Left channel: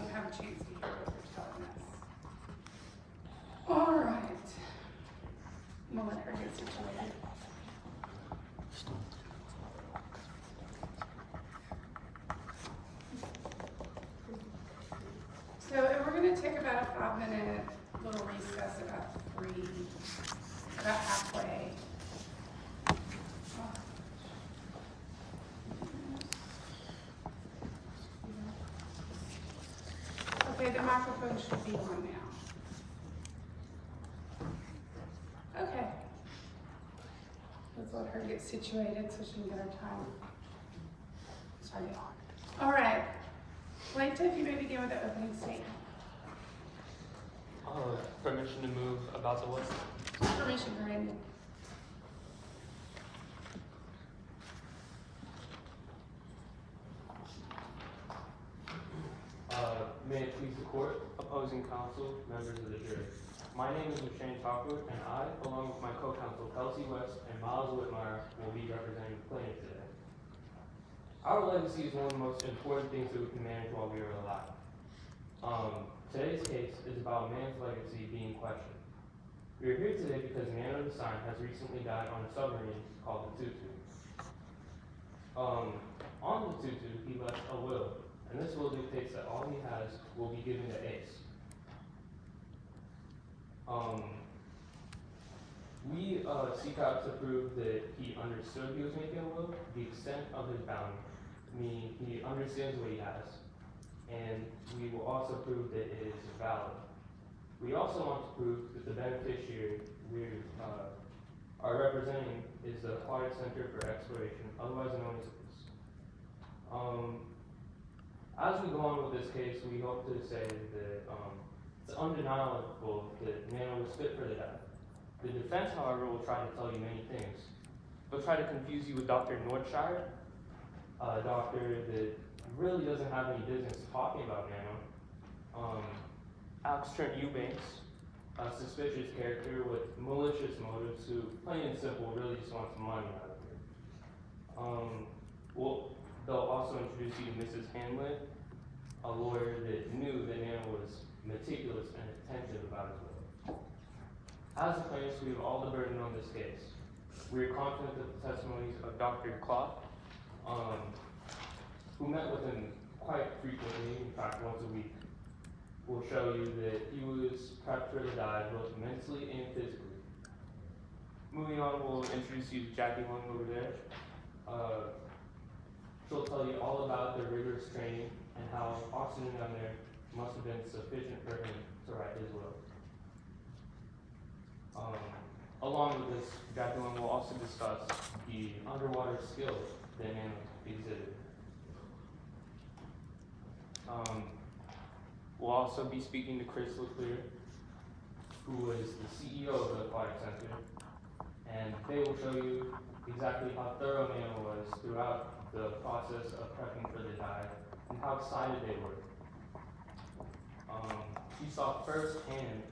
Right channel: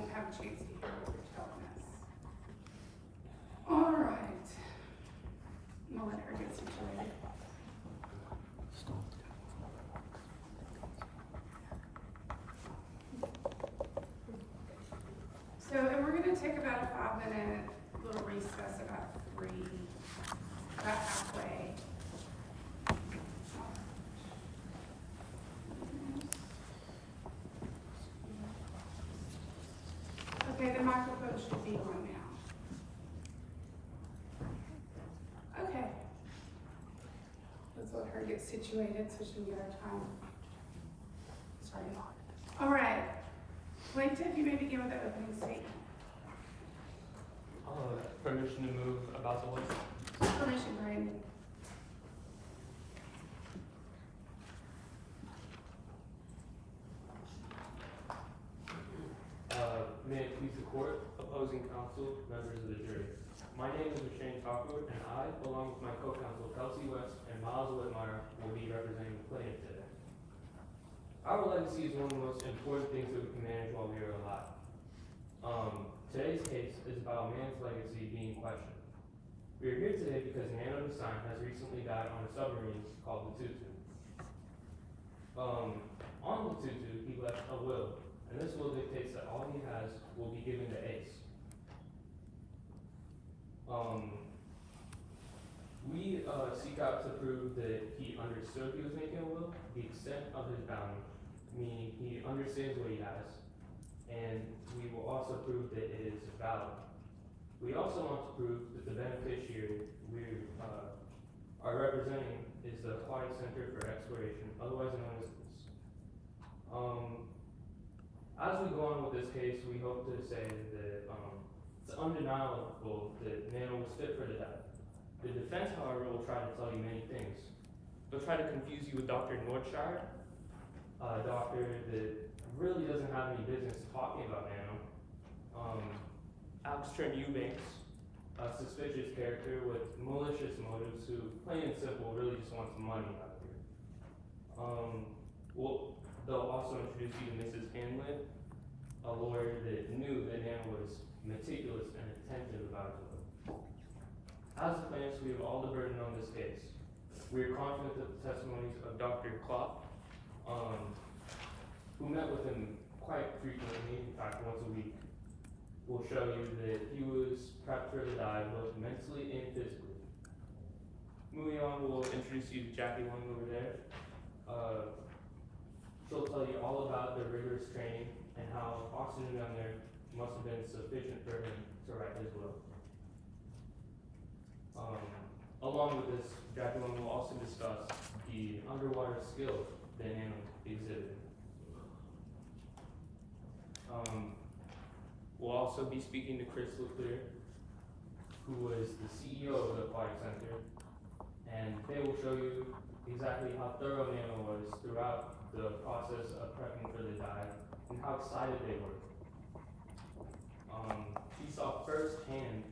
don't have a chance to hear what you're telling us. All right. I'm gonna let her get situated. So, and we're gonna take about a 5-minute little recess, about halfway. Okay, the microphone should be on now. Okay. Let's let her get situated so she can get her time started. All right. Plaintiff, you may begin with the opening statement. Permission to move about the way. Permission granted. May it please the court, opposing counsel, members of the jury. My name is Shane Talkwood, and I, along with my co-counsel Kelsey West and Miles Whitmire, will be representing the plaintiff today. Our legacy is one of the most important things that we can manage while we are alive. Today's case is about a man's legacy being questioned. We are here today because Nano Design has recently died on a submarine called the Tutu. On the Tutu, he left a will, and this will dictates that all he has will be given to Ace. We seek out to prove that he understood he was making a will, the extent of his bounty, meaning he understands what he has, and we will also prove that it is valid. We also want to prove that the beneficiary we are representing is the Aquatic Center for Exploration, otherwise known as this. As we go on with this case, we hope to say that it's undeniable that Nano was fit for the dive. The defense, however, will try to tell you many things. They'll try to confuse you with Dr. Nordshire, a doctor that really doesn't have any business talking about Nano. Alex Trent Eubanks, a suspicious character with malicious motives who, plain and simple, really just wants money out of you. They'll also introduce you to Mrs. Hamlet, a lawyer that knew that Nano was meticulous and attentive about his will. As the plaintiffs, we have all the burden on this case. We are confident that the testimonies of Dr. Clough, who met with him quite frequently, in fact once a week, will show you that he was prepped for the dive both mentally and physically. Moving on, we'll introduce you to Jackie Lung over there. She'll tell you all about their rigorous training and how oxygen down there must have been sufficient for him to write his will. Along with this, Jackie Lung will also discuss the underwater skills that Nano exhibited. We'll also be speaking to Chris LeClaire, who is the CEO of the Aquatic Center, and they will show you exactly how thorough Nano was throughout the process of prepping for the dive and how excited they were. She saw firsthand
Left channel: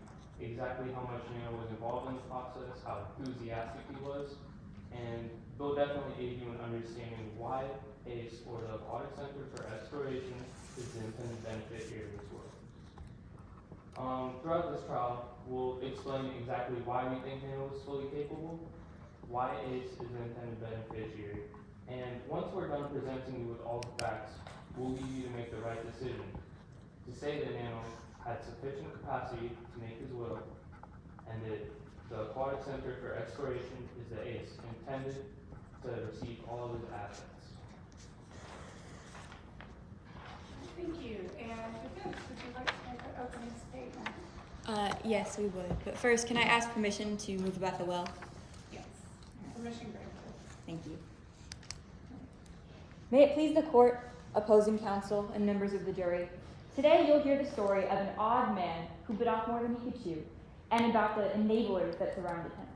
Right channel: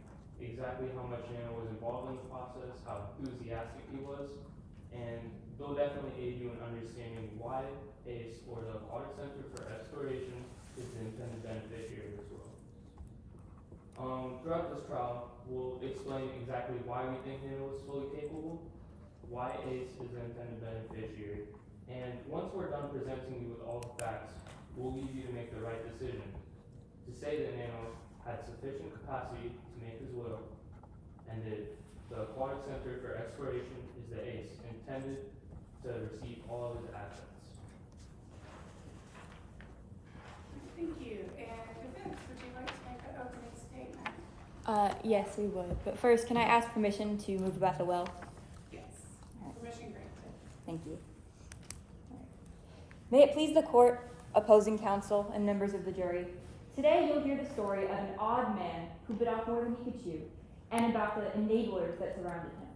exactly how much Nano was involved in the process, how enthusiastic he was, and they'll definitely aid you in understanding why ACE, or the Aquatic Center for Exploration, is the intended beneficiary of this work. Throughout this trial, we'll explain exactly why we think Nano was fully capable, why ACE is the intended beneficiary, and once we're done presenting you with all the facts, we'll leave you to make the right decision, to say that Nano had sufficient capacity to make his will, and that the Aquatic Center for Exploration is the ACE intended to receive all of his assets. Thank you. And defense, would you like to make an opening statement? Yes, we would. But first, can I ask permission to move about the well? Yes. Permission granted. Thank you. May it please the court, opposing counsel, and members of the jury, today you'll hear the story of an odd man who bit off more than he could chew, and about the enablers that surrounded him.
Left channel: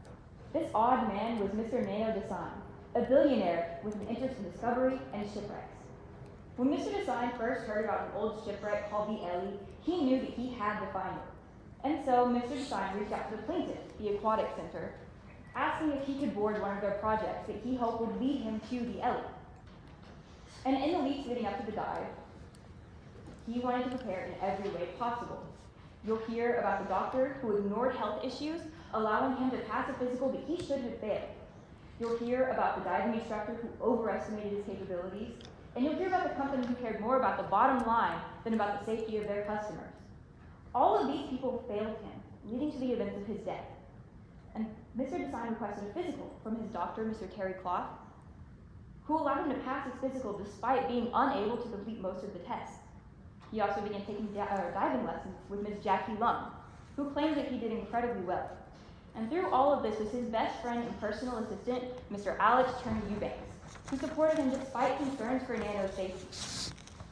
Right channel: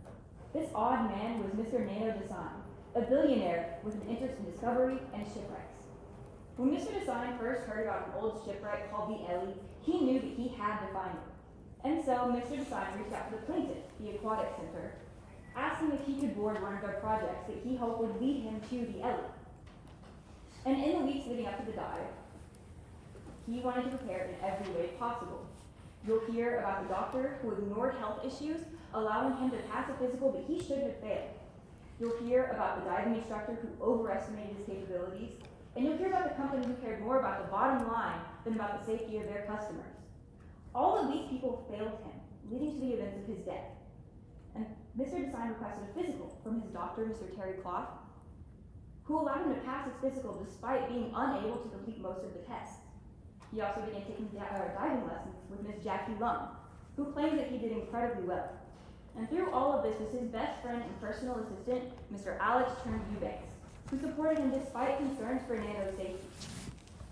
This odd man was Mr. Nano Design, a billionaire with an interest in discovery and shipwrecks. When Mr. Design first heard about an old shipwreck called the Ellie, he knew that he had to find it. And so Mr. Design reached out to the plaintiff, the Aquatic Center, asking if he could board one of their projects that he hoped would lead him to the Ellie. And in the weeks leading up to the dive, he wanted to prepare in every way possible. You'll hear about the doctor who ignored health issues, allowing him to pass a physical that he should have failed. You'll hear about the diving instructor who overestimated his capabilities, and you'll hear about the company who cared more about the bottom line than about the safety of their customers. All of these people failed him, leading to the events of his death. And Mr. Design requested a physical from his doctor, Mr. Terry Clough, who allowed him to pass his physical despite being unable to complete most of the tests. He also began taking diving lessons with Ms. Jackie Lung, who claims that he did incredibly well. And through all of this was his best friend and personal assistant, Mr. Alex Eubanks, who supported him despite concerns for Nano's safety.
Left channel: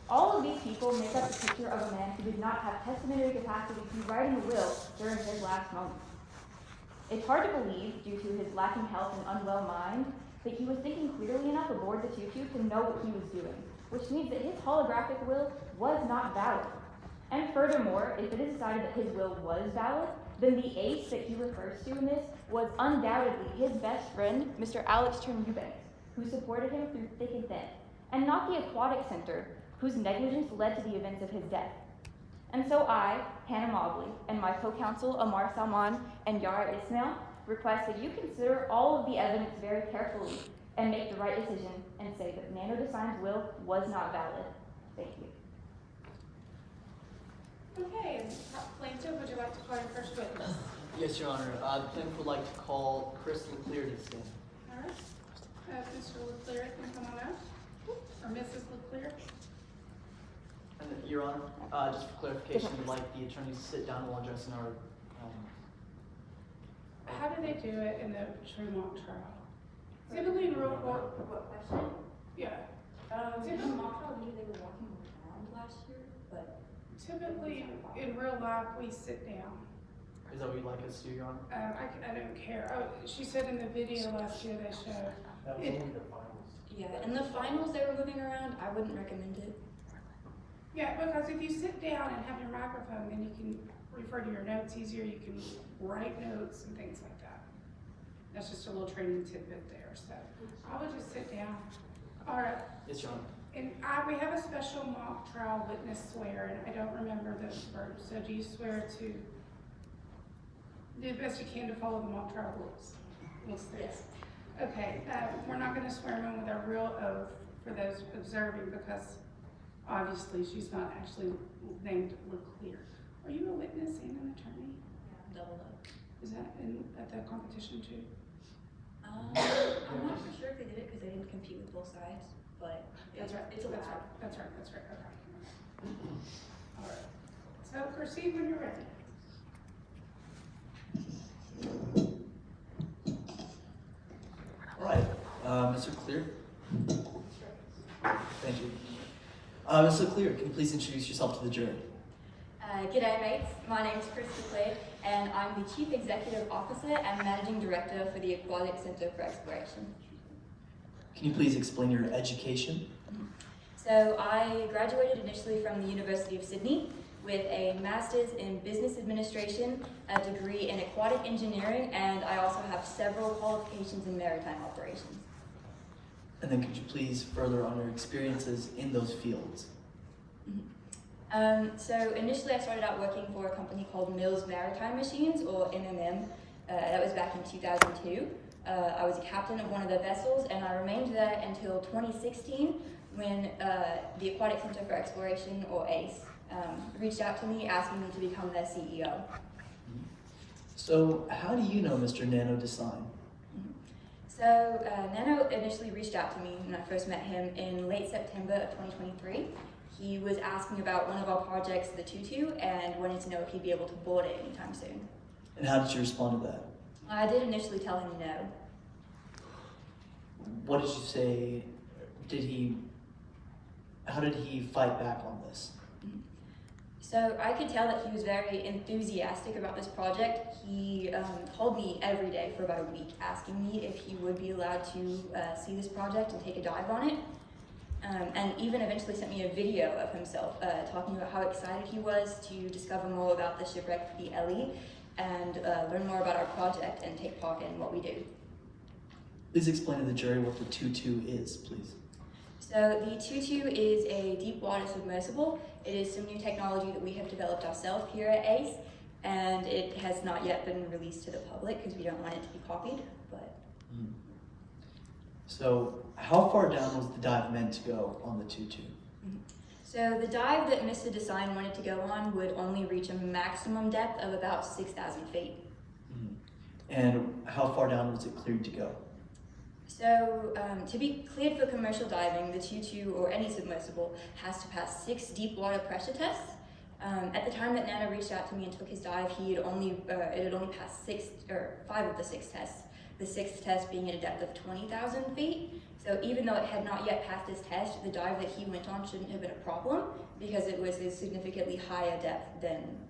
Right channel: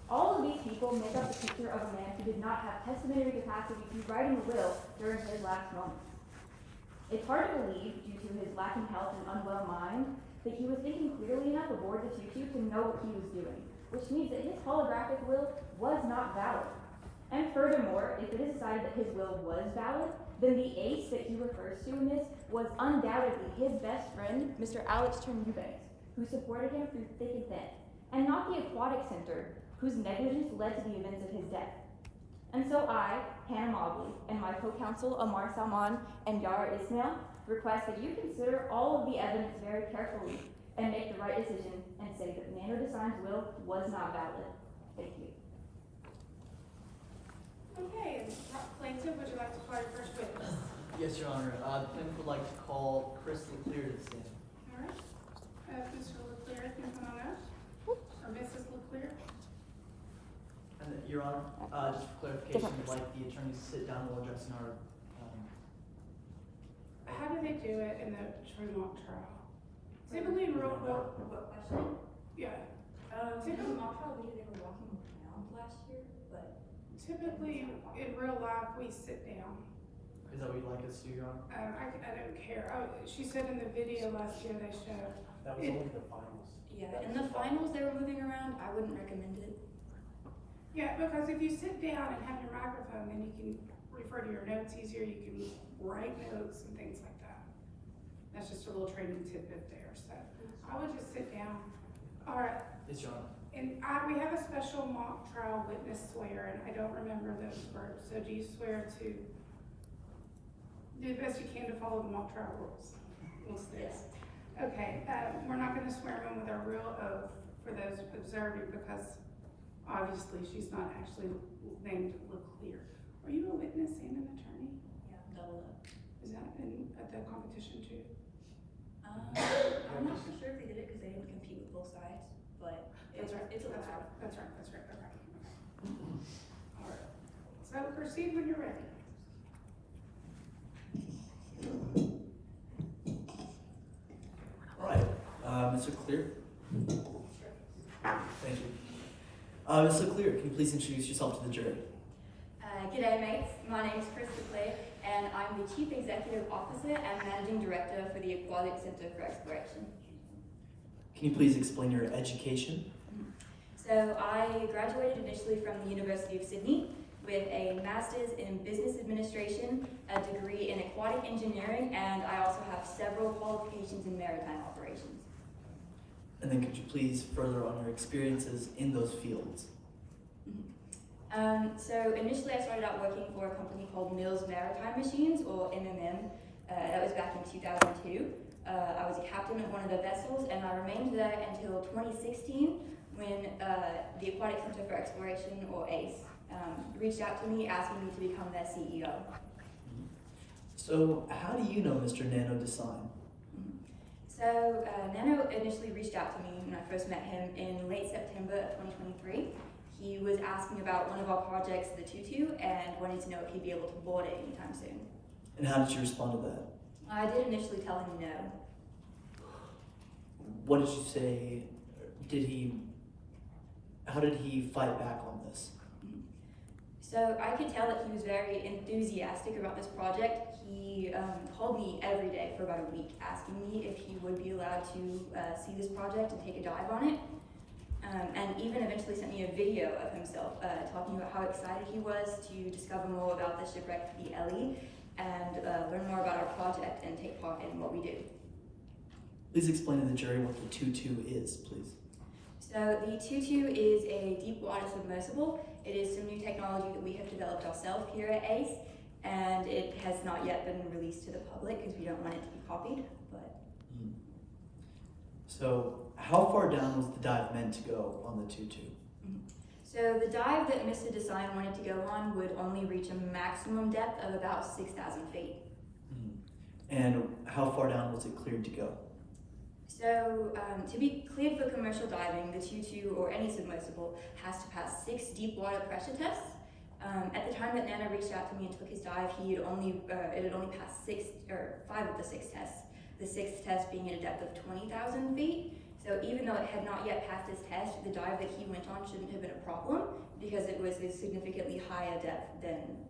All of these people make up the picture of a man who did not have testamentary capacity to write in a will during his last moments. It's hard to believe, due to his lacking health and unwell mind, that he was thinking clearly enough aboard the tutu to know what he was doing, which means that his holographic will was not valid. And furthermore, if it is decided that his will was valid, then the ace that he refers to in this was undoubtedly his best friend, Mr. Alex Eubanks, who supported him through thick and thin, and not the aquatic center, whose negligence led to the events of his death. And so I, Hannah Mobley, and my co-counsel Amar Salman and Yara Ismail request that you consider all of the evidence very carefully and make the right decision and say that Nano Design's will was not valid. Thank you. Okay, plaintiff, would you like to call your first witness? Yes, Your Honor. The plaintiff would like to call Chris LeClaire to the stand. All right. Mr. LeClaire can come on up, or Mrs. LeClaire. And Your Honor, just for clarification, we'd like the attorneys to sit down while addressing our. How do they do it in the Tremont trial? Typically in real court. What question? Yeah. In the mock trial, I believe they were walking around last year, but. Typically in real life we sit down. Is that what you'd like us to do, Your Honor? I don't care. Oh, she said in the video last year they showed. That was only the finals. Yeah, in the finals they were moving around, I wouldn't recommend it. Yeah, because if you sit down and have your microphone, then you can refer to your notes easier. You can write notes and things like that. That's just a little training tidbit there. So I would just sit down. All right. Yes, Your Honor. And we have a special mock trial witness swear, and I don't remember those verbs. So do you swear to do the best you can to follow the mock trial rules? Yes. Okay, we're not gonna swear them in with our real oath for those observing because obviously she's not actually named LeClaire. Are you a witness and an attorney? Yeah, double up. Is that at the competition too? I'm not for sure if they did it because they didn't compete with both sides, but That's right, it's allowed. That's right, okay. All right, so proceed when you're ready. All right, Mr. Clear. Thank you. Ms. LeClaire, can you please introduce yourself to the jury? G'day mates, my name is Chris LeClaire and I'm the Chief Executive Officer and Managing Director for the Aquatic Center for Exploration. Can you please explain your education? So I graduated initially from the University of Sydney with a Master's in Business Administration, a degree in Aquatic Engineering, and I also have several qualifications in maritime operations. And then could you please further on your experiences in those fields? So initially I started out working for a company called Mills Maritime Machines, or MMM. That was back in 2002. I was a captain of one of the vessels, and I remained there until 2016 when the Aquatic Center for Exploration, or ACE, reached out to me asking me to become their CEO. So how do you know Mr. Nano Design? So Nano initially reached out to me when I first met him in late September of 2023. He was asking about one of our projects, the Tutu, and wanted to know if he'd be able to board it anytime soon. And how did you respond to that? I did initially tell him no. What did you say? How did he fight back on this? So I could tell that he was very enthusiastic about this project. He called me every day for about a week asking me if he would be allowed to see this project and take a dive on it. And even eventually sent me a video of himself talking about how excited he was to discover more about the shipwreck, the Ellie, and learn more about our project and take part in what we do. Please explain to the jury what the Tutu is, please. So the Tutu is a deep water submersible. It is some new technology that we have developed ourselves here at ACE, and it has not yet been released to the public because we don't want it to be copied, but So how far down was the dive meant to go on the 2-2? so the dive that Mr. Design wanted to go on would only reach a maximum depth of about 6,000 feet. And how far down was it cleared to go? So to be cleared for commercial diving, the 2-2 or any submersible has to pass 6 deep water pressure tests. At the time that Nana reached out to me and took his dive, it had only passed 5 of the 6 tests. The 6th test being at a depth of 20,000 feet. So even though it had not yet passed this test, the dive that he went on shouldn't have been a problem because it was a significantly higher depth than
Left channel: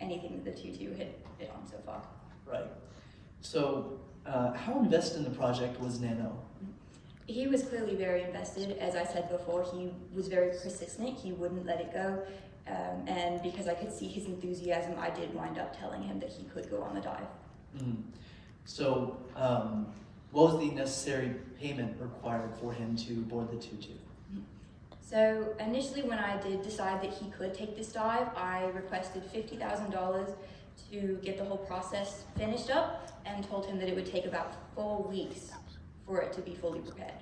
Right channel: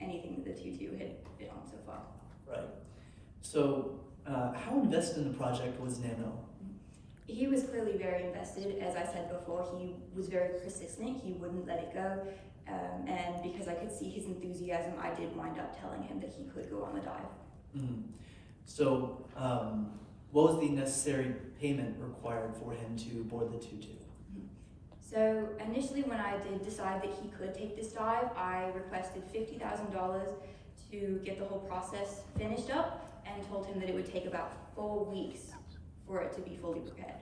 anything that the 2-2 had been on so far. Right. So how invested in the project was Nano? He was clearly very invested. As I said before, he was very persistent. He wouldn't let it go. And because I could see his enthusiasm, I did wind up telling him that he could go on the dive. So what was the necessary payment required for him to board the 2-2? So initially when I did decide that he could take this dive, I requested $50,000 to get the whole process finished up and told him that it would take about 4 weeks for it to be fully prepared.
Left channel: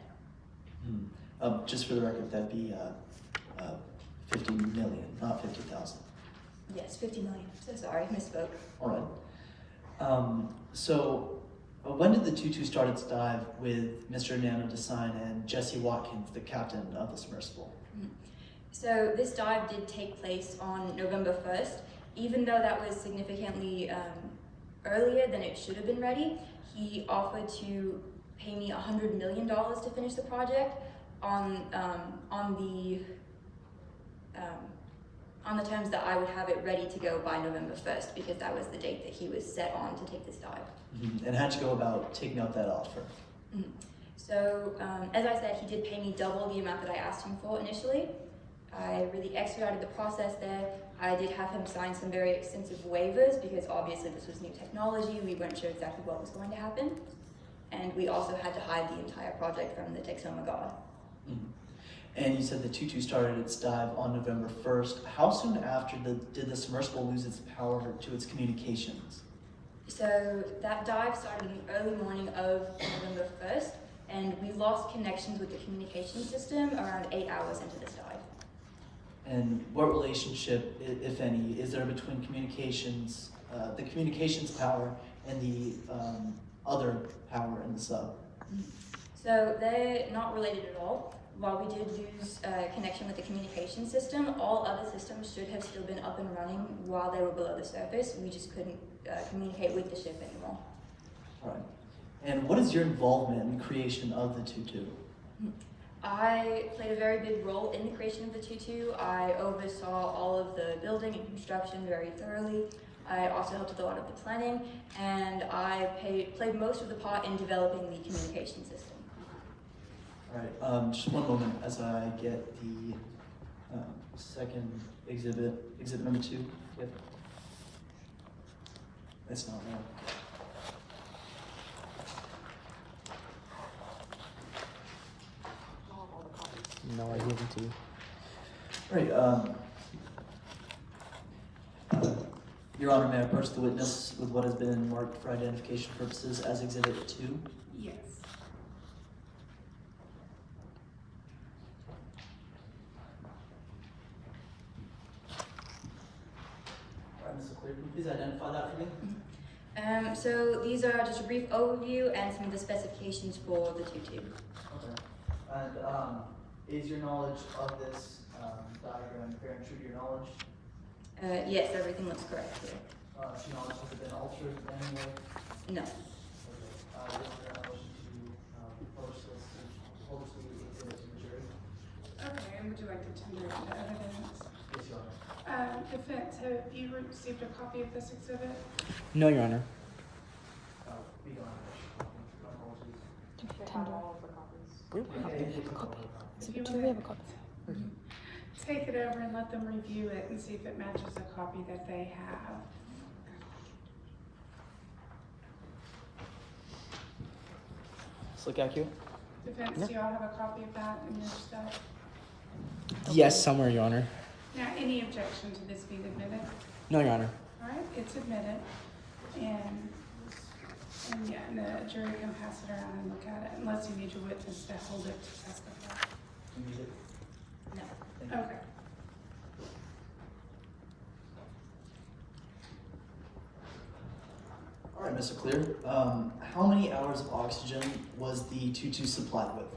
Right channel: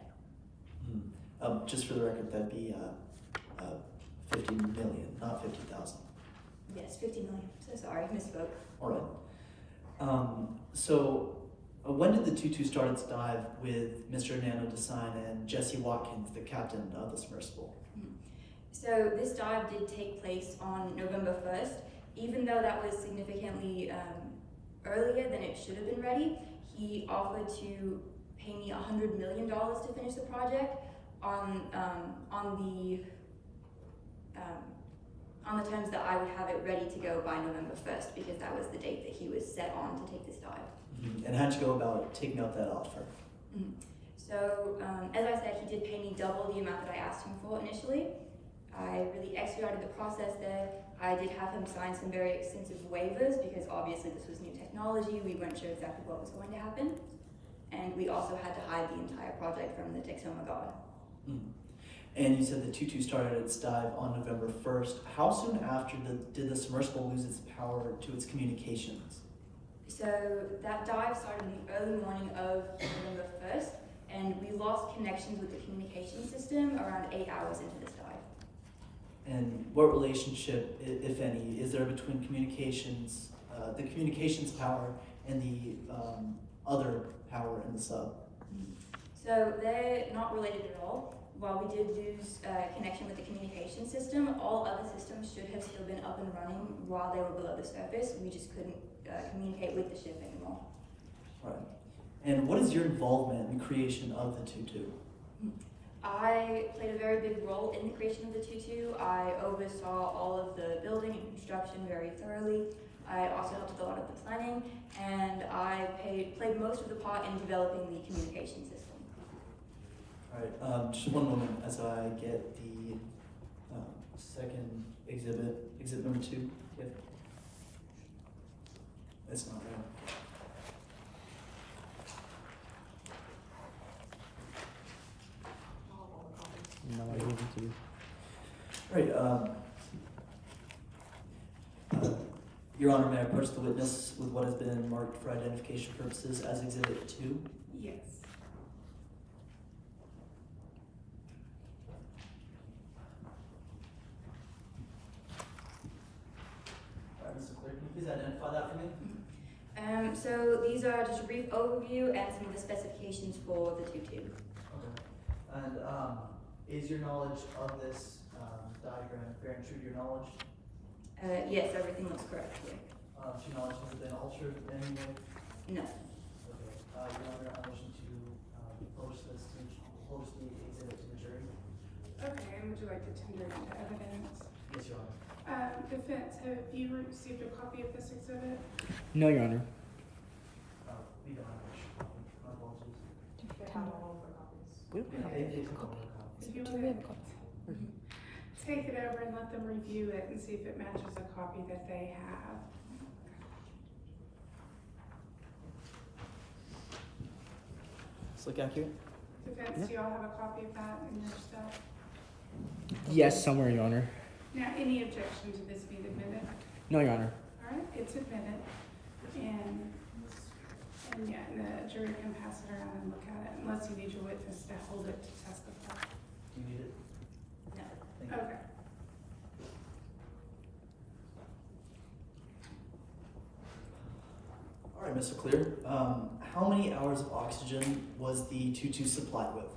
Just for the record, that'd be 50 million, not 50,000. Yes, 50 million. So sorry, misspoke. All right. So when did the 2-2 start its dive with Mr. Nano Design and Jesse Watkins, the captain of the submersible? So this dive did take place on November 1st. Even though that was significantly earlier than it should have been ready, he offered to pay me $100 million to finish the project on the terms that I would have it ready to go by November 1st, because that was the date that he was set on to take this dive. And how'd you go about taking up that offer? So, as I said, he did pay me double the amount that I asked him for initially. I really expedited the process there. I did have him sign some very extensive waivers because obviously this was new technology. We weren't sure exactly what was going to happen. And we also had to hide the entire project from the Texoma Guard. And you said the 2-2 started its dive on November 1st. How soon after did the submersible lose its power to its communications? So that dive started in the early morning of November 1st, and we lost connections with the communication system around 8 hours into this dive. And what relationship, if any, is there between communications, the communications power and the other power in the sub? So they're not related at all. While we did lose connection with the communication system, all other systems should have still been up and running while they were below the surface. We just couldn't communicate with the ship anymore. All right. And what is your involvement in the creation of the 2-2? I played a very big role in the creation of the 2-2. I oversaw all of the building and construction very thoroughly. I also helped with a lot of the planning, and I played most of the part in developing the communication system. All right, just one moment as I get the second exhibit number 2. Yep. That's not real. No, I give it to you. All right, Your Honor, may I approach the witness with what has been marked for identification purposes as Exhibit 2? Yes. All right, Mr. Clear, can you please identify that for me? So these are just a brief overview and some of the specifications for the 2-2. Okay. And is your knowledge of this diagram fair and true to your knowledge? Yes, everything looks correct here. To your knowledge, has it been altered in any way? No. Okay. Your Honor, I motion to publish the exhibit to the jury. Okay, and would you like to tender it into evidence? Yes, Your Honor. Defense, have you received a copy of this exhibit? No, Your Honor. We don't have an extra copy. My apologies. We Yeah, they did come up with a copy. If you would take it over and let them review it and see if it matches a copy that they have. Does it look accurate? Defense, Yeah. do y'all have a copy of that in your stuff? Yes, somewhere, Your Honor. Now, any objection to this being admitted? No, Your Honor. All right, it's admitted, and yeah, and the jury can pass it around and look at it, unless you need your witness to hold it to testify. You need it? No. Thank you. Okay. All right, Mr. Clear. How many hours of oxygen was the tutu supplied with?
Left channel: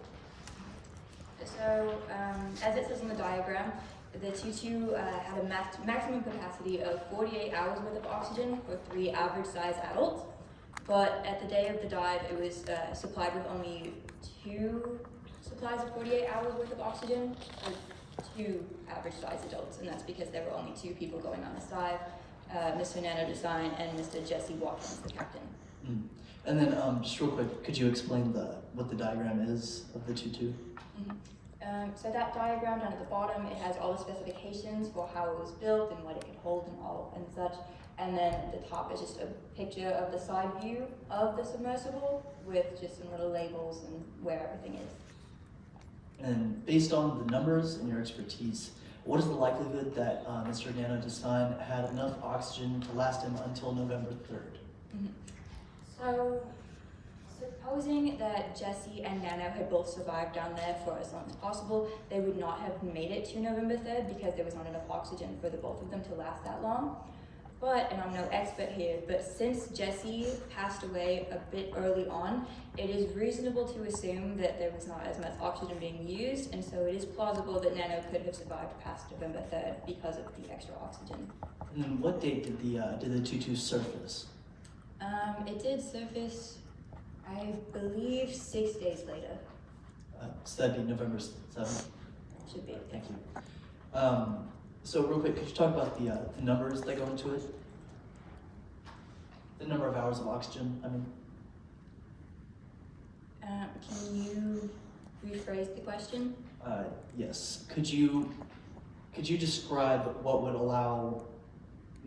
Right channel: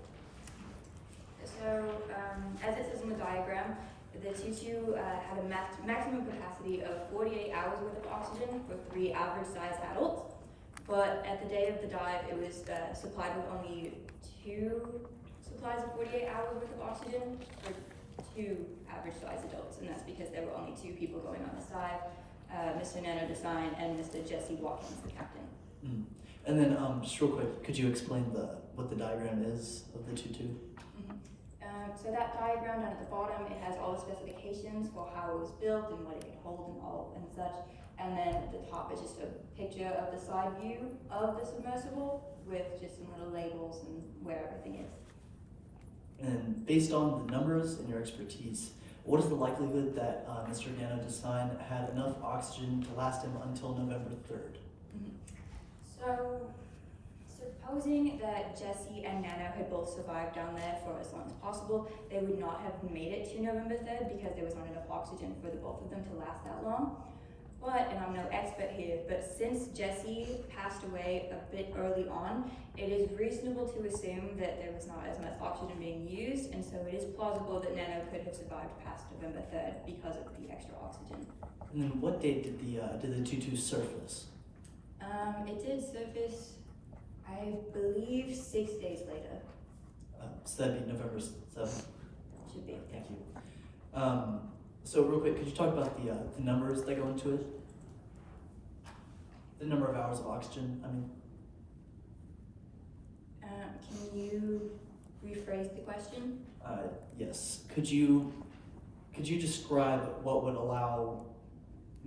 So, as it says in the diagram, the tutu had a maximum capacity of 48 hours worth of oxygen for 3 average size adults. But at the day of the dive, it was supplied with only 2 supplies of 48 hours worth of oxygen for 2 average size adults. And that's because there were only 2 people going on the side, Mr. Nano Design and Mr. Jesse Watkins, the captain. Mm. And then, just real quick, could you explain what the diagram is of the tutu? Mm-hmm. So that diagram down at the bottom, it has all the specifications for how it was built and what it could hold and all and such. And then at the top is just a picture of the side view of the submersible with just some little labels and where everything is. And based on the numbers and your expertise, what is the likelihood that Mr. Nano Design had enough oxygen to last him until November 3rd? Mm-hmm. So, supposing that Jesse and Nano had both survived down there for as long as possible, they would not have made it to November 3rd because there was not enough oxygen for the both of them to last that long. But, and I'm no expert here, but since Jesse passed away a bit early on, it is reasonable to assume that there was not as much oxygen being used, and so it is plausible that Nano could have survived past November 3rd because of the extra oxygen. And then what date did the tutu surface? It did surface, I believe, 6 days later. So that'd be November 7th. Should be. Thank you. So real quick, could you talk about the numbers that go into it? The number of hours of oxygen, I mean. Can you rephrase the question? Yes. Could you describe what would allow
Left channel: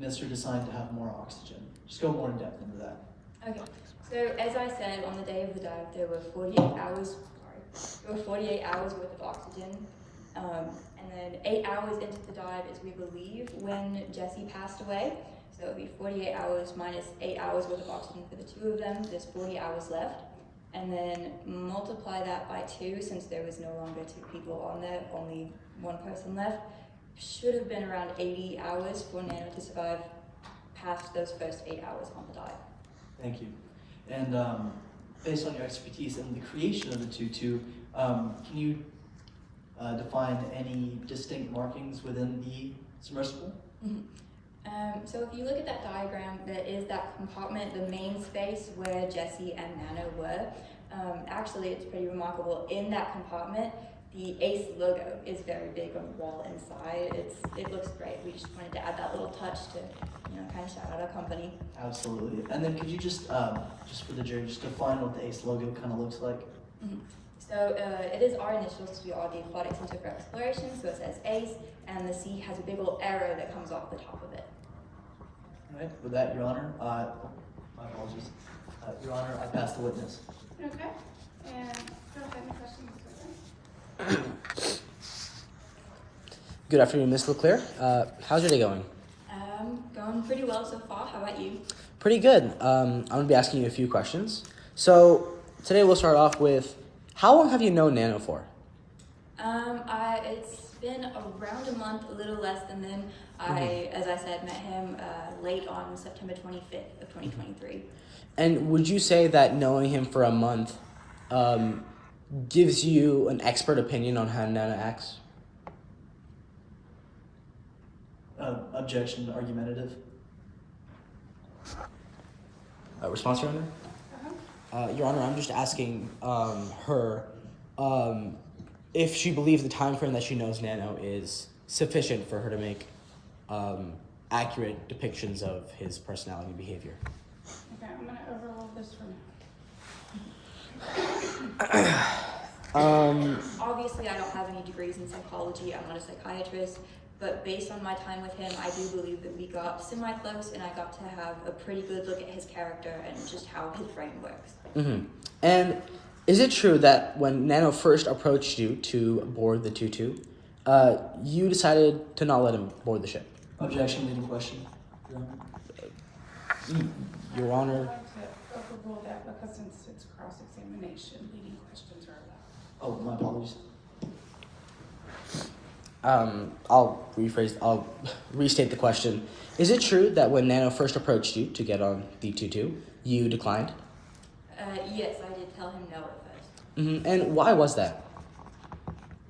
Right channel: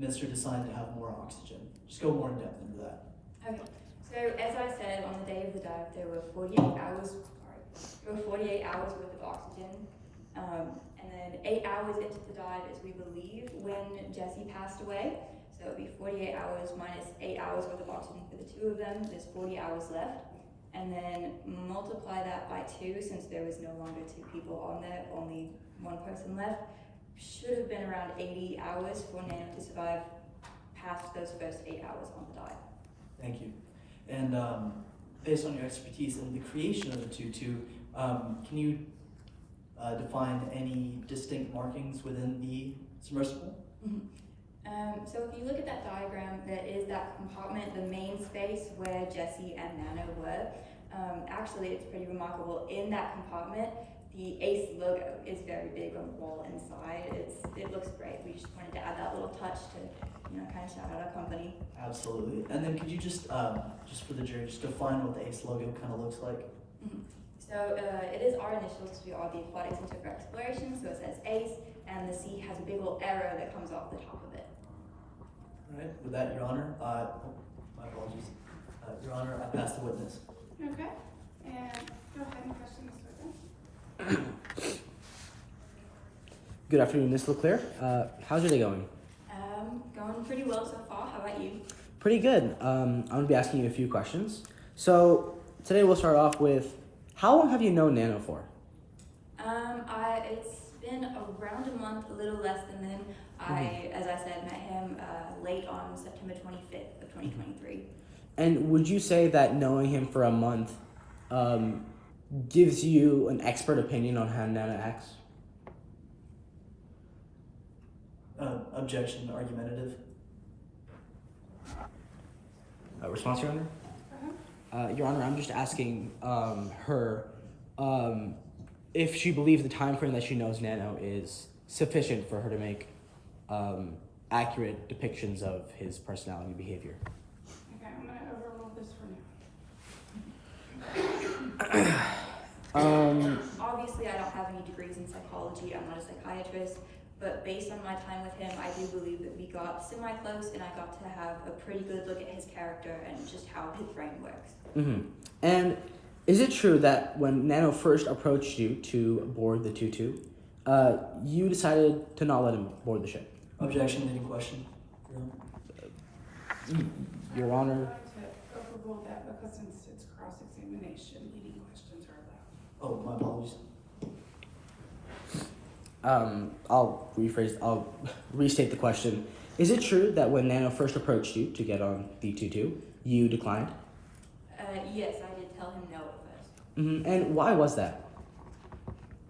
Mr. Design to have more oxygen? Just go more in depth into that. Okay. So as I said, on the day of the dive, there were 48 hours. There were 48 hours worth of oxygen. And then 8 hours into the dive is, we believe, when Jesse passed away. So it would be 48 hours minus 8 hours worth of oxygen for the 2 of them. There's 40 hours left. And then multiply that by 2, since there was no longer 2 people on there, only 1 person left. Should have been around 80 hours for Nano to survive past those first 8 hours on the dive. Thank you. And based on your expertise in the creation of the tutu, can you define any distinct markings within the submersible? Mm-hmm. So if you look at that diagram, there is that compartment, the main space where Jesse and Nano were. Actually, it's pretty remarkable. In that compartment, the ACE logo is very big on the wall inside. It looks great. We just wanted to add that little touch to, kind of shout out our company. Absolutely. And then could you just for the jury, just define what the ACE logo kind of looks like? Mm-hmm. So it is our initials because we are the Aquatic Center for Exploration. So it says ACE, and the C has a big old arrow that comes off the top of it. All right. With that, Your Honor, my apologies. Your Honor, I pass the witness. Okay, and go ahead and question this witness. Good afternoon, Ms. LeClaire. How's your day going? Going pretty well so far. How about you? Pretty good. I'm going to be asking you a few questions. So today we'll start off with, how long have you known Nano for? It's been around a month, a little less than then. As I said, met him late on September 25th of 2023. And would you say that knowing him for a month gives you an expert opinion on how Nano acts? Objection, argumentative. Response, Your Honor? Your Honor, I'm just asking her if she believes the time frame that she knows Nano is sufficient for her to make accurate depictions of his personality and behavior. Okay, I'm gonna overrule this for now. Obviously, I don't have any degrees in psychology. I'm not a psychiatrist. But based on my time with him, I do believe that we got semi-close, and I got to have a pretty good look at his character and just how his brain works. Mm-hmm. And is it true that when Nano first approached you to board the tutu, You decided to not let him board the ship. Objection, leading question. Your Honor. To overrule that because since it's cross-examination, leading questions are allowed. Oh, my apologies. I'll restate the question. Is it true that when Nano first approached you to get on the 2-2, you declined? Yes, I did tell him no at first. Mm-hmm. And why was that?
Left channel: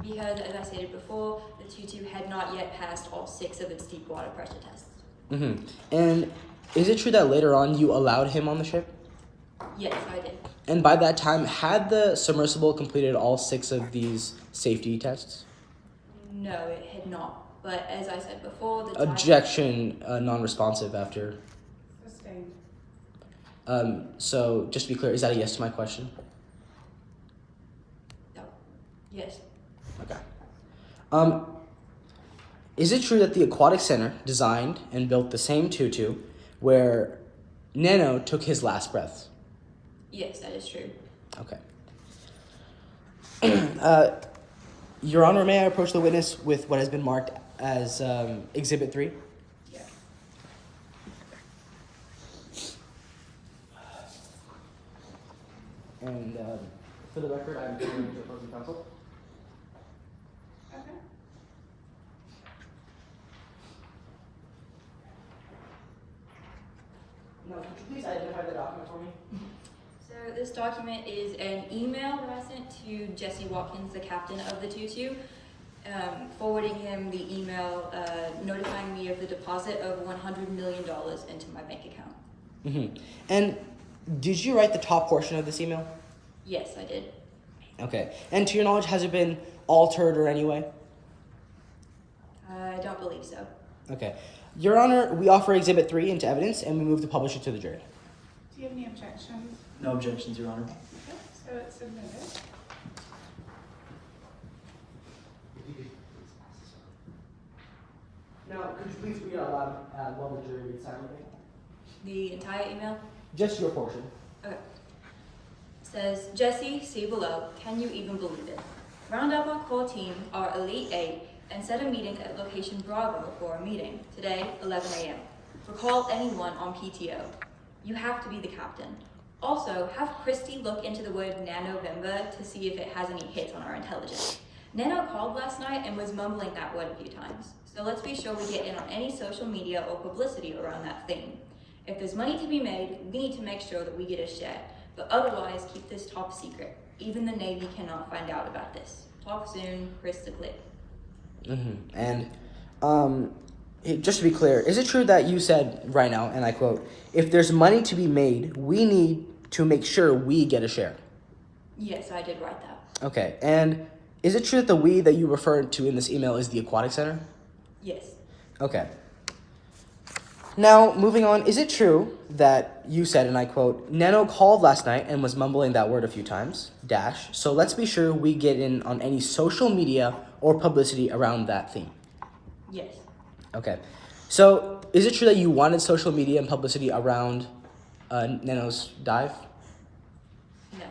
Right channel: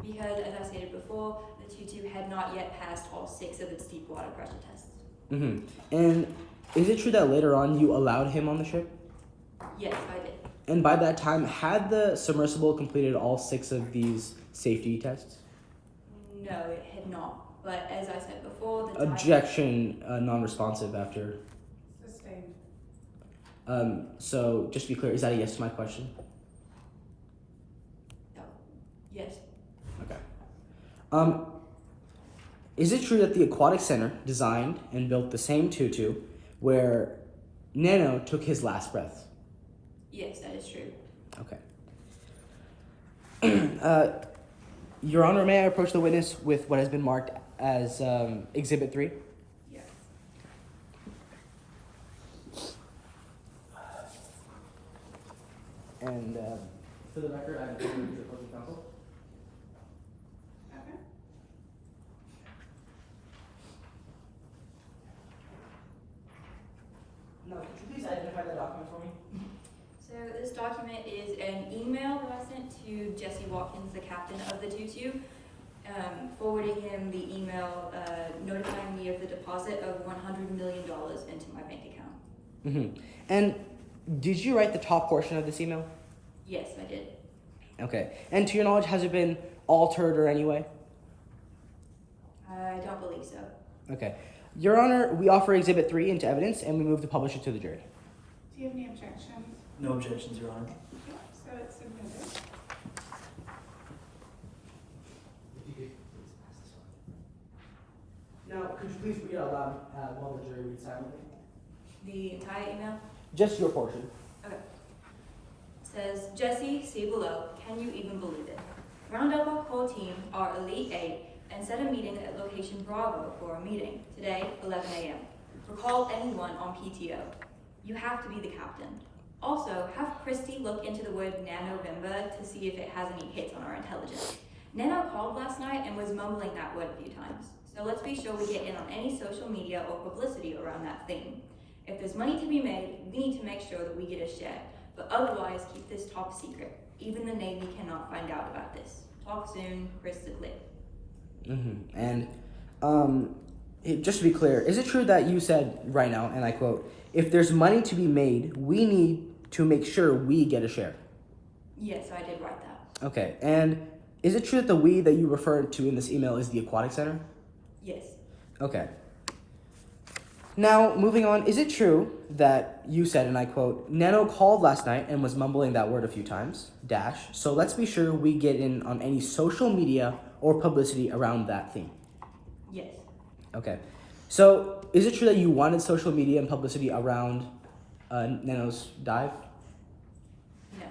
Because, as I stated before, the 2-2 had not yet passed all 6 of its deep water pressure tests. Mm-hmm. And is it true that later on you allowed him on the ship? Yes, I did. And by that time, had the submersible completed all 6 of these safety tests? No, it had not. But as I said before, the Objection, non-responsive after. Sustained. So just to be clear, is that a yes to my question? No. Yes. Okay. Is it true that the Aquatic Center designed and built the same 2-2 where Nano took his last breaths? Yes, that is true. Okay. Your Honor, may I approach the witness with what has been marked as Exhibit 3? Yes. And for the record, I am deferring to opposing counsel. Okay. No, could you please identify the document for me? So this document is an email that I sent to Jesse Watkins, the captain of the 2-2, forwarding him the email notifying me of the deposit of $100 million into my bank account. Mm-hmm. And did you write the top portion of this email? Yes, I did. Okay. And to your knowledge, has it been altered or any way? I don't believe so. Okay. Your Honor, we offer Exhibit 3 into evidence and we move to publish it to the jury. Do you have any objections? No objections, Your Honor. Okay, so it's submitted. Now, could you please read out loud while the jury reads silently? The entire email? Just your portion. Okay. Says, Jesse, see below, can you even believe it? Round up our core team, our Elite 8, and set a meeting at location Bravo for a meeting. Today, 11 a.m. Recall anyone on PTO. You have to be the captain. Also, have Christy look into the word Nanovember to see if it has any hits on our intelligence. Nano called last night and was mumbling that word a few times. So let's be sure we get in on any social media or publicity around that theme. If there's money to be made, we need to make sure that we get a share. But otherwise, keep this top secret. Even the Navy cannot find out about this. Talk soon, Chris the Clip. Mm-hmm. And just to be clear, is it true that you said right now, and I quote, if there's money to be made, we need to make sure we get a share? Yes, I did write that. Okay. And is it true that the we that you referred to in this email is the Aquatic Center? Yes. Okay. Now, moving on, is it true that you said, and I quote, Nano called last night and was mumbling that word a few times, dash, so let's be sure we get in on any social media or publicity around that theme? Yes. Okay. So, is it true that you wanted social media and publicity around Nano's dive? No.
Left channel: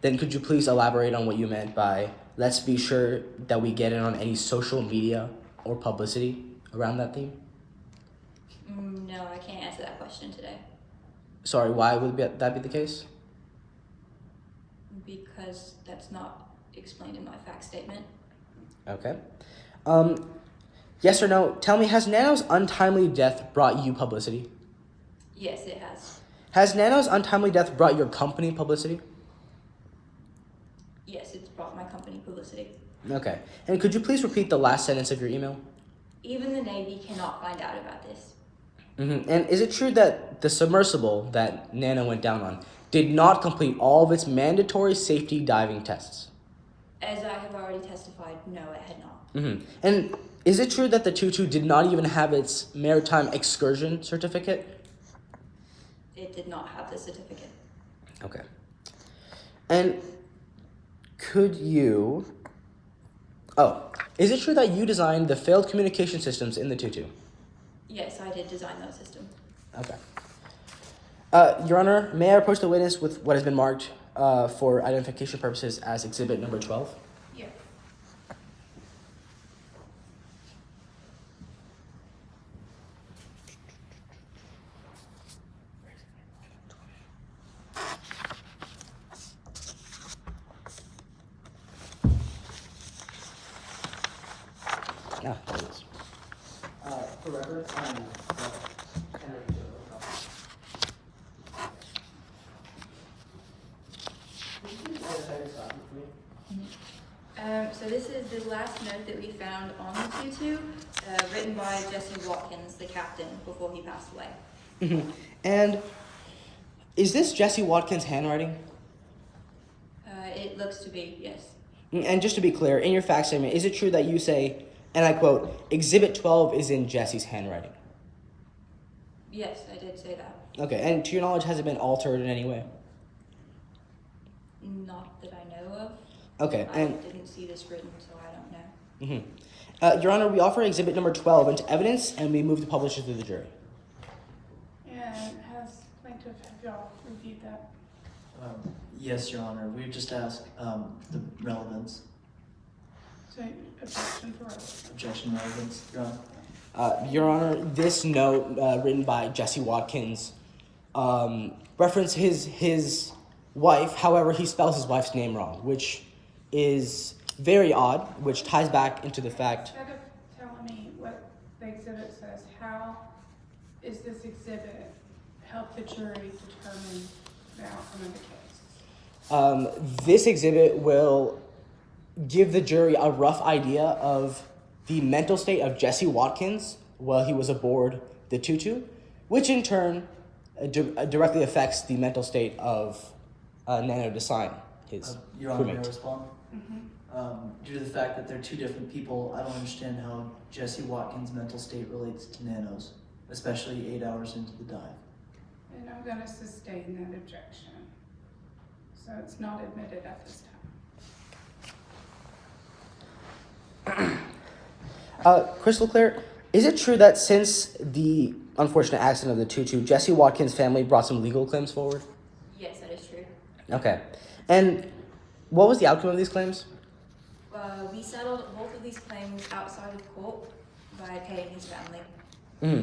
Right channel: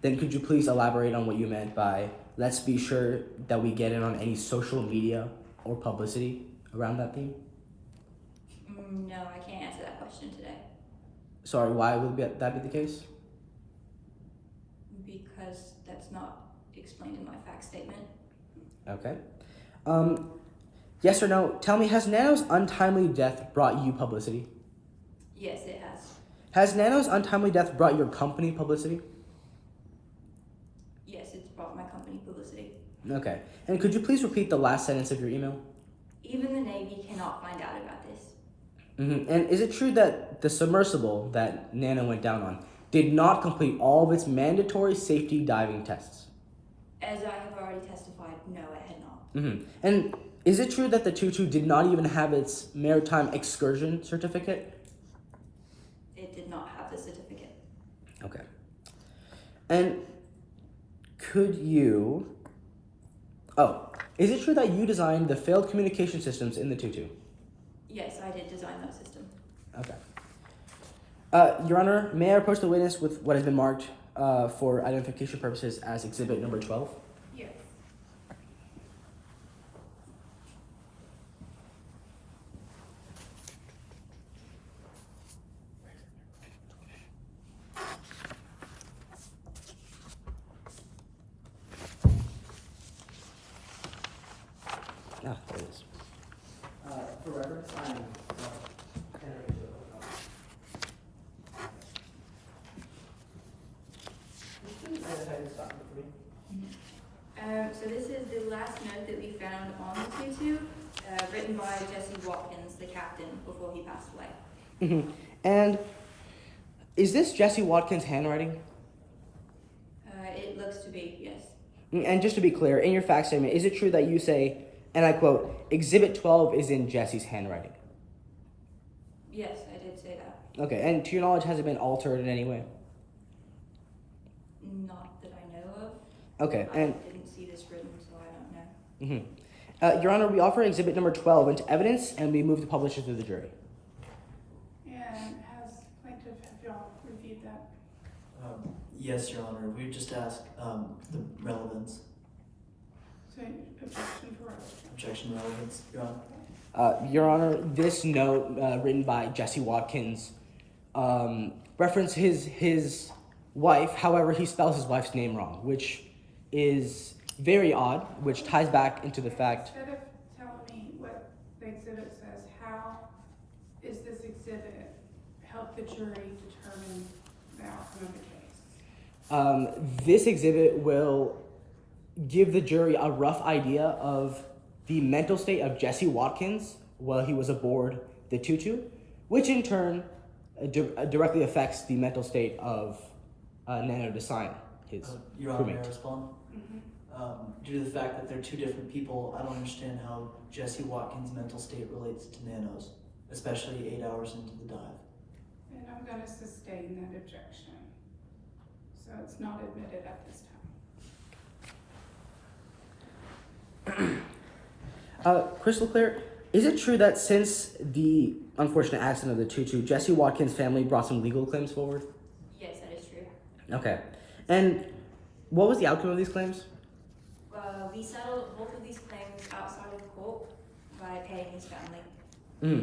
Then could you please elaborate on what you meant by, let's be sure that we get in on any social media or publicity around that theme? No, I can't answer that question today. Sorry, why would that be the case? Because that's not explained in my fact statement. Okay. Yes or no, tell me, has Nano's untimely death brought you publicity? Yes, it has. Has Nano's untimely death brought your company publicity? Yes, it's brought my company publicity. Okay. And could you please repeat the last sentence of your email? Even the Navy cannot find out about this. Mm-hmm. And is it true that the submersible that Nano went down on did not complete all of its mandatory safety diving tests? As I have already testified, no, it had not. Mm-hmm. And is it true that the 2-2 did not even have its maritime excursion certificate? It did not have the certificate. Okay. And could you... Oh, is it true that you designed the failed communication systems in the 2-2? Yes, I did design those systems. Okay. Your Honor, may I approach the witness with what has been marked for identification purposes as Exhibit number 12? Yes. For reference, So this is the last note that we found on the tutu, written by Jesse Watkins, the captain, before he passed away. Mm-hmm. And is this Jesse Watkins' handwriting? It looks to be, yes. And just to be clear, in your fact statement, is it true that you say, and I quote, Exhibit 12 is in Jesse's handwriting? Yes, I did say that. Okay, and to your knowledge, has it been altered in any way? Not that I know of. Okay, and I didn't see this written, so I don't know. mm-hmm. Your Honor, we offer Exhibit number 12 into evidence, and we move to publish it to the jury. And has plaintiff, have y'all reviewed that? Yes, Your Honor. We would just ask the relevance, So objection for relevance. objection relevance, Your Honor. Your Honor, this note written by Jesse Watkins reference his wife. However, he spells his wife's name wrong, which is very odd, which ties back into the fact. Instead of telling me what the exhibit says, how is this exhibit help the jury determine the outcome of the case? This exhibit will give the jury a rough idea of the mental state of Jesse Watkins while he was aboard the tutu, which in turn directly affects the mental state of Nano Design, his Your Honor, may I crewmate. respond? Mm-hmm. Due to the fact that they're two different people, I don't understand how Jesse Watkins' mental state relates to Nano's, especially 8 hours into the dive. And I'm gonna sustain that objection. So it's not admitted at this time. Crystal clear, is it true that since the unfortunate accident of the tutu, Jesse Watkins' family brought some legal claims forward? Yes, that is true. Okay. And what was the outcome of these claims? We settled both of these claims outside of court by paying his family.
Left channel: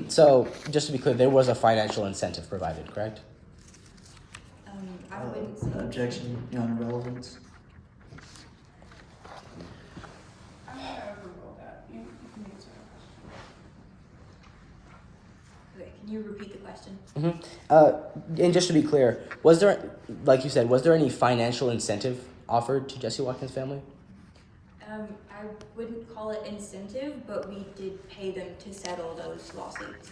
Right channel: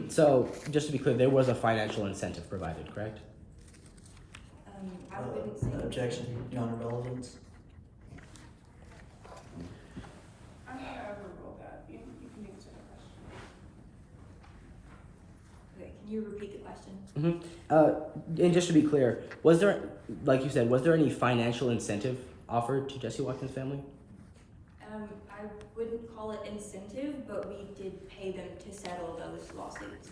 So, just to be clear, there was a financial incentive provided, correct? I wouldn't say. Objection, Your Honor, relevance. I'm gonna overrule that. You can answer the question. Wait, can you repeat the question? And just to be clear, was there, like you said, was there any financial incentive offered to Jesse Watkins' family? I wouldn't call it incentive, but we did pay them to settle those lawsuits.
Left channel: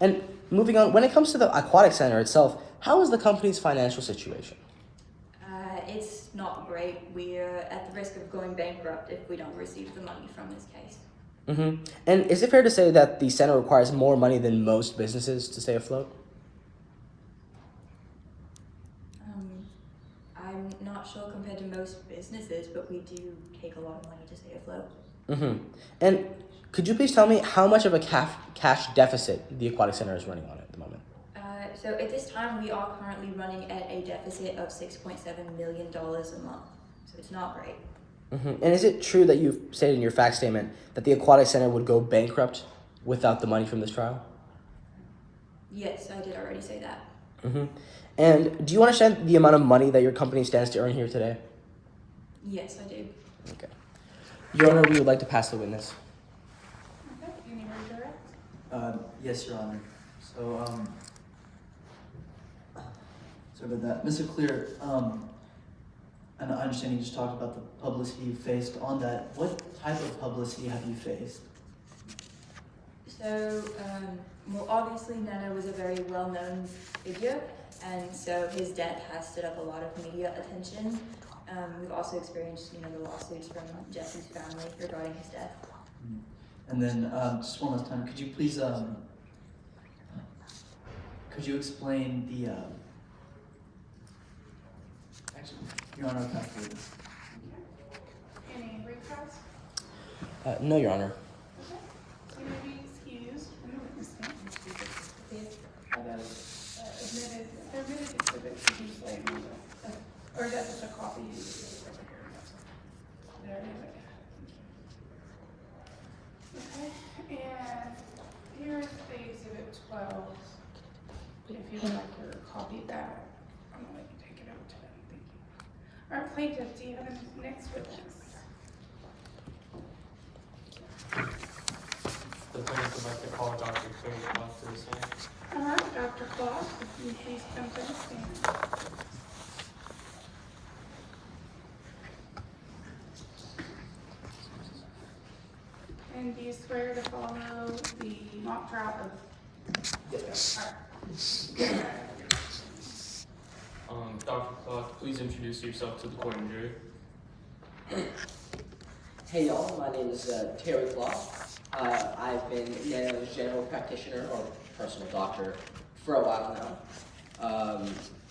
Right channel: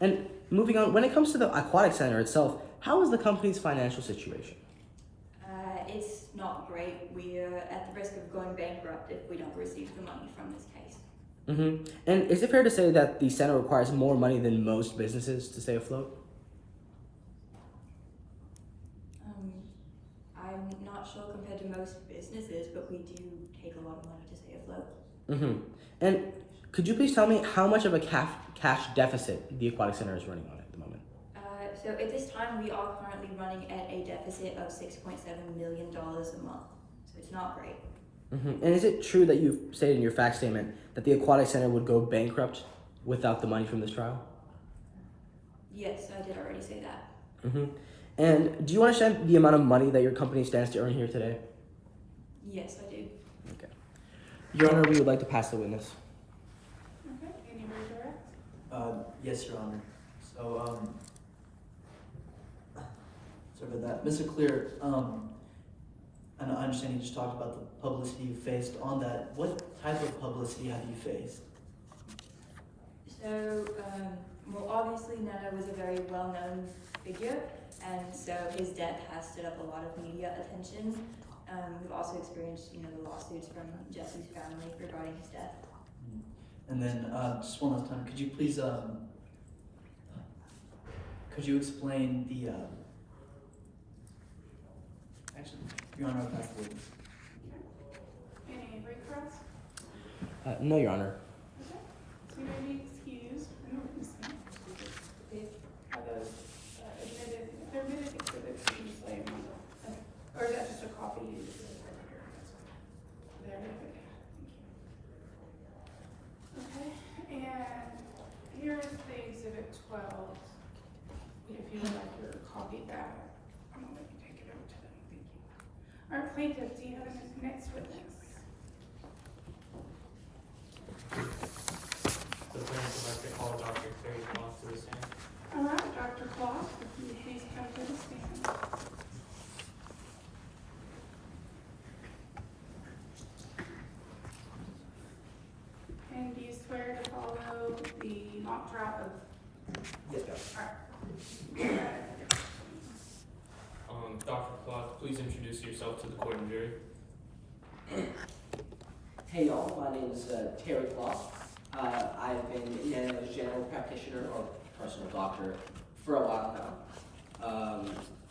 And moving on, when it comes to the aquatic center itself, how is the company's financial situation? It's not great. We're at the risk of going bankrupt if we don't receive the money from this case. And is it fair to say that the center requires more money than most businesses to stay afloat? I'm not sure compared to most businesses, but we do take a lot of money to stay afloat. And could you please tell me how much of a cash deficit the aquatic center is running on at the moment? So at this time, we are currently running at a deficit of $6.7 million a month. So it's not great. And is it true that you've stated in your fact statement that the aquatic center would go bankrupt without the money from this trial? Yes, I did already say that. And do you understand the amount of money that your company stands to earn here today? Yes, I do. Okay. Your Honor, we would like to pass the witness. Okay, any redirect? Yes, Your Honor. So, sorry about that. Mr. Clear, and I understand you just talked about the publicity you faced. On that, what type of publicity have you faced? So, well, obviously Nana was a very well-known figure, and so his death has stood up a lot of media attention. We've also experienced, the lawsuits from Jesse's family regarding his death. And then, just one last time, could you please, could you explain the, actually, Your Honor, I'll pass the witness. Any recalls? No, Your Honor. Okay, so you may be excused from the witness stand. Are those admitted, if they're admitted exhibits, usually, or is that just a copy? There it is, okay. Okay, and here's the exhibit 12. If you would like your copy of that, I'm gonna let you take it over to them, thank you. All right, plaintiff, do you have a next witness? The mock trial of, Yes, alright. Dr. Clark, please introduce yourself to the court and jury. Hey y'all, my name is Terry Clark. I've been Nano's general practitioner or personal doctor for a while now.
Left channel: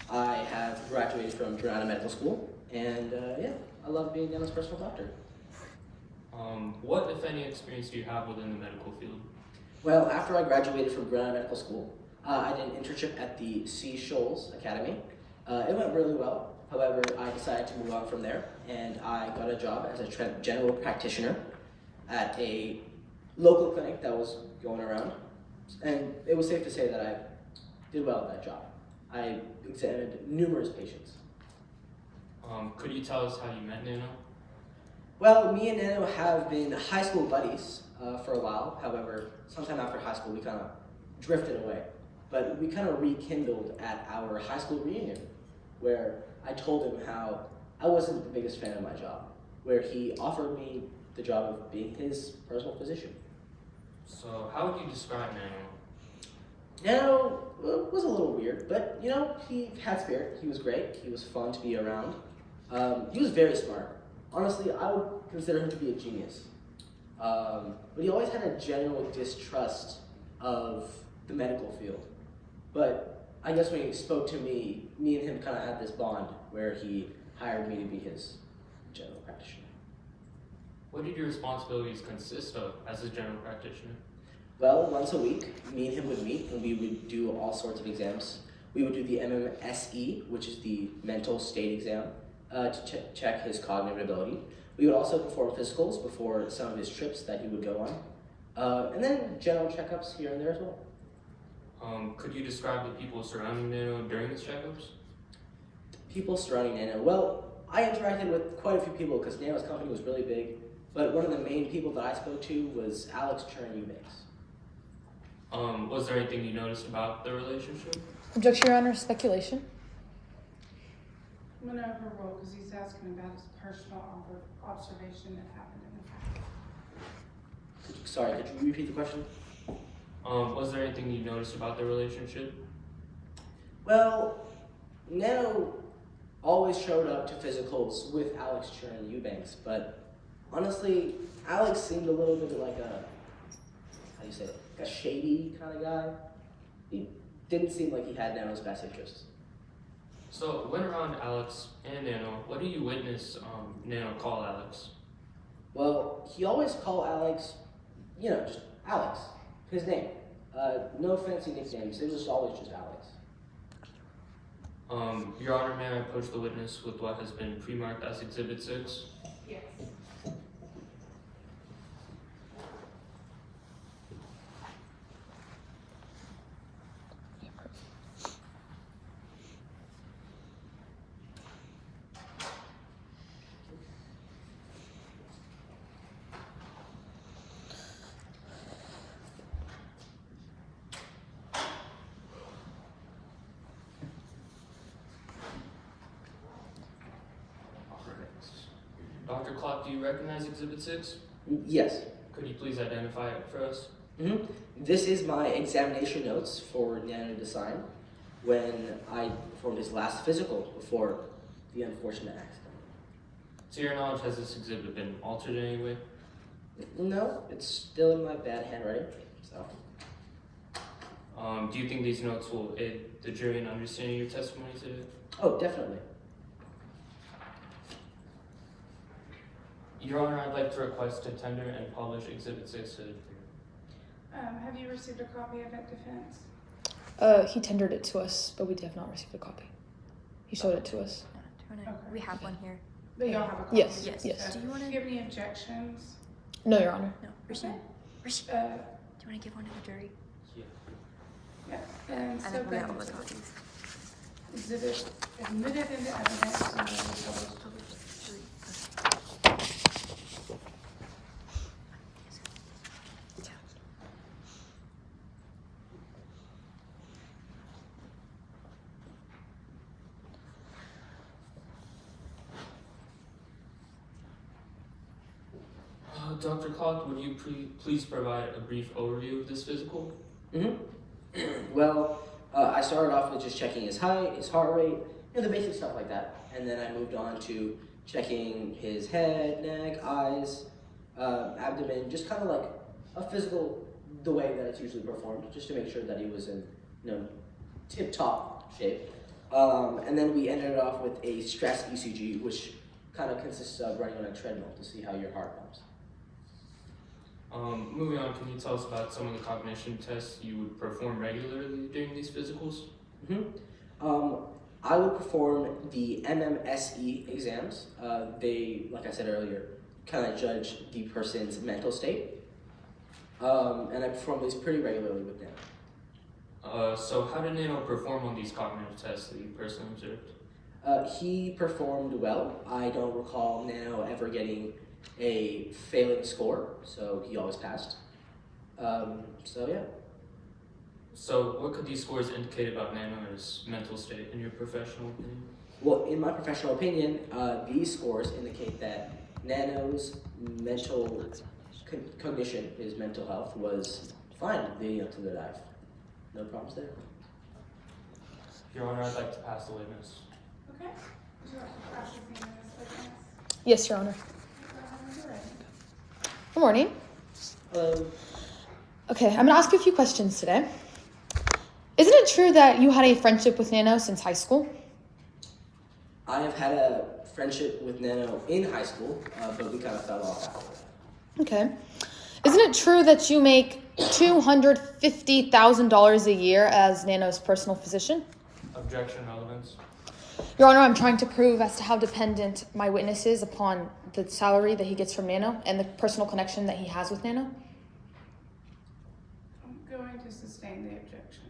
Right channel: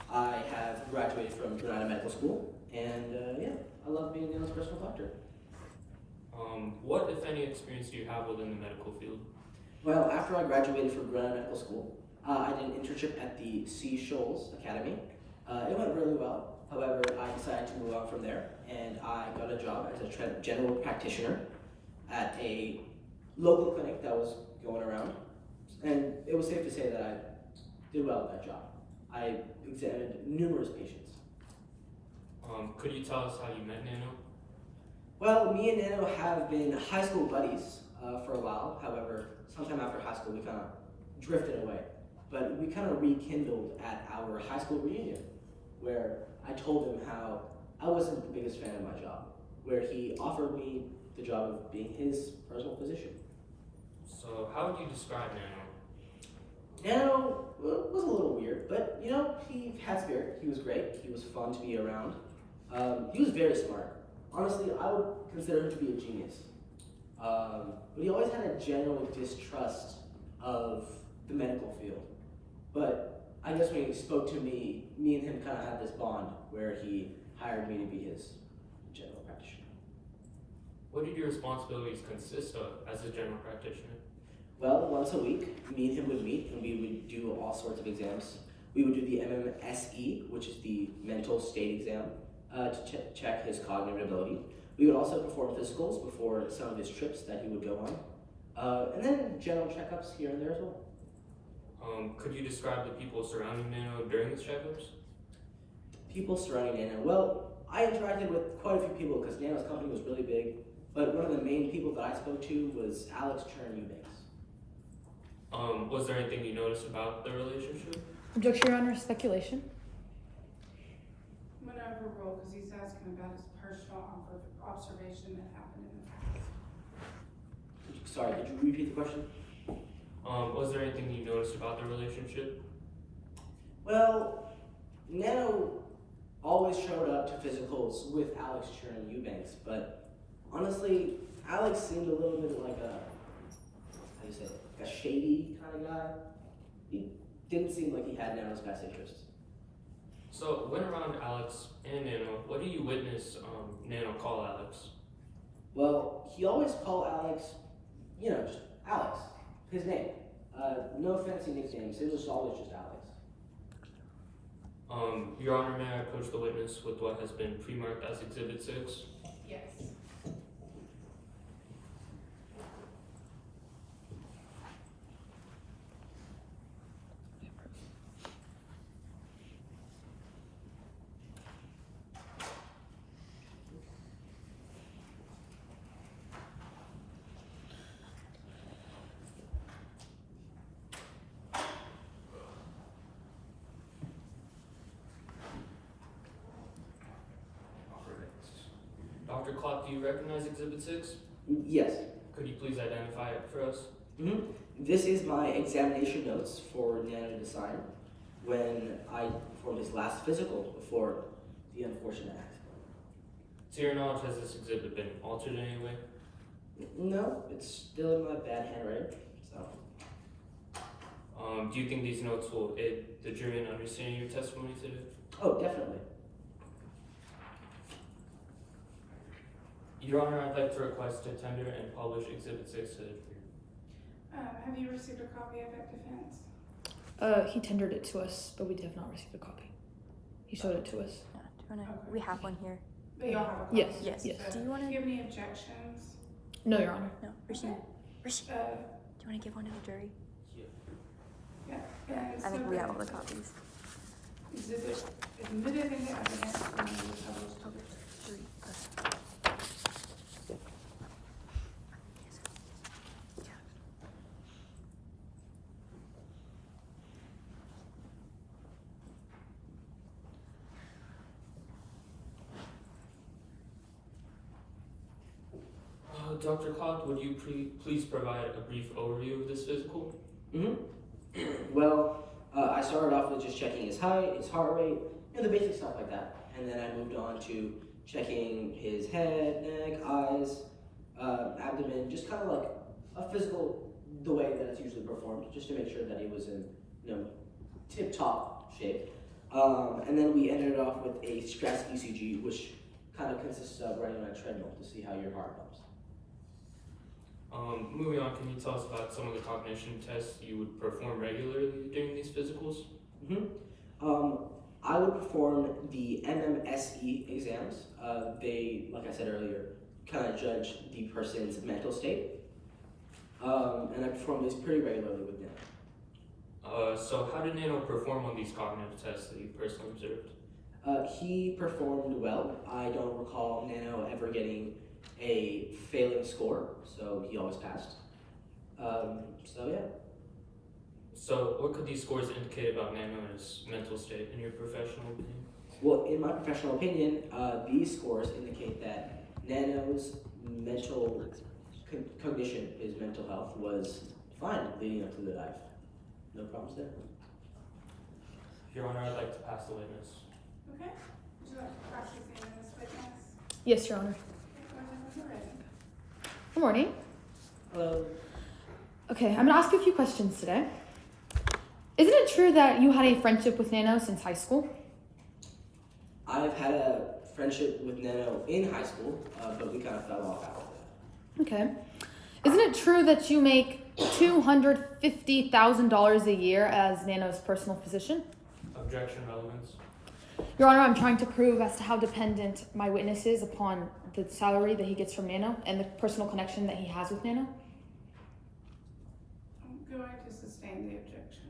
I have graduated from Granada Medical School, and yeah, I love being Nano's personal doctor. What, if any, experience do you have within the medical field? Well, after I graduated from Granada Medical School, I did an internship at the Sea Shoals Academy. It went really well. However, I decided to move on from there, and I got a job as a general practitioner at a local clinic that was going around. And it was safe to say that I did well at that job. I examined numerous patients. Could you tell us how you met Nano? Well, me and Nano have been high school buddies for a while. However, sometime after high school, we kind of drifted away. But we kind of rekindled at our high school reunion, where I told him how I wasn't the biggest fan of my job, where he offered me the job of being his personal physician. So, how would you describe Nano? Nano was a little weird, but you know, he had spirit. He was great. He was fun to be around. He was very smart. Honestly, I would consider him to be a genius. But he always had a general distrust of the medical field. But I guess when he spoke to me and him kind of had this bond where he hired me to be his general practitioner. What did your responsibilities consist of as a general practitioner? Well, once a week, me and him would meet and we would do all sorts of exams. We would do the MMSE, which is the mental state exam, to check his cognitive ability. We would also perform physicals before some of his trips that he would go on. And then general checkups here and there as well. Could you describe the people surrounding Nano during his checkups? People surrounding Nano. Well, I interacted with quite a few people because Nano's company was really big, but one of the main people that I spoke to was Alex Chern Eubanks. Was there anything you noticed about the relationship? Objection, Your Honor. Speculation. I'm gonna overrule because he's asking about his personal observation that happened in the past. Sorry, could you repeat the question? Was there anything you noticed about the relationship? Well, Nano always showed up to physicals with Alex Chern Eubanks, but honestly, Alex seemed a little bit like a shady kind of guy. He didn't seem like he had Nano's best interests. So, when around Alex and Nano, what do you witness Nano call Alex? Well, he always called Alex, just Alex, his name. No fancy nicknames, it was always just Alex. Your Honor, may I approach the witness with what has been pre-marked as Exhibit 6? Yes. Dr. Clark, do you recognize Exhibit 6? Yes. Could you please identify it for us? This is my examination notes for Nano to sign when I performed his last physical before the unfortunate accident. To your knowledge, has this exhibit been altered in any way? No, it's still in my bad handwriting, so. Do you think these notes will aid the jury in understanding your testimony today? Oh, definitely. Your Honor, I'd like to request to tender and publish Exhibit 6 to the jury. Have you received a copy of it, defense? He tendered it to us, but we have not received a copy. He showed it to us. Yeah, do you wanna, we have one here. But y'all have a copy? Yes, of yes. it, yes. so Do you wanna- Do you have any objections? No, Your Honor. No, Okay. do you want to give one to the jury? Yeah. And I so think we have all then the copies. exhibit admitted into evidence and then published. Published. Three. Yeah. Dr. Clock, would you please provide a brief overview of this physical? Well, I started off with just checking his height, his heart rate, the basic stuff like that. And then I moved on to checking his head, neck, eyes, abdomen, just kind of like a physical, the way that it's usually performed, just to make sure that he was in, tip-top shape. And then we ended off with a stress ECG, which kind of consists of running on a treadmill to see how your heart pumps. Moving on, can you tell us about some of the cognition tests you would perform regularly during these physicals? I would perform the MMSE exams. They, like I said earlier, kind of judge the person's mental state. And I perform these pretty regularly with them. So how did Nano perform on these cognitive tests that you personally observed? He performed well. I don't recall Nano ever getting a failing score, so he always passed. So yeah. So what could these scores indicate about Nano's mental state in your professional opinion? Well, in my professional opinion, these scores indicate that Nano's mental condition, his mental health, was fine leading up to the dive. No problems there. Your Honor, I'd like to pass the witness. Okay. Would you like to pass the name of this witness? Yes, Your Honor. Go ahead when you're ready. Good morning. Hello. Okay, I'm gonna ask you a few questions today. Isn't it true that you had a friendship with Nano since high school? I have had a friendship with Nano in high school, but we kind of fell off after that. Okay. Isn't it true that you make $250,000 a year as Nano's personal physician? Objection, relevance. Your Honor, I'm trying to prove as to how dependent my witness is upon the salary that he gets from Nano and the personal connection that he has with Nano. I'm going to sustain the objection.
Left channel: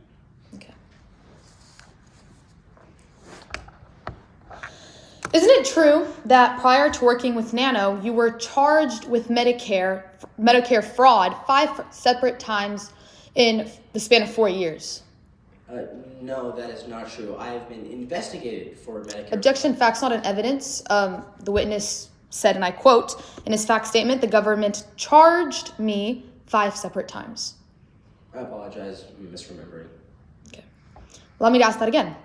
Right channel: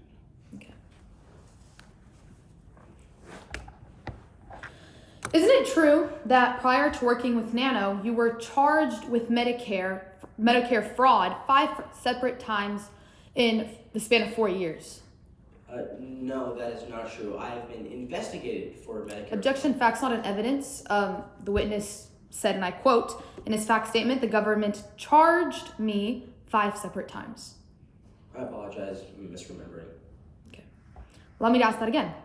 Okay. Isn't it true that prior to working with Nano, you were charged with Medicare fraud 5 separate times in the span of 4 years? No, that is not true. I have been investigated for Medicare. Objection, facts not in evidence. The witness said, and I quote, in his fact statement, the government charged me 5 separate times. I apologize, I'm misremembering. Okay. Allow me to ask that again.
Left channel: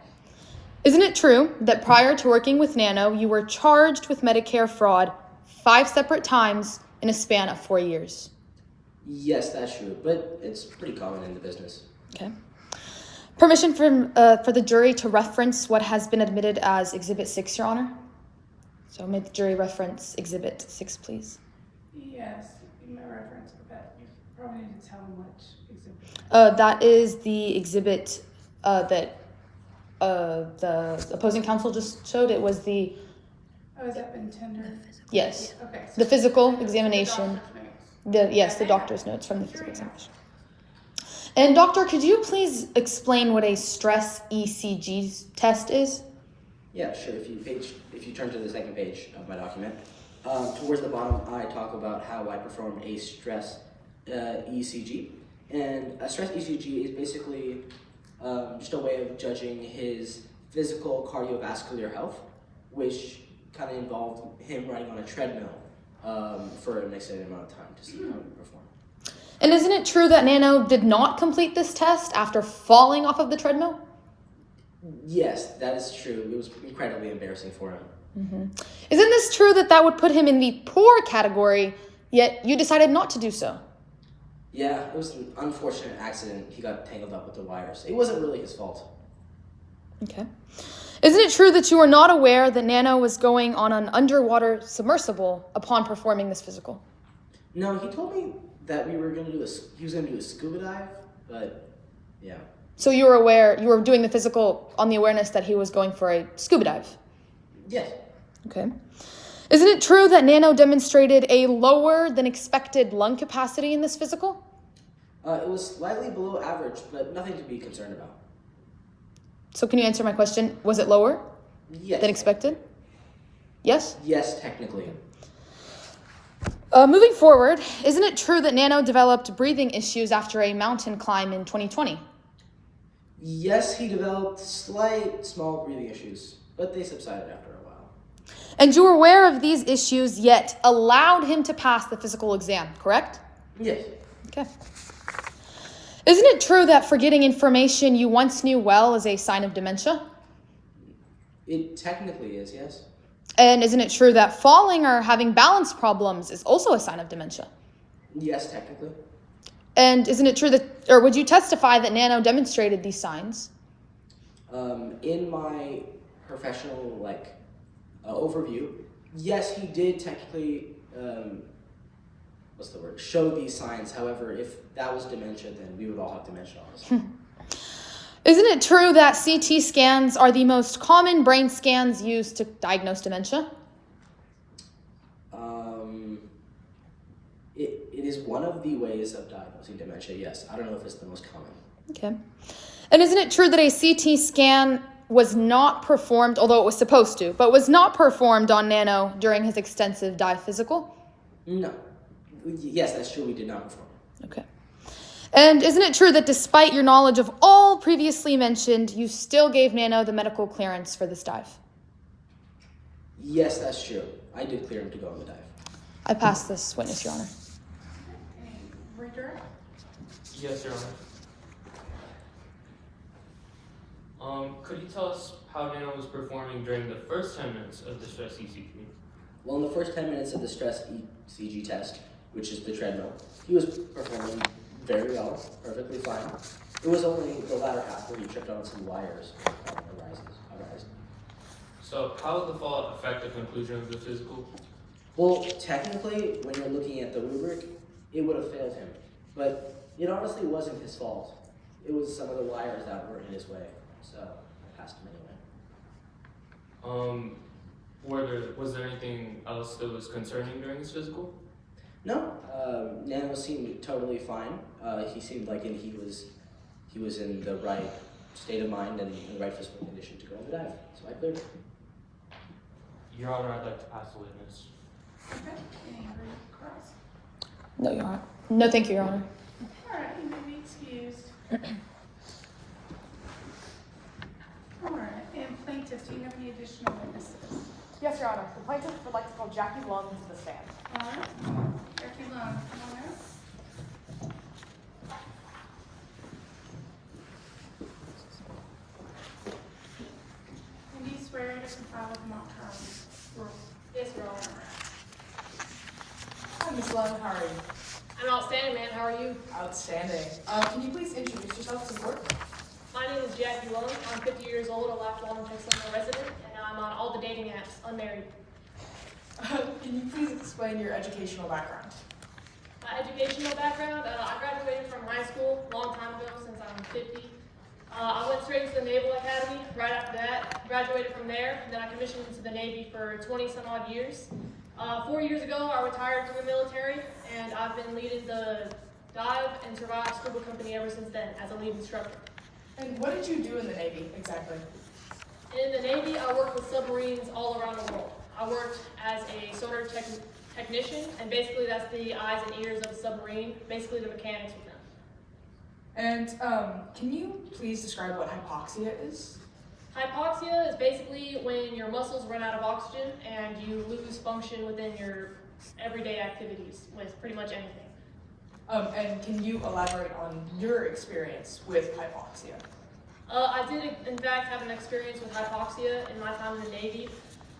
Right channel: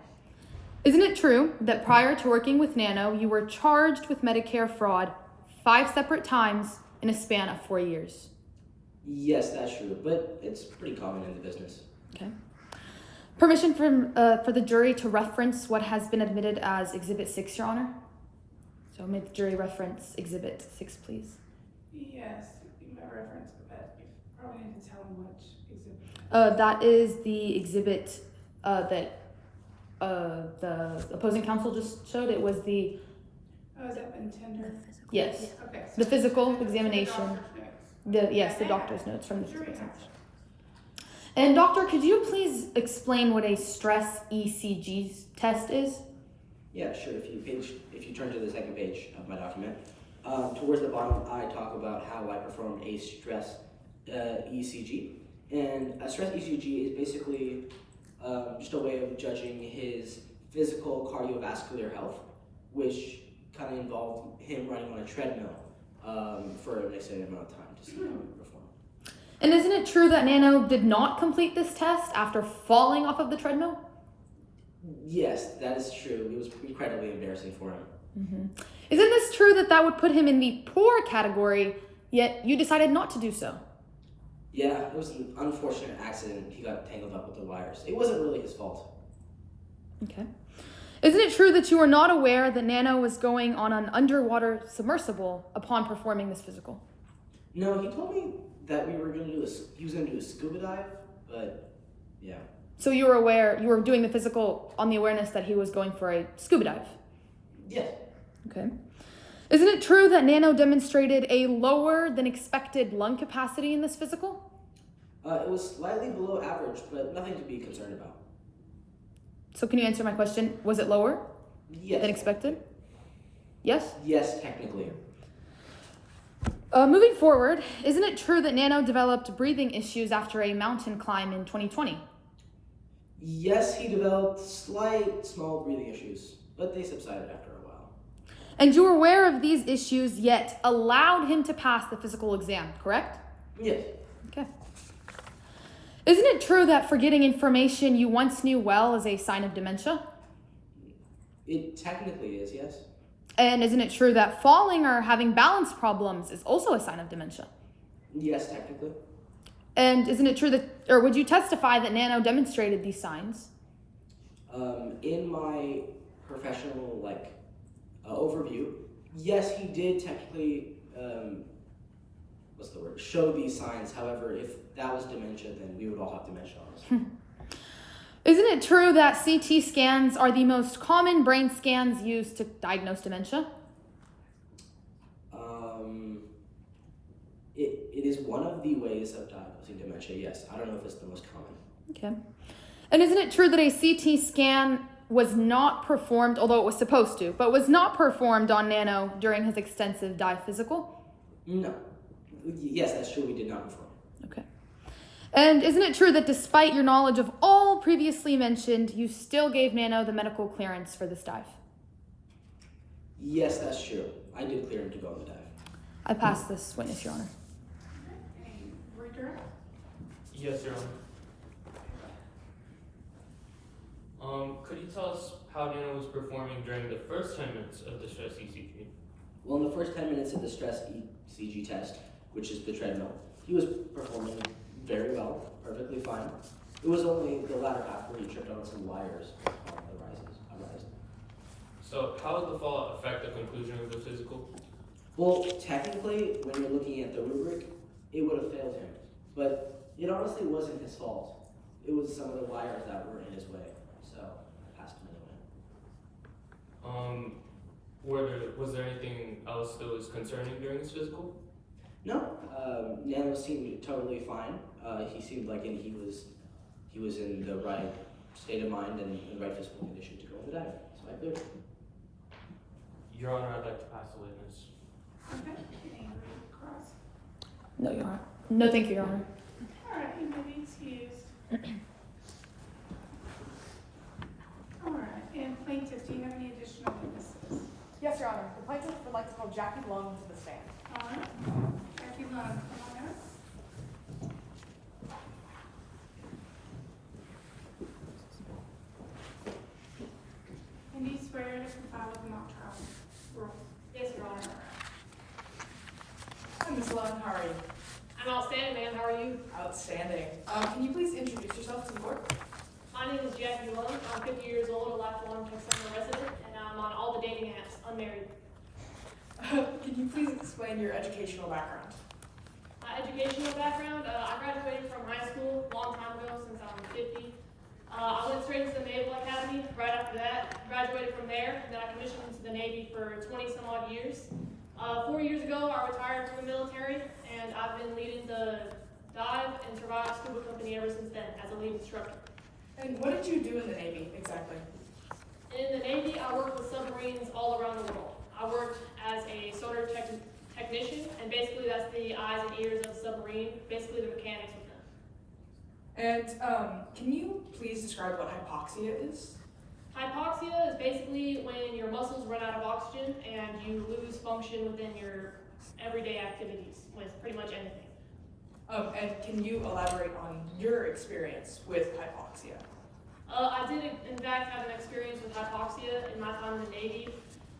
Isn't it true that prior to working with Nano, you were charged with Medicare fraud 5 separate times in a span of 4 years? Yes, that's true, but it's pretty common in the business. Okay. Permission for the jury to reference what has been admitted as Exhibit 6, Your Honor. So may the jury reference Exhibit 6, please. Yes, you may reference, but you probably need to tell them which exhibit. That is the exhibit that the opposing counsel just showed. It was the, Oh, has that been tendered? yes, Okay. the physical the examination. doctor's notes. The doctor's notes from the physical examination. And doctor, could you please explain what a stress ECG test is? Yeah, sure. If you turn to the second page of my document, towards the bottom, I talk about how I performed a stress ECG. And a stress ECG is basically just a way of judging his physical cardiovascular health, which kind of involved him running on a treadmill for an extended amount of time to see how he would perform. And isn't it true that Nano did not complete this test after falling off of the treadmill? Yes, that is true. It was incredibly embarrassing for him. Mm-hmm. Isn't this true that would put him in the poor category, yet you decided not to do so? Yeah, it was an unfortunate accident. He got tangled up with the wires. It wasn't really his fault. Okay. Isn't it true that you were not aware that Nano was going on an underwater submersible upon performing this physical? No, he told me that he was going to do a scuba dive, but yeah. So you were doing the physical on the awareness that he was going for a scuba dive? Yes. Okay. Isn't it true that Nano demonstrated a lower than expected lung capacity in this physical? It was slightly below average, but nothing to be concerned about. So can you answer my question? Was it lower Yes. than expected? Yes? Yes, technically. Moving forward, isn't it true that Nano developed breathing issues after a mountain climb in 2020? Yes, he developed small breathing issues, but they subsided after a while. And you were aware of these issues, yet allowed him to pass the physical exam, correct? Yes. Okay. Isn't it true that forgetting information you once knew well is a sign of dementia? It technically is, yes. And isn't it true that falling or having balance problems is also a sign of dementia? Yes, technically. And isn't it true that, or would you testify that Nano demonstrated these signs? In my professional, overview, yes, he did technically, show these signs. However, if that was dementia, then we would all have dementia, honestly. Isn't it true that CT scans are the most common brain scans used to diagnose dementia? It is one of the ways of diagnosing dementia, yes. I don't know if it's the most common. Okay. And isn't it true that a CT scan was not performed, although it was supposed to, but was not performed on Nano during his extensive dive physical? No. Yes, that's true. We did not perform. Okay. And isn't it true that despite your knowledge of all previously mentioned, you still gave Nano the medical clearance for this dive? Yes, that's true. I did clear him to go on the dive. I pass this witness, Your Honor. Any redirect? Yes, Your Honor. Could you tell us how Nano was performing during the first 10 minutes of the stress ECG? Well, in the first 10 minutes of the stress ECG test, which is the treadmill, he was performing very well, perfectly fine. It was only the latter half where he tripped on some wires arising. So how would the fall affect the conclusion of the physical? Well, technically, when you're looking at the rubric, it would have failed him. But it honestly wasn't his fault. It was some of the wires that were in his way. So I passed him anyway. Was there anything else that was concerning during his physical? No, Nano seemed totally fine. He seemed like he was in the right state of mind and in the right physical condition to go on the dive. So I cleared him. Your Honor, I'd like to pass the witness. Okay. Any read across? No, Your Honor. No, thank you, Your Honor. All right, you may be excused. All right, and plaintiff, do you have any additional witnesses? Yes, Your Honor. The plaintiff would like to call Jackie Lung to the stand. All right, Jackie Lund, come on up. And do you swear to comply with the mock trial rules? Yes, Your Honor. Hi, Ms. Lund, how are you? I'm outstanding, man. How are you? Outstanding. Can you please introduce yourself to the board? My name is Jackie Lung. I'm 50 years old, a lifelong Texas resident, and I'm on all the dating apps, unmarried. Can you please explain your educational background? My educational background, I graduated from high school a long time ago, since I'm 50. I went straight to the Naval Academy right after that, graduated from there, then I commissioned into the Navy for 20 some odd years. 4 years ago, I retired from the military, and I've been leading the dive and survive scuba company ever since then as a lead instructor. And what did you do in the Navy, exactly? In the Navy, I worked with submarines all around the world. I worked as a sonar technician, and basically that's the eyes and ears of the submarine, basically the mechanics with them. And can you please describe what hypoxia is? Hypoxia is basically when your muscles run out of oxygen and you lose function within your everyday activities with pretty much anything. And can you elaborate on your experience with hypoxia? I did, in fact, have an experience with hypoxia in my time in the Navy.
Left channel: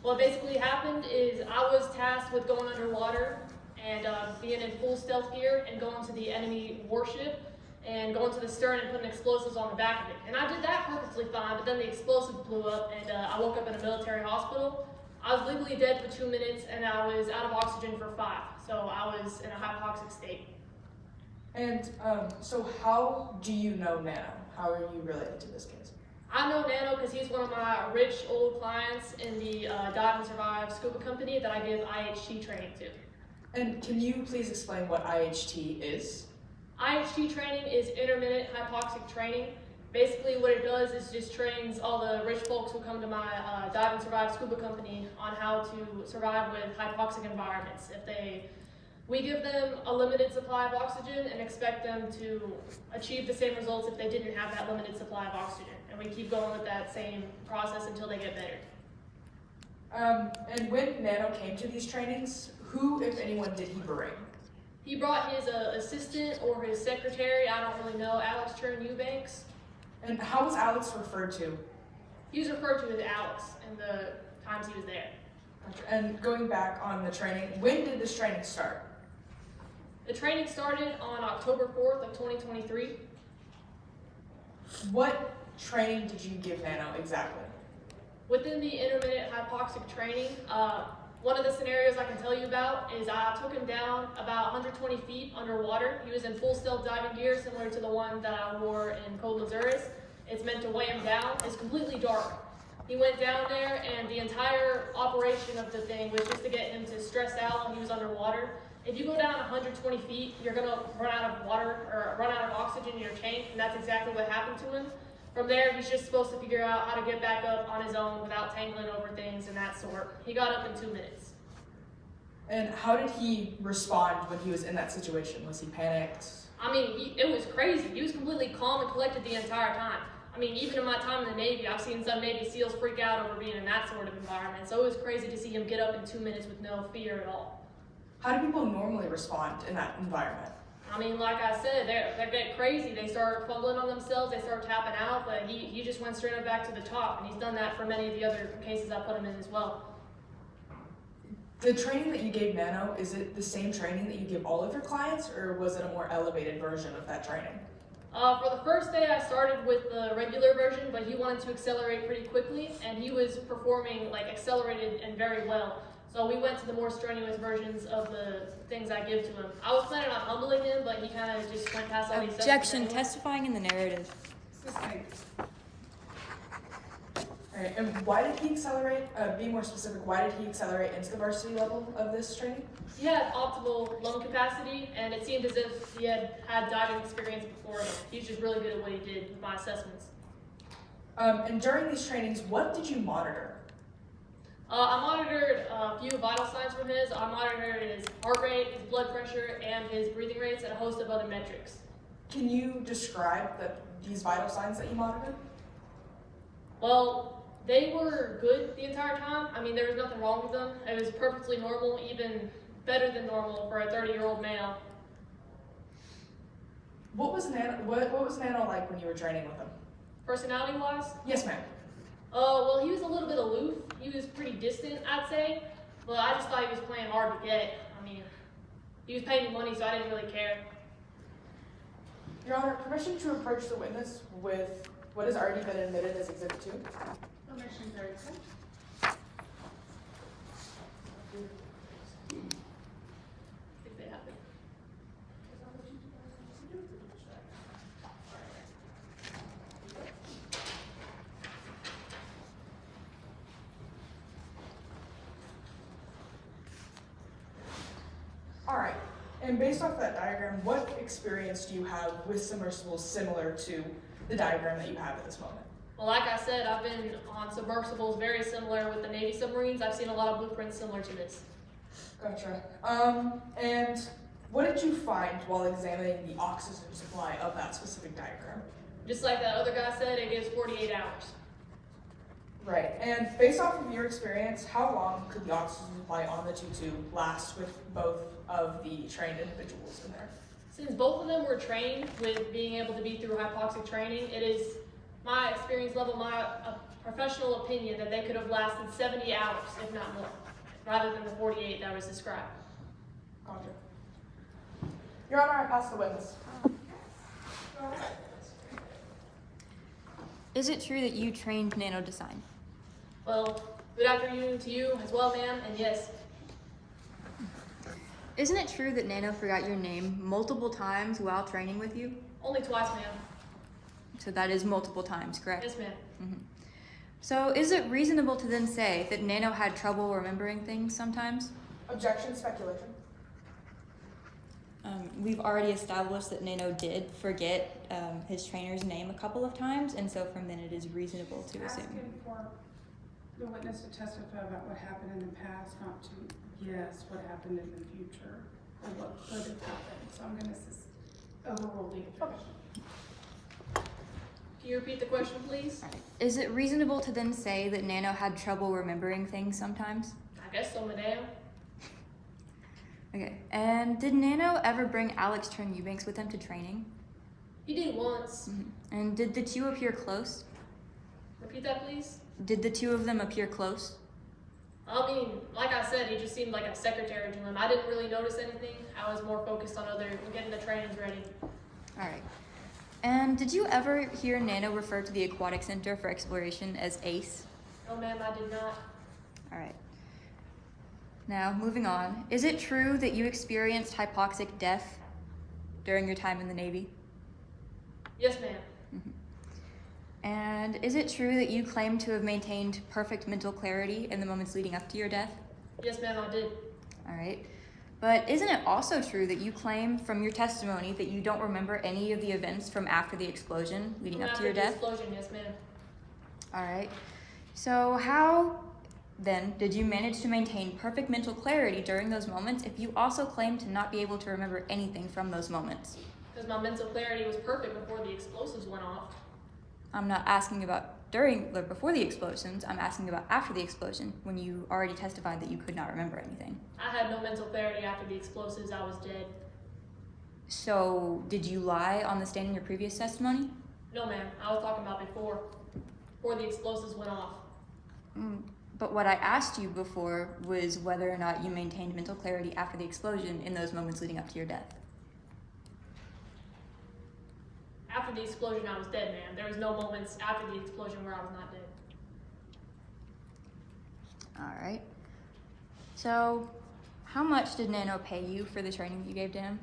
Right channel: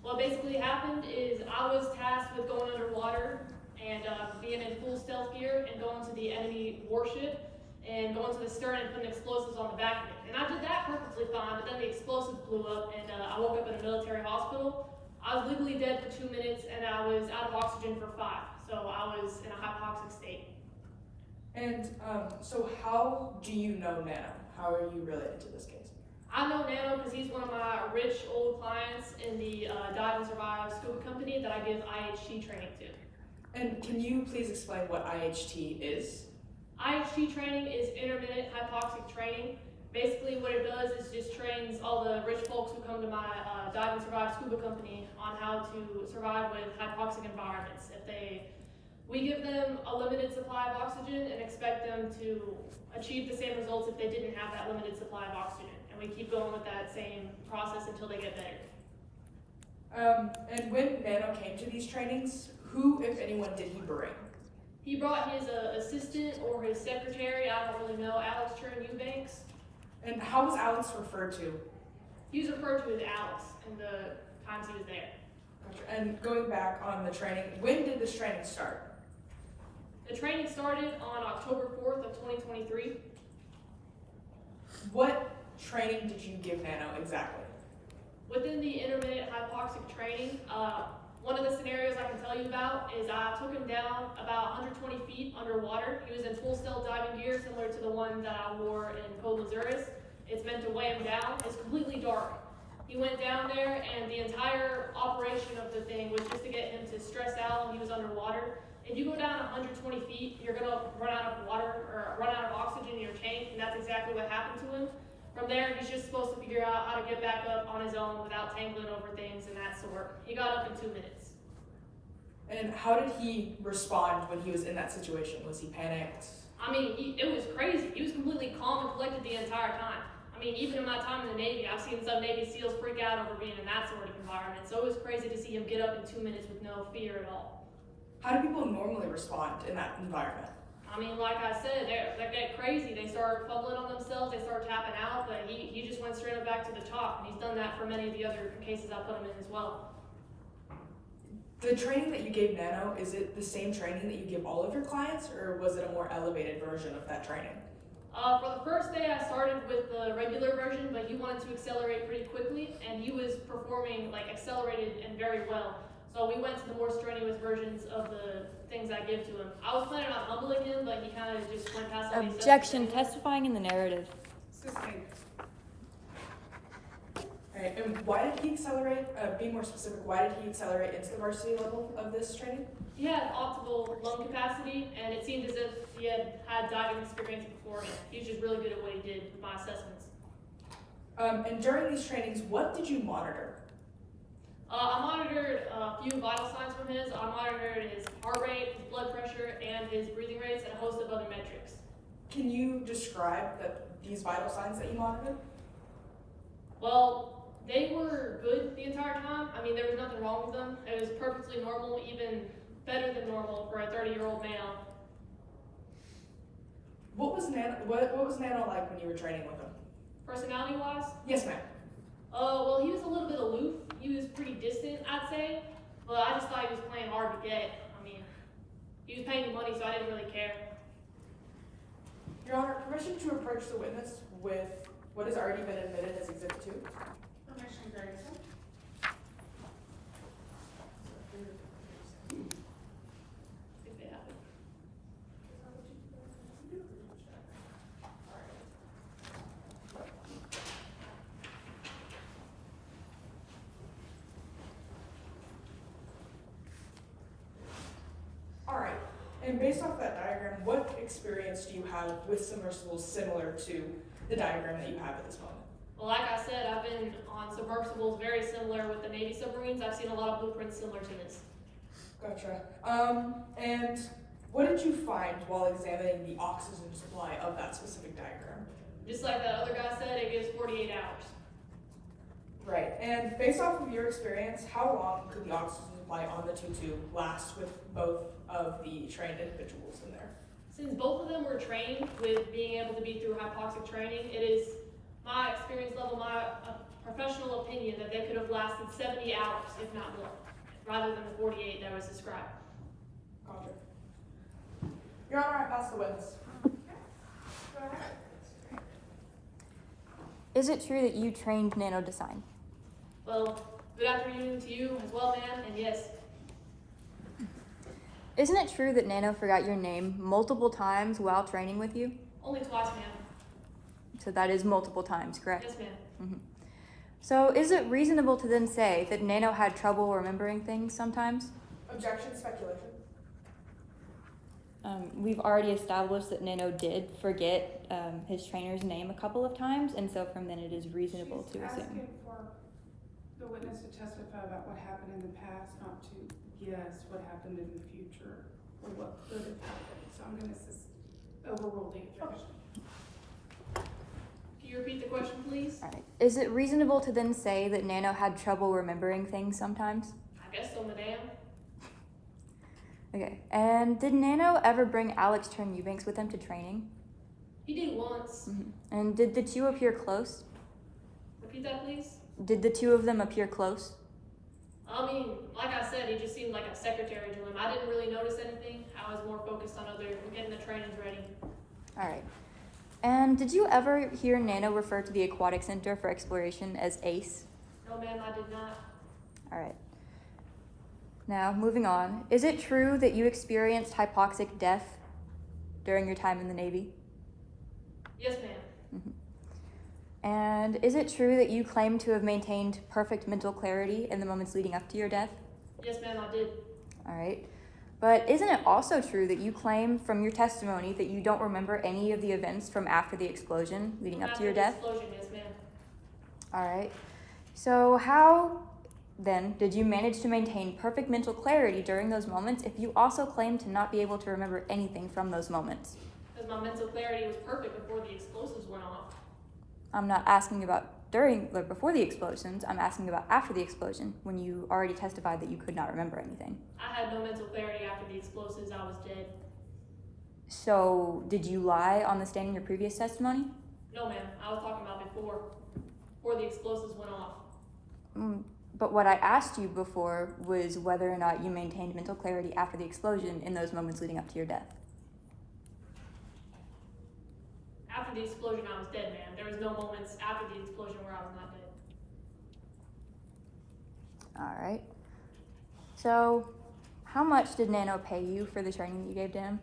What basically happened is I was tasked with going underwater and being in full stealth gear and going to the enemy warship and going to the stern and putting explosives on the back of it. And I did that perfectly fine, but then the explosives blew up and I woke up in a military hospital. I was legally dead for 2 minutes and I was out of oxygen for 5. So I was in a hypoxic state. And so how do you know Nano? How are you related to this case? I know Nano because he's one of my rich old clients in the Dive and Survive Scuba Company that I give IHT training to. And can you please explain what IHT is? IHT training is intermittent hypoxic training. Basically what it does is just trains all the rich folks who come to my Dive and Survive Scuba Company on how to survive with hypoxic environments. We give them a limited supply of oxygen and expect them to achieve the same results if they didn't have that limited supply of oxygen. And we keep going with that same process until they get better. And when Nano came to these trainings, who, if anyone, did he bring? He brought his assistant or his secretary, I don't really know, Alex Chern Eubanks. And how was Alex referred to? He was referred to as Alex in the times he was there. Gotcha. And going back on the training, when did this training start? The training started on October 4th of 2023. What training did you give Nano exactly? Within the intermittent hypoxic training, one of the scenarios I can tell you about is I took him down about 120 feet underwater. He was in full stealth diving gear, similar to the one that I wore in Cold Lazuris. It's meant to weigh him down. It's completely dark. He went down there, and the entire operation of the thing was just to get him to stress out while he was underwater. If you go down 120 feet, you're gonna run out of water or run out of oxygen in your tank, and that's exactly what happened to him. From there, he's just supposed to figure out how to get back up on his own without tangling over things and that sort. He got up in 2 minutes. And how did he respond when he was in that situation? Was he panicked? I mean, it was crazy. He was completely calm and collected the entire time. I mean, even in my time in the Navy, I've seen some Navy SEALs freak out over being in that sort of environment. So it was crazy to see him get up in 2 minutes with no fear at all. How do people normally respond in that environment? I mean, like I said, they get crazy. They start fumbling on themselves. They start tapping out. But he just went straight up back to the top, and he's done that for many of the other cases I put him in as well. The training that you gave Nano, is it the same training that you give all of your clients, or was it a more elevated version of that training? For the first day, I started with the regular version, but he wanted to accelerate pretty quickly, and he was performing like accelerated and very well. So we went to the more strenuous versions of the things I give to him. I was planning on humbling him, but he kind of just went past all these steps. Objection, testifying in the narrative. Sustained. Alright, and why did he accelerate, be more specific, why did he accelerate into the varsity level of this training? He had optimal lung capacity, and it seemed as if he had diving experience beforehand. He's just really good at what he did with my assessments. And during these trainings, what did you monitor? I monitored a few vital signs from his. I monitored his heart rate, his blood pressure, and his breathing rates, and a host of other metrics. Can you describe these vital signs that you monitored? Well, they were good the entire time. I mean, there was nothing wrong with them. It was perfectly normal, even better than normal for a 30-year-old male. What was Nano like when you were training with him? Personality-wise, Yes, ma'am. well, he was a little bit aloof. He was pretty distant, I'd say. But I just thought he was playing hard to get. I mean, he was paying me money, so I didn't really care. Your Honor, permission to approach the witness with what has already been admitted as Exhibit 2. Permission granted. I think they have it. Alright, and based off that diagram, what experience do you have with submersibles similar to the diagram that you have at this moment? Well, like I said, I've been on submersibles very similar with the Navy submarines. I've seen a lot of blueprints similar to this. Gotcha. And what did you find while examining the oxygen supply of that specific diagram? Just like that other guy said, it gives 48 hours. Right, and based off of your experience, how long could the oxygen supply on the 2-2 last with both of the trained individuals in there? Since both of them were trained with being able to be through hypoxic training, it is my experience level, my professional opinion that they could have lasted 70 hours, if not more, rather than the 48 that was described. Gotcha. Your Honor, I pass the witness. Go ahead. Is it true that you trained Nano Design? Well, good afternoon to you as well, ma'am, and yes, Isn't it true that Nano forgot your name multiple times while training with you? only twice, ma'am. So that is multiple times, correct? Yes, ma'am. So is it reasonable to then say that Nano had trouble remembering things sometimes? Objection, speculation. We've already established that Nano did forget his trainer's name a couple of times, and so from then it is reasonable to She's assume. asking for the witness to testify about what happened in the past, not to guess what happened in the future, or what could have happened. So I'm gonna overrule the objection. Can you repeat the question, please? All right. Is it reasonable to then say that Nano had trouble remembering things sometimes? I guess so, madam. Okay. And did Nano ever bring Alex Trent Eubanks with him to training? He did once. And did the two appear close? Repeat that, please. Did the two of them appear close? I mean, like I said, he just seemed like a secretary to him. I didn't really notice anything. I was more focused on getting the trainings ready. All right. And did you ever hear Nano refer to the Aquatic Center for Exploration as ACE? No, ma'am, I did not. All right. Now, moving on. Is it true that you experienced hypoxic death during your time in the Navy? Yes, ma'am. And is it true that you claim to have maintained perfect mental clarity in the moments leading up to your death? Yes, ma'am, I did. All right. But isn't it also true that you claim from your testimony that you don't remember any of the events from after the explosion leading up to your death? After the explosion, yes, ma'am. All right. So how then did you manage to maintain perfect mental clarity during those moments if you also claim to not be able to remember anything from those moments? Because my mental clarity was perfect before the explosives went off. I'm not asking about before the explosions. I'm asking about after the explosion, when you already testified that you could not remember anything. I had no mental clarity after the explosives. I was dead. So did you lie on the stand in your previous testimony? No, ma'am. I was talking about before the explosives went off. But what I asked you before was whether or not you maintained mental clarity after the explosion in those moments leading up to your death. After the explosion, I was dead, ma'am. There was no moments after the explosion where I was not dead. All right. So how much did Nano pay you for the training that you gave to him?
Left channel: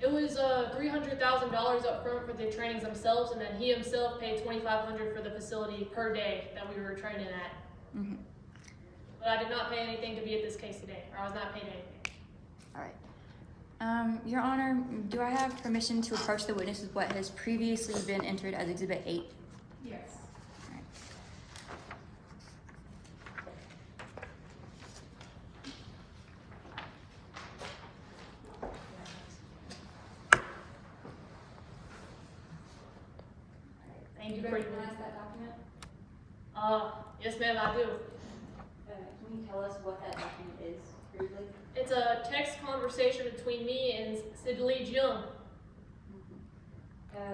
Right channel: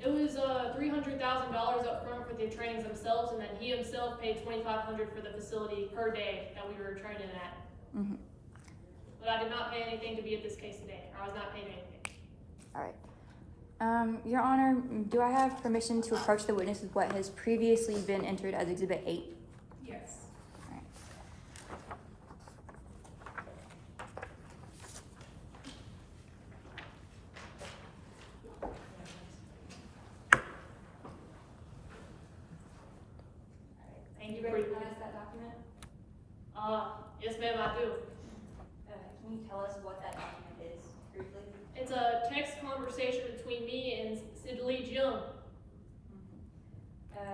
It was $300,000 up front for the trainings themselves, and then he himself paid $2,500 for the facility per day that we were training at. But I did not pay anything to be at this case today, or I was not paid anything. All right. Your Honor, do I have permission to approach the witness with what has previously been entered as Exhibit 8? Yes. All right. Thank you Do you for recognize that document? yes, ma'am, I do. Can you tell us what that document is, briefly? It's a text conversation between me and Sidley Jung.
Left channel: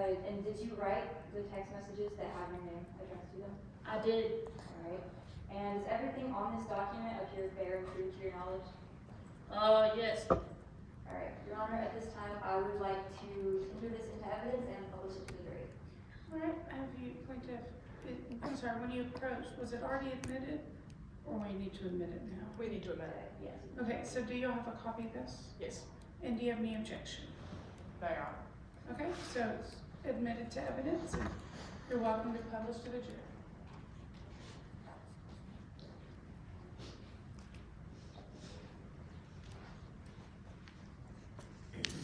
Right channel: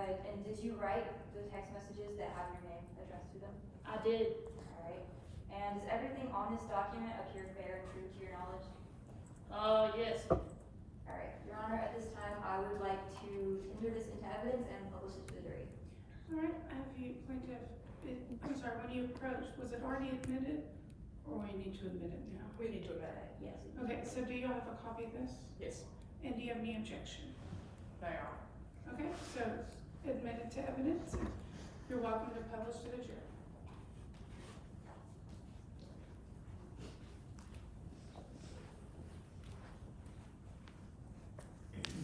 And did you write the text messages that have your name addressed to them? I did. All right. And does everything on this document appear fair and true to your knowledge? Yes. All right. Your Honor, at this time, I would like to enter this into evidence and publish it to the jury. All right, have you, plaintiff, I'm sorry, when you approached, was it already admitted? Or we need to admit it now? We need to admit it. Yes. Okay, so do you have a copy of this? Yes. And do you have any objection? No, Your Honor. Okay, so it's admitted to evidence, and you're welcome to publish to the jury.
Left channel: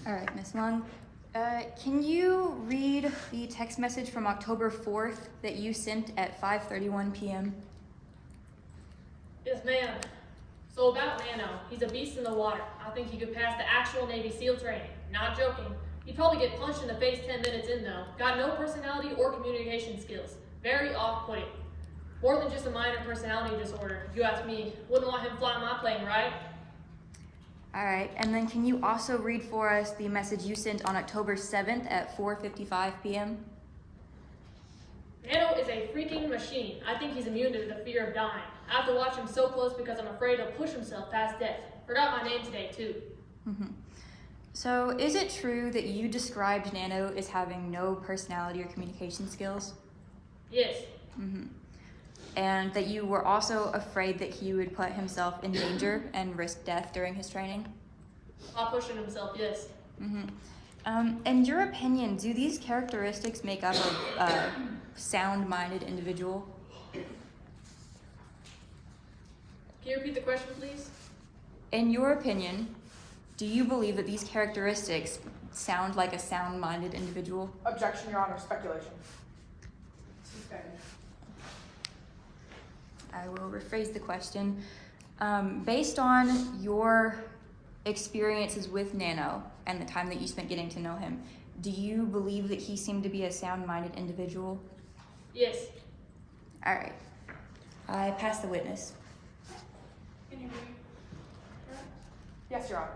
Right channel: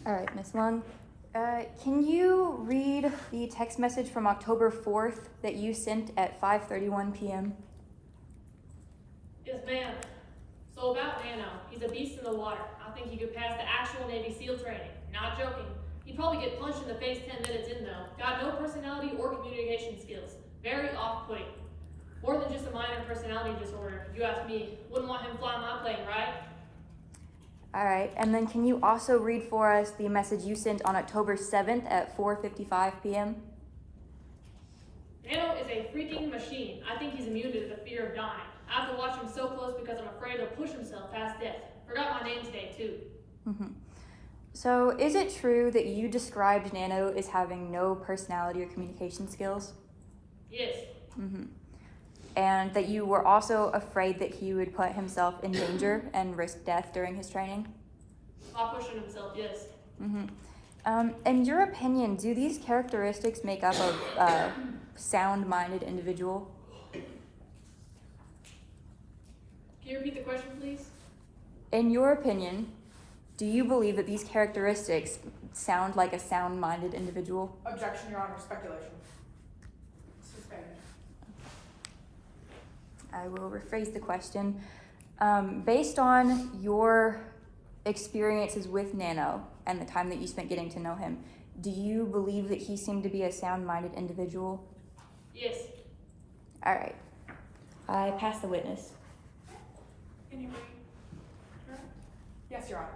All right, Ms. Lung, can you read the text message from October 4th that you sent at 5:31 p.m.? Yes, ma'am. So about Nano, he's a beast in the water. I think he could pass the actual Navy SEAL training. Not joking. He'd probably get punched in the face 10 minutes in though. Got no personality or communication skills. Very off-putting. More than just a minor personality disorder, if you ask me. Wouldn't want him flying my plane, right? All right, and then can you also read for us the message you sent on October 7th at 4:55 p.m.? Nano is a freaking machine. I think he's immune to the fear of dying. I have to watch him so close because I'm afraid he'll push himself past death. Forgot my name today, too. So is it true that you described Nano as having no personality or communication skills? Yes. And that you were also afraid that he would put himself in danger and risk death during his training? While pushing himself, yes. In your opinion, do these characteristics make up a sound-minded individual? Can you repeat the question, please? In your opinion, do you believe that these characteristics sound like a sound-minded individual? Objection, Your Honor. Speculation. Suspended. I will rephrase the question. Based on your experiences with Nano and the time that you spent getting to know him, Do you believe that he seemed to be a sound-minded individual? Yes. All right. I pass the witness. Can you read? Yes, Your Honor.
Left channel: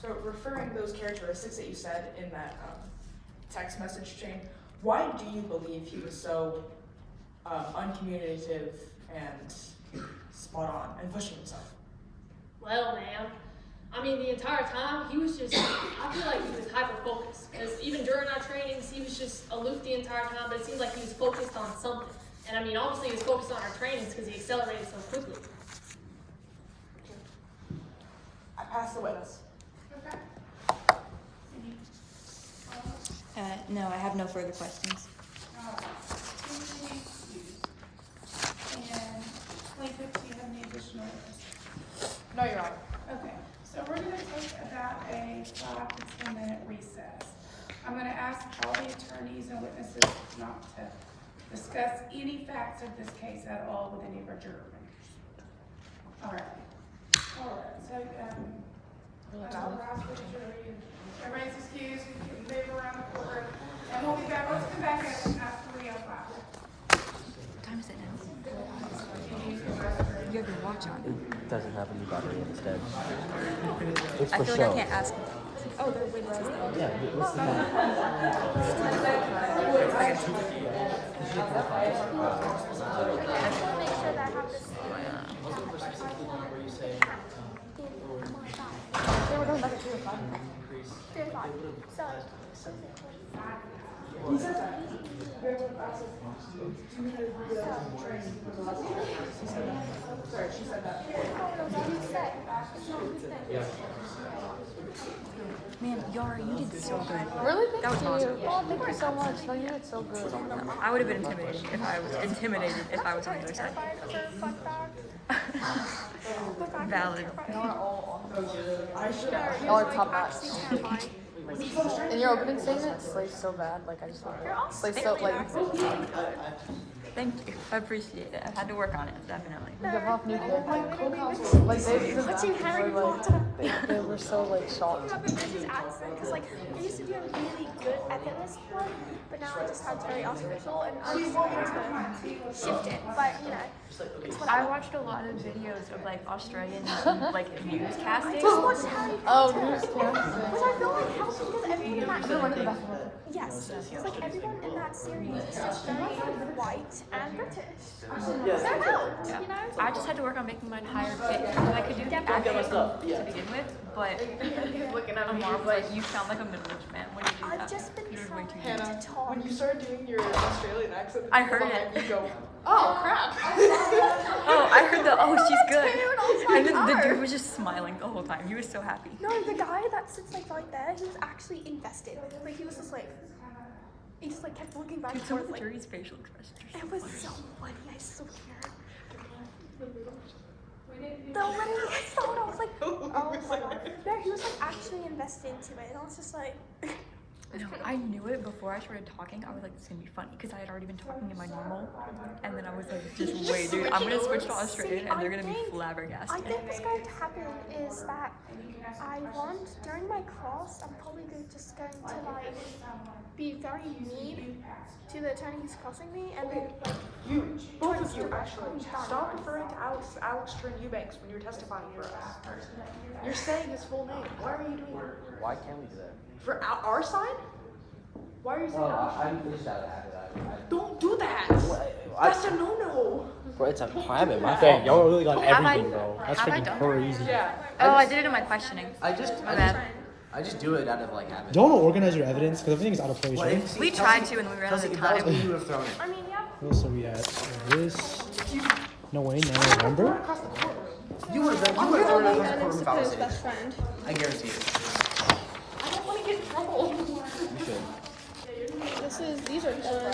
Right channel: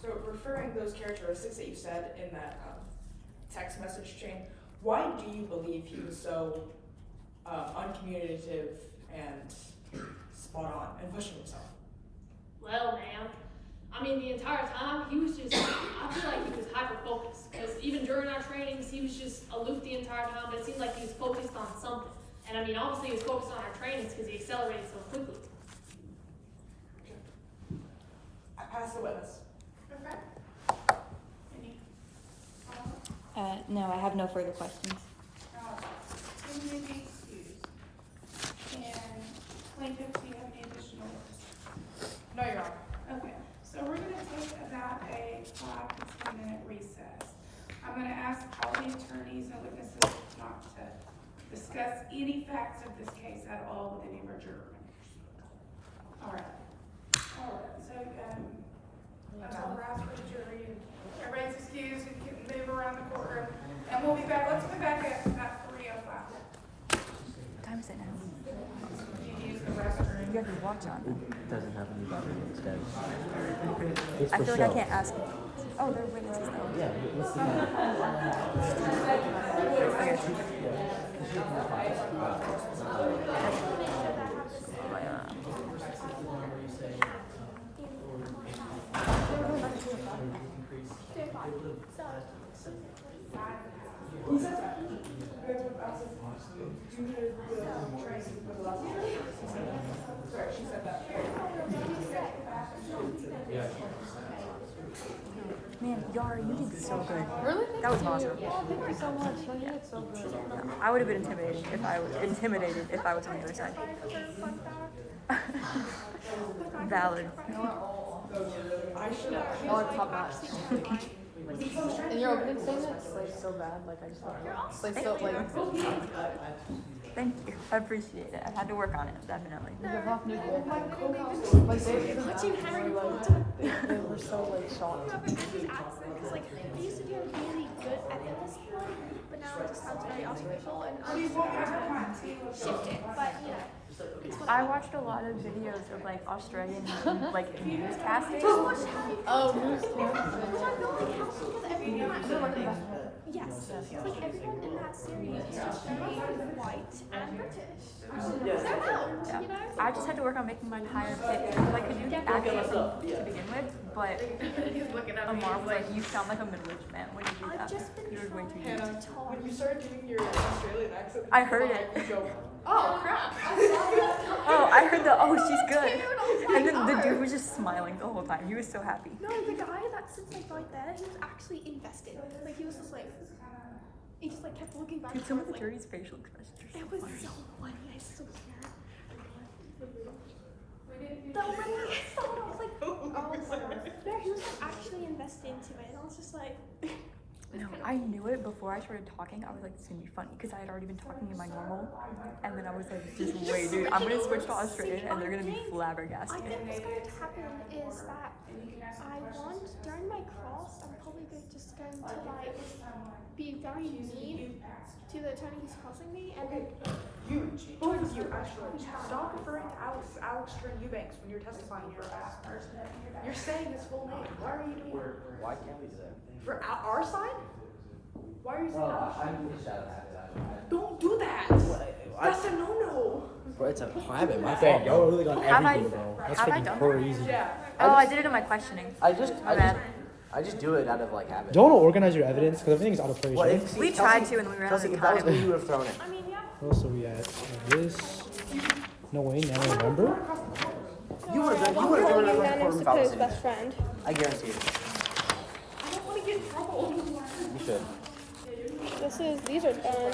So referring to those characteristics that you said in that text message chain, why do you believe he was so uncommunicative and spot on and pushing himself? Well, ma'am, I mean, the entire time, he was just, I feel like he was hyper-focused. Because even during our trainings, he was just aloof the entire time, but it seemed like he was focused on something. And I mean, obviously he was focused on our trainings because he accelerated so quickly. I pass the witness. Okay. Any comments? No, I have no further questions. Alright. Can we be excused? And plaintiff, do you have any additional words? No, Your Honor. Okay, so we're gonna take about a 5 to 10 minute recess. I'm gonna ask all the attorneys and witnesses not to discuss any facts of this case at all with any of our juror members. All right, so, I'll rise for the jury, and everybody's excused, and can move around the courtroom, and we'll be back, let's come back at 3:05. What time is it now? You have your watch on. Doesn't have any battery instead. I feel like I can't ask. Oh, they're witnesses though. Yeah, what's the time? Man, Yara, you did so good. Really? That was awesome. Thank you so much. You did so good. No, I would have been intimidated if I was on the other side. Valid. Y'all are top notch. In your opening statement, it's like so bad. Like I just it's like so like. Thank you. I appreciate it. I've had to work on it, definitely. Like Watching Harry Potter. they were so like shocked. Because like I used to be like really good at the this one, but now I just sound very artificial and I'm just like shifted. But you know. I watched a lot of videos of like Australian like newscasting. Oh, news Because I feel like how because everyone in that yes, it's like everyone in that series is just very white and British. They're out, Yeah. you know. I just had to work on making mine higher pitch because I could do the accent to begin with, but Amar was like, "You sound like a middle-aged man when you do I've that." just been It was way too trying deep. to talk. When you started doing your Australian accent, I heard it. you go, oh crap. Oh, I heard the "oh, she's good," and then the dude was just smiling the whole time. He was so happy. No, the guy that sits like right there, he was actually invested. Like he was just like, he just like kept looking back. Dude, some of the like, jury's facial expressions are it so was funny. so funny. I swear. The way I saw it, I was like, oh my god. Yeah, he was like actually invested into it. And I was just like, No, I knew it before I started talking. I was like, "This is gonna be funny," because I had already been talking in my normal, and then I was like, "Just wait, dude. I'm gonna switch to Australian, and they're gonna be I flabbergasted." think what's going to happen is that I want during my class, I'm probably just going to like be very mean to the attorneys crossing me, and then Both of you actually stop referring to Alex Trent Eubanks when you're testifying for us. You're saying his full name. Why are you doing that? Why can't we say that? For our side? Why are you saying that? I'm just that. Don't do that. That's a no-no. Bro, it's a habit. My fault. Y'all really got Have I- everything, bro. That's have I freaking done crazy. Oh, I did it in my questioning. I just do it out of like habit. Don't organize your evidence because everything's out of place. What Right? if We tried to, and then we ran out Kelsey, of if that was me, time. you would have thrown it. I mean, yeah. What else are we at? This. No way. Now I remember. You would have thrown it across the courtroom if I was sitting there. friend. I guarantee it. You should. These are done.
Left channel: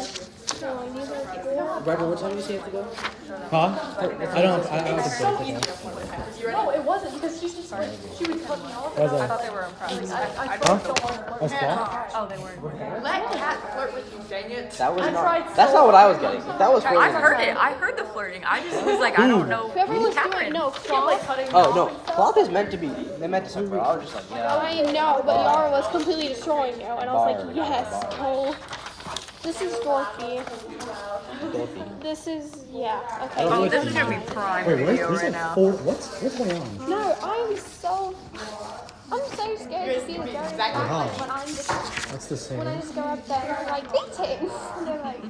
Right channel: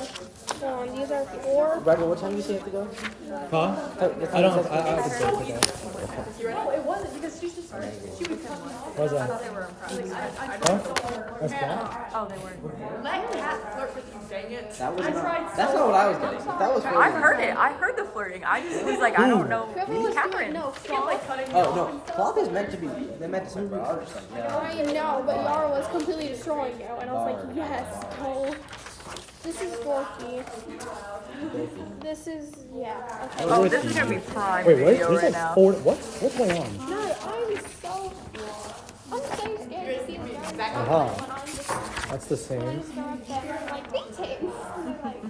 strong. These are 4. Bradley, what time do you say you have to go? Huh? I don't have, I have to say okay. No, it wasn't because she just started. She was putting off. What's that? They were impressed. Huh? That's ball? Oh, they were. That was not. That's not what I was getting. That was. I heard it. I heard the flirting. I just was like, I don't know. Whoever was Catherine. doing, no, cloth. Oh no, cloth is meant to be. They meant to separate. I was just like, yeah. I know, but Yara was completely destroying you, and I was like, yes, go. This is Dorothy. This is, yeah. Okay. Oh, this is gonna be prime Wait, what? video There's right like now. 4. What's going on? No, I'm so scared to see what Yara's doing Uh-huh. when I'm just, That's the when I same. just go up there and like dating. They're like,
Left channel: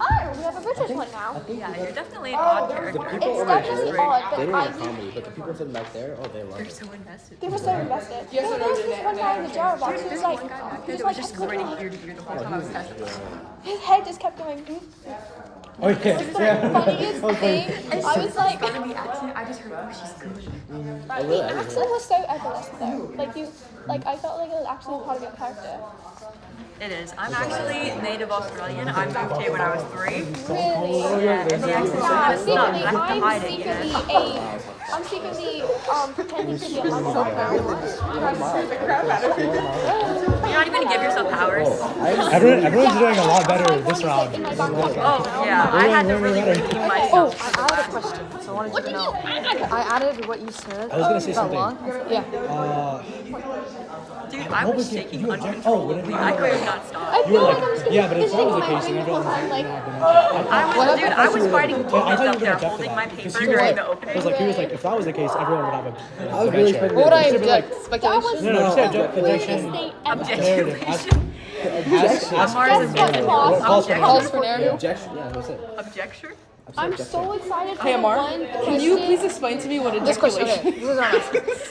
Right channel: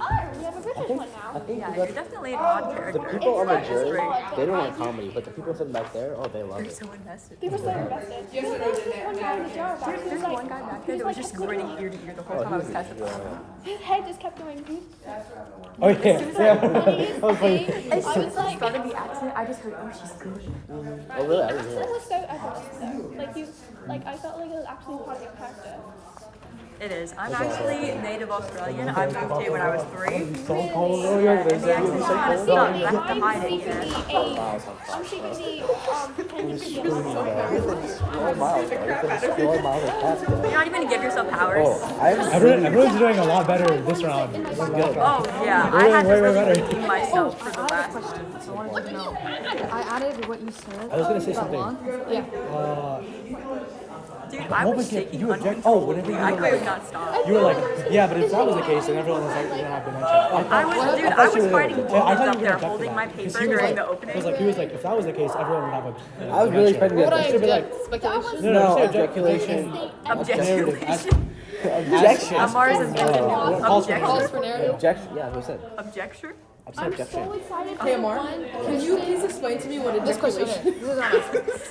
oh, we have a British one now. Yeah, you're definitely an odd character. People over It's here, really odd, but they don't I- like comedy, but the people sitting back there, oh, they love You're it. so invested. They were so invested. No, there was this one guy in the jar box. He was There's like, one guy back he there was that was like, just I couldn't grinning help- ear to ear the whole time I was testifying. His head just kept going. Oh yeah. Funniest thing, I was like, Started the accent. I just heard, oh, she's good. Oh, really? the accent was so effortless though. Like you, like I felt like it was actually part of your character. It is. I'm actually native Australian. I moved here when I was 3. Really? Yeah, and the accent's kind of stuck. I have to hide it, you know. I'm secretly pretending to be a mother. You're not even gonna give yourself powers. Everyone's doing a lot better this round than last round. Oh yeah, I had to Way really better. redeem myself for the last one. So I wanted you to know. I added what you said. I was gonna say something. Yeah. Dude, I was shaking you object- oh, uncontrollably. I could not stop. You were like, yeah, but if that was the case, then everyone was like, you don't have dementia. I was fighting Yeah, I demons thought up you there were gonna holding my object to that, 'cause paper he was during like- the It opening. was like he was like, if that was the case, everyone would have a. I was really expecting What I that. Should be like, object? Speculation? no, just say objection. Narrative. Objection. Ask Mars for is narrative. getting What calls for objection. Calls narrative. for narrative? Objection. Yeah, that's what I said. Objection? I'm so excited. Hey Amar, can you please explain to me what ejaculation is?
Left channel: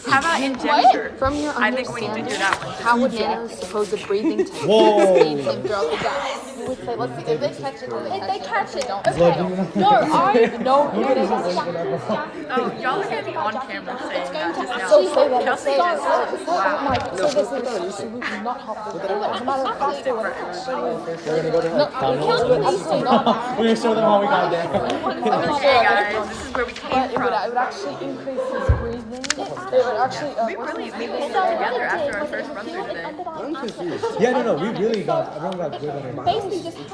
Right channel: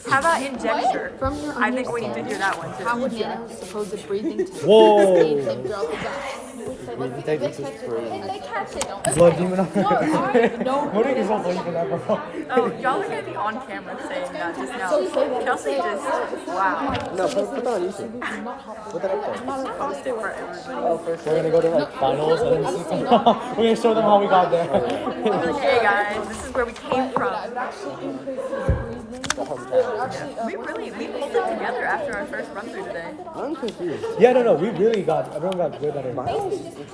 How about injecture? From your I think we need to hear that one How too. would Nano suppose the breathing to Whoa. breathe him throughout the day? If they catch it, Blood demon. no. What are you saying for that? Oh, y'all are gonna be on camera saying that just now. Chelsea just, wow. No, put it on YouTube. Post it for everybody. We're gonna go to finals. We show them how we got there. Okay guys, this is where we came from. It would actually increase his breathing. We pulled it together after our first run through today. I'm confused. Yeah, no, we really got. Everyone got good at it. Basically,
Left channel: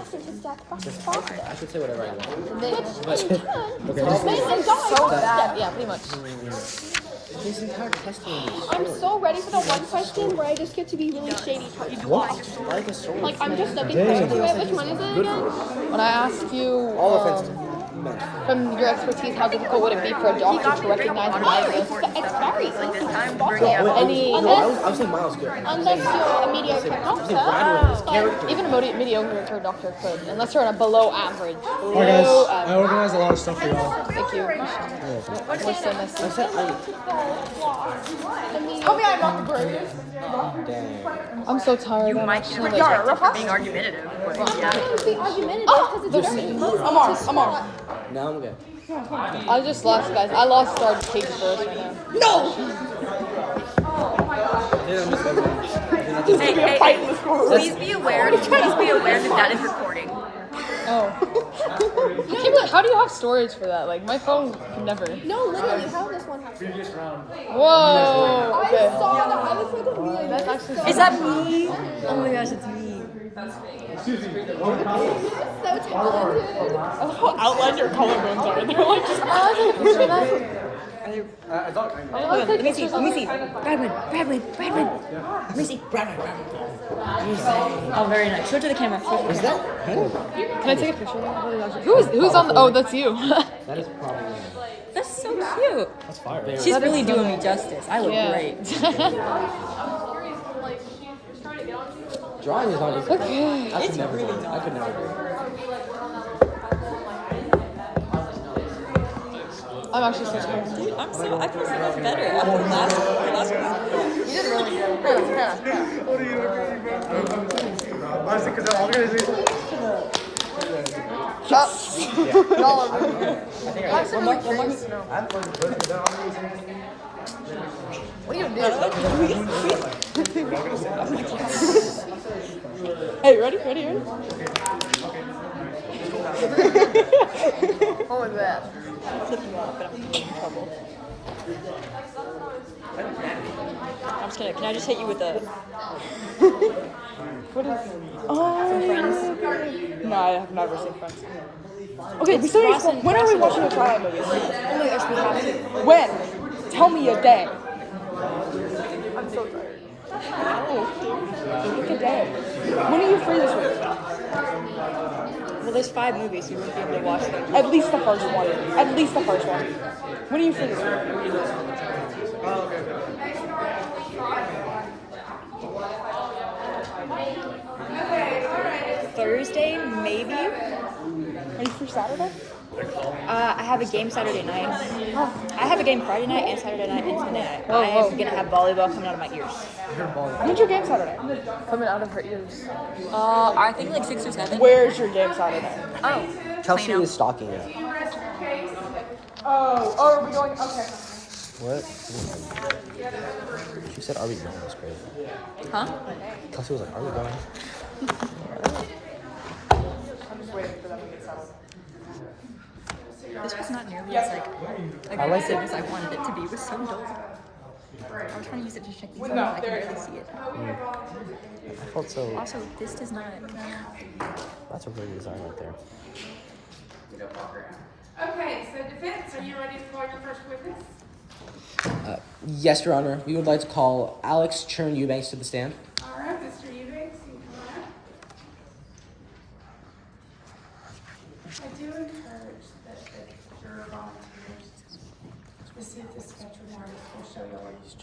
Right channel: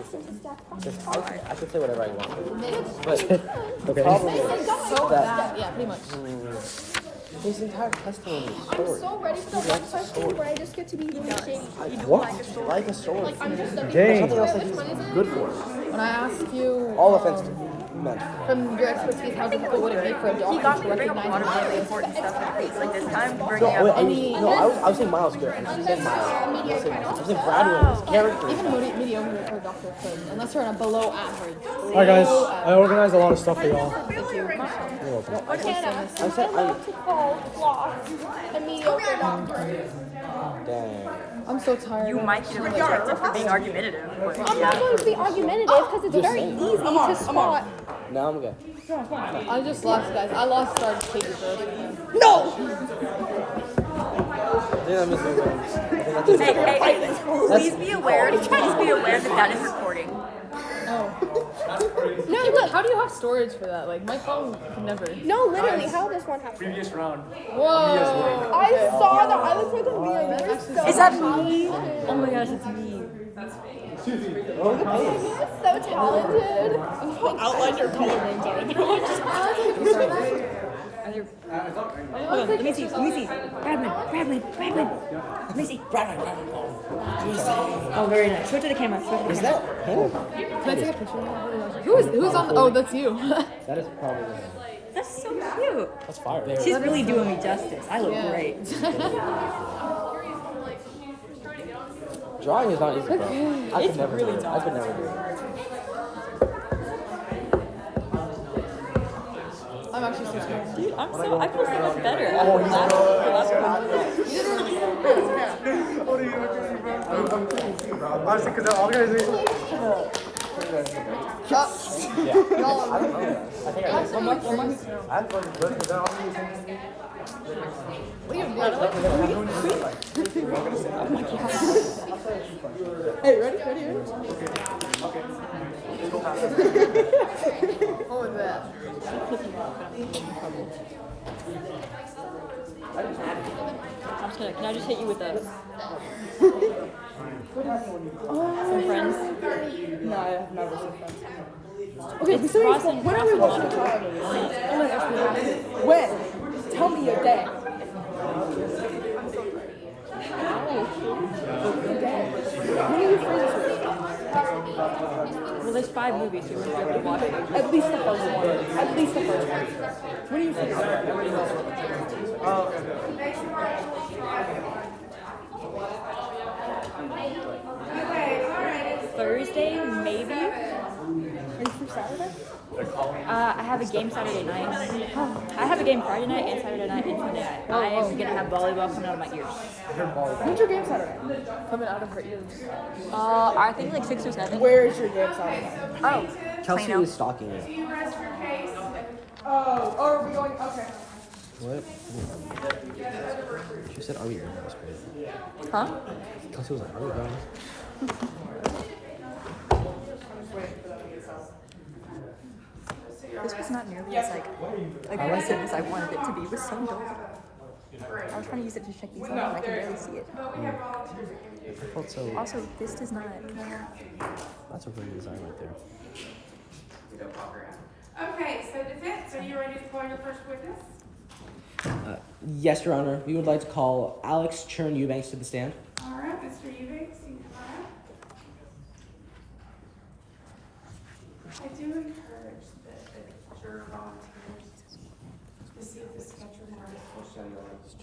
just pass it. I should say whatever I want. Okay. Yeah, pretty much. His entire history is I'm so ready for the one question where I just get to be really shady. You do What? like a story. like a story. Like I'm just looking Dang. for which one is it again? When I ask you All offenses. from your expertise, how difficult would it be for a He doctor got to me to bring up a lot of recognize really important stuff in case. Like this time, bringing Well, up I was saying Miles good. Unless you're a mediocre I was doctor. saying Bradley, his character. even a mediocre doctor could, unless you're on a below average. Alright, guys. I organized a lot of stuff for y'all. Thank you. You're welcome. what is I said, Tell me I'm not the greatest. dang. I'm so tired. you might get rejected for being argumentative, but yeah. I'm trying to be argumentative because it's very easy to Amar. Now I'm good. I just lost, guys. I lost our cake first. No! Then I'm just going Hey, please be aware that that is recording. No. How do you have storage for that? Like my phone could never. No, literally, how this one happened. Previous round. Whoa. I saw that. I was with a really Is that me? Oh my gosh, it's me. so talented. How outlined your collarbones are. They're like Hold on, let me see. Bradman. Let me see. Oh, very nice. Show it to the camera. Is that him? Can I take a picture? Who's on? Oh, that's you. That is probably him. That's so cute. That's fire. She's really doing me justice. I look Yeah. great. Drawing is not easy. It's really I not. could never do it. I'm actually so tired. Dude, I feel so much better after the last one. One more. Another one? Oh my god. Hey, ready? What was that? Flip him off, but I'm in trouble. I'm just gonna. Can I just hit you with a? Some friends? No, I've never seen Friends. Okay, It's we still need Ross to, and- when are Ross we and watching the Lana. Trial movies? Oh my gosh, we have to. When? Tell me a day. Pick a day. When are you free this week? Well, there's 5 movies, so you wouldn't be able to watch them. At least the first one. At least the first one. When are you free this week? Thursday, maybe. Are you free Saturday? I have a game Saturday night. I have a game Friday night and Saturday night and Sunday night. I'm gonna have volleyball coming out of my ears. When's your game Saturday? Coming out of her ears. I think like 6 or 7. Where's your game Saturday? Oh, Chelsea Plano. is stalking you. Do you rest your case? Oh, are we going? Okay. What? She said, "Are we going?" That's great. Huh? Kelsey was like, "Are we going?" This was not nearly as aggressive as I wanted it to be. It was so dull. I was trying to use it to check these out, and I can barely see it. I felt so. Also, this does not. That's a really design right there. Okay, so defense, are you ready to call your first witness? Yes, Your Honor. We would like to call Alex Churn Eubanks to the stand. All right, Mr. Eubanks, you can come on up. I do encourage that your volunteers to see if the sketch of artist will show you a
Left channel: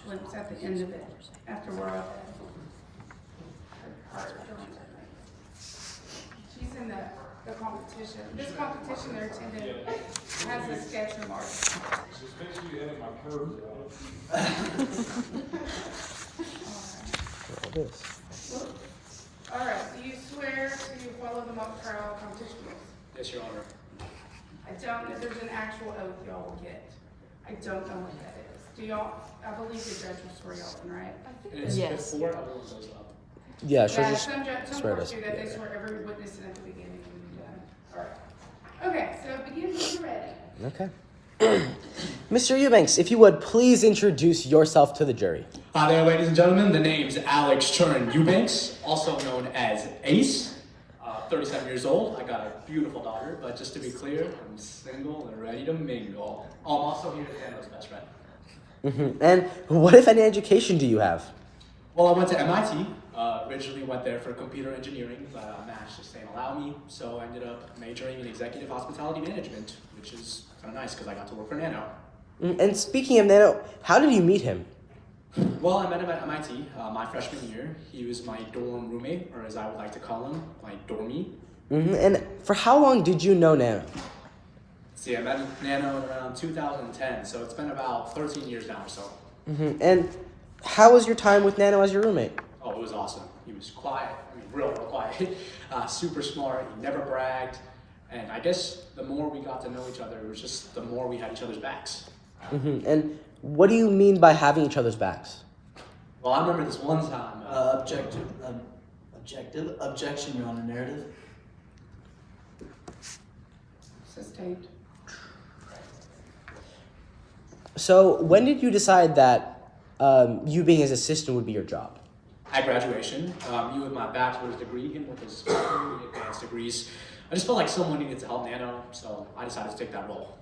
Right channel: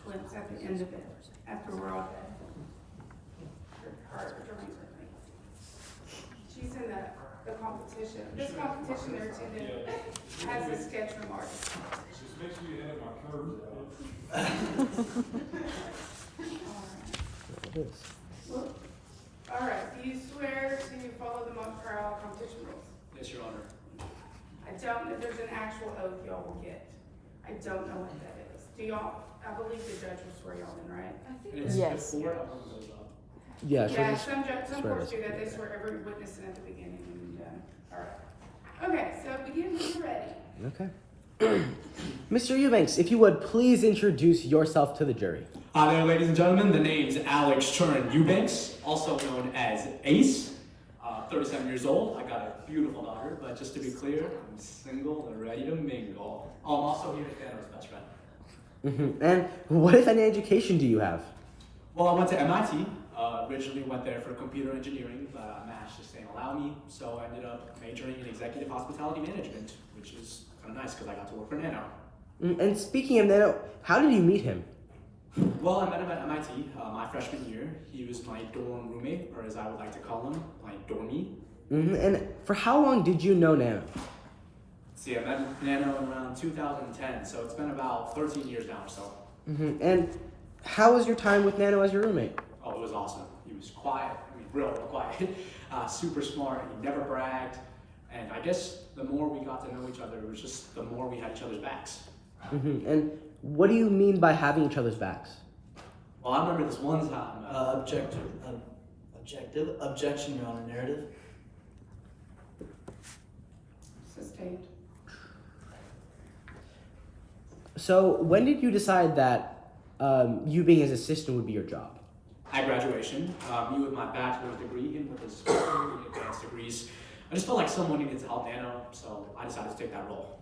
glimpse at the end of it, after we're all done. She's in the competition. This competition they're attending has a sketch of artist. Just make sure you edit my curves out. All right, do you swear to follow the mock trial competition rules? Yes, Your Honor. I don't know, there's an actual oath y'all will get. I don't know what that is. Do y'all, I believe the judge will swear y'all in, right? Yes. Before everyone goes up. Yeah, she'll Yeah, just some swear courts us. do that, they swear every witness in at the beginning and done. All right. Okay, so begin when you're ready. Okay. Mr. Eubanks, if you would please introduce yourself to the jury. Hi there, ladies and gentlemen. The name's Alex Churn Eubanks, also known as Ace. 37 years old. I got a beautiful daughter, but just to be clear, I'm single and ready to mingle. Oh, I'm also here to Dano's best friend. And what, if any, education do you have? Well, I went to MIT. Originally went there for computer engineering, but MASH just didn't allow me, so I ended up majoring in executive hospitality management, which is kind of nice because I got to work for Nano. And speaking of Nano, how did you meet him? Well, I met him at MIT my freshman year. He was my dorm roommate, or as I would like to call him, my dormie. And for how long did you know Nano? See, I met Nano around 2010, so it's been about 13 years now or so. And how was your time with Nano as your roommate? Oh, it was awesome. He was quiet, real quiet, super smart, he never bragged, and I guess the more we got to know each other, it was just the more we had each other's backs. And what do you mean by having each other's backs? Well, I remember this one time. Objection, Your Honor, narrative. Sustained. So when did you decide that you being his assistant would be your job? At graduation, me with my bachelor's degree, him with his advanced degrees. I just felt like someone needed to help Nano, so I decided to take that role.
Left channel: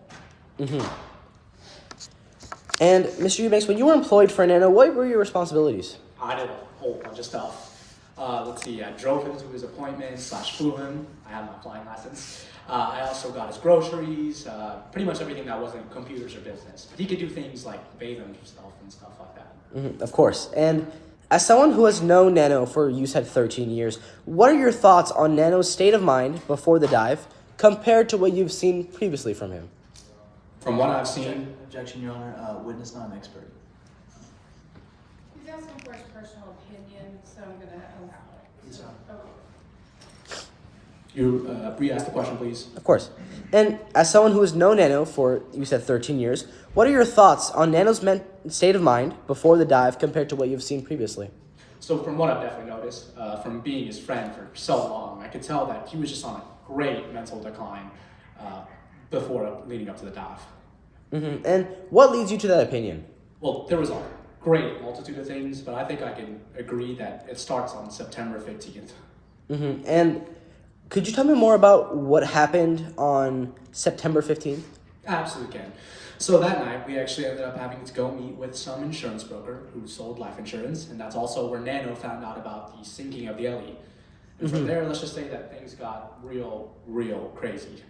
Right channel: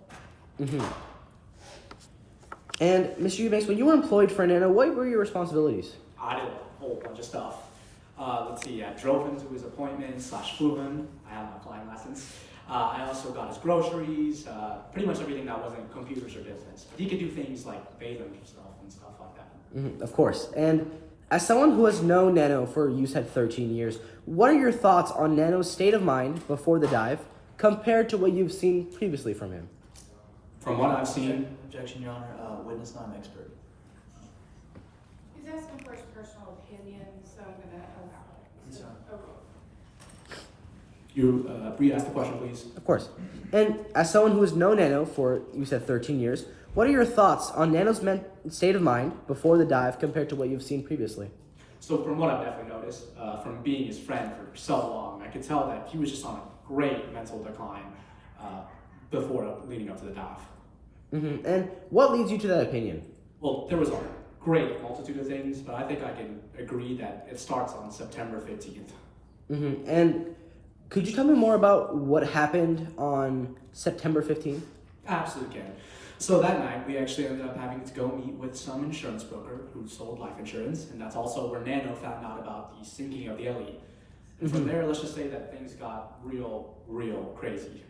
And Mr. Eubanks, when you were employed for Nano, what were your responsibilities? I did a whole bunch of stuff. Let's see, I drove him to his appointments, flew him. I have my flying license. I also got his groceries, pretty much everything that wasn't computers or business. But he could do things like bathe himself and stuff like that. Of course. And as someone who has known Nano for, you said, 13 years, what are your thoughts on Nano's state of mind before the dive compared to what you've seen previously from him? From what I've seen... Objection, Your Honor. Witness not an expert. He's asking for his personal opinion, so I'm gonna allow it. Yes, sir. You re-ask the question, please. Of course. And as someone who has known Nano for, you said, 13 years, what are your thoughts on Nano's state of mind before the dive compared to what you've seen previously? So from what I've definitely noticed, from being his friend for so long, I could tell that he was just on a great mental decline before leading up to the dive. Mm-hmm. And what leads you to that opinion? Well, there was a great multitude of things, but I think I can agree that it starts on September 15th. Mm-hmm. And could you tell me more about what happened on September 15th? Absolutely can. So that night, we actually ended up having to go meet with some insurance broker who sold life insurance, and that's also where Nano found out about the sinking of the Ellie. And from there, let's just say that things got real crazy.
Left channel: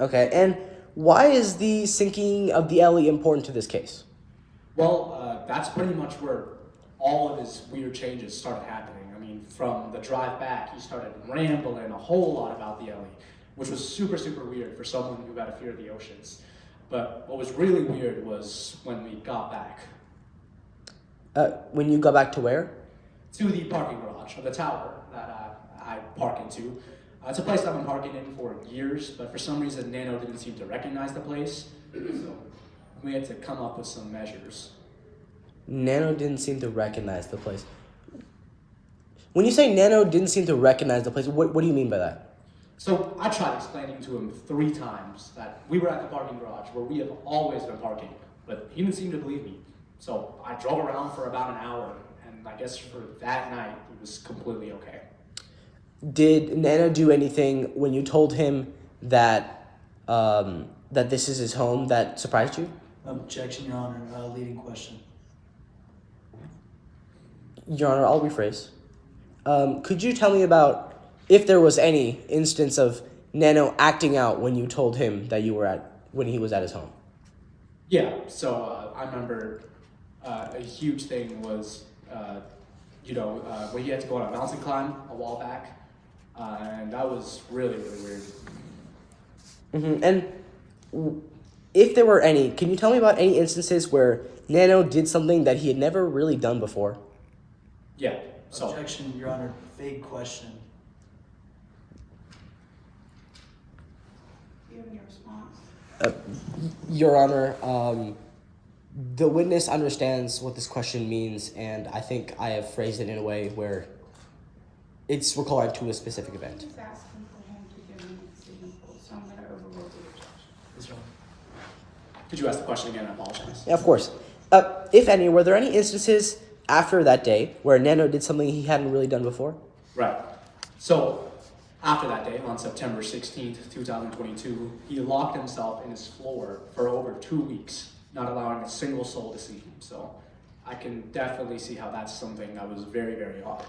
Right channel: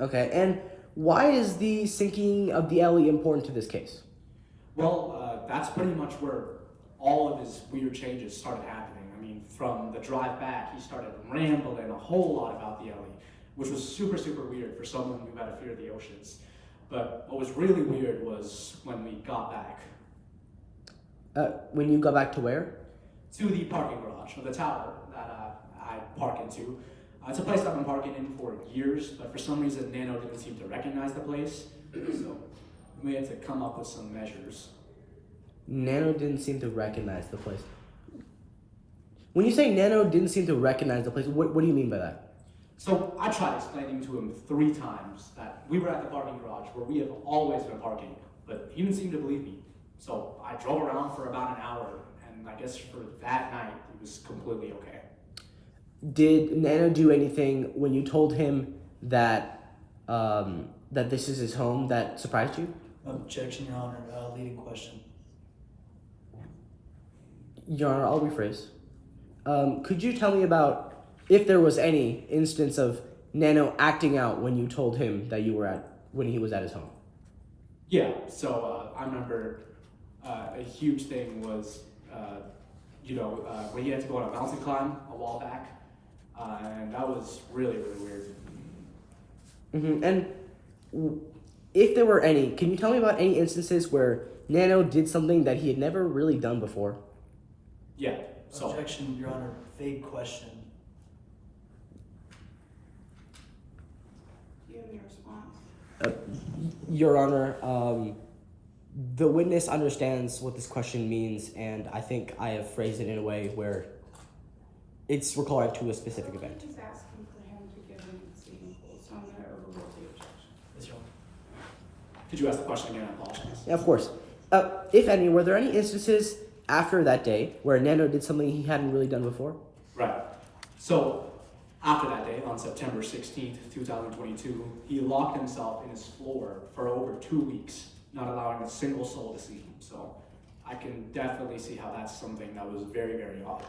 Okay, and why is the sinking of the Ellie important to this case? Well, that's pretty much where all of his weird changes started happening. I mean, from the drive back, he started rambling a whole lot about the Ellie, which was super weird for someone who had a fear of the oceans. But what was really weird was when we got back. When you got back to where? To the parking garage of the tower that I park into. It's a place I've been parking in for years, but for some reason Nano didn't seem to recognize the place, so we had to come up with some measures. Nano didn't seem to recognize the place. When you say Nano didn't seem to recognize the place, what do you mean by that? So I tried explaining to him 3 times that we were at the parking garage where we have always been parking, but he didn't seem to believe me. So I drove around for about an hour, and I guess for that night, it was completely okay. Did Nano do anything when you told him that that this is his home that surprised you? Objection, Your Honor. Leading question. Your Honor, I'll rephrase. Could you tell me about if there was any instance of Nano acting out when you told him that when he was at his home? Yeah, so I remember a huge thing was, when he had to go on a mountain climb a while back, and that was really weird. Mm-hmm. And if there were any, can you tell me about any instances where Nano did something that he had never really done before? Yeah, so. Objection, Your Honor. Vague question. Do you have any response? Your Honor, the witness understands what this question means, and I think I have phrased it in a way where it's recorded to a specific event. I'm just asking for him to give me the example, so I'm going to overrule the objection. Yes, Your Honor. Could you ask the question again? I apologize. Yeah, of course. If any, were there any instances after that day where Nano did something he hadn't really done before? Right. So, after that day, on September 16th, 2022, he locked himself in his floor for over 2 weeks, not allowing a single soul to see him. So, I can definitely see how that's something that was very odd.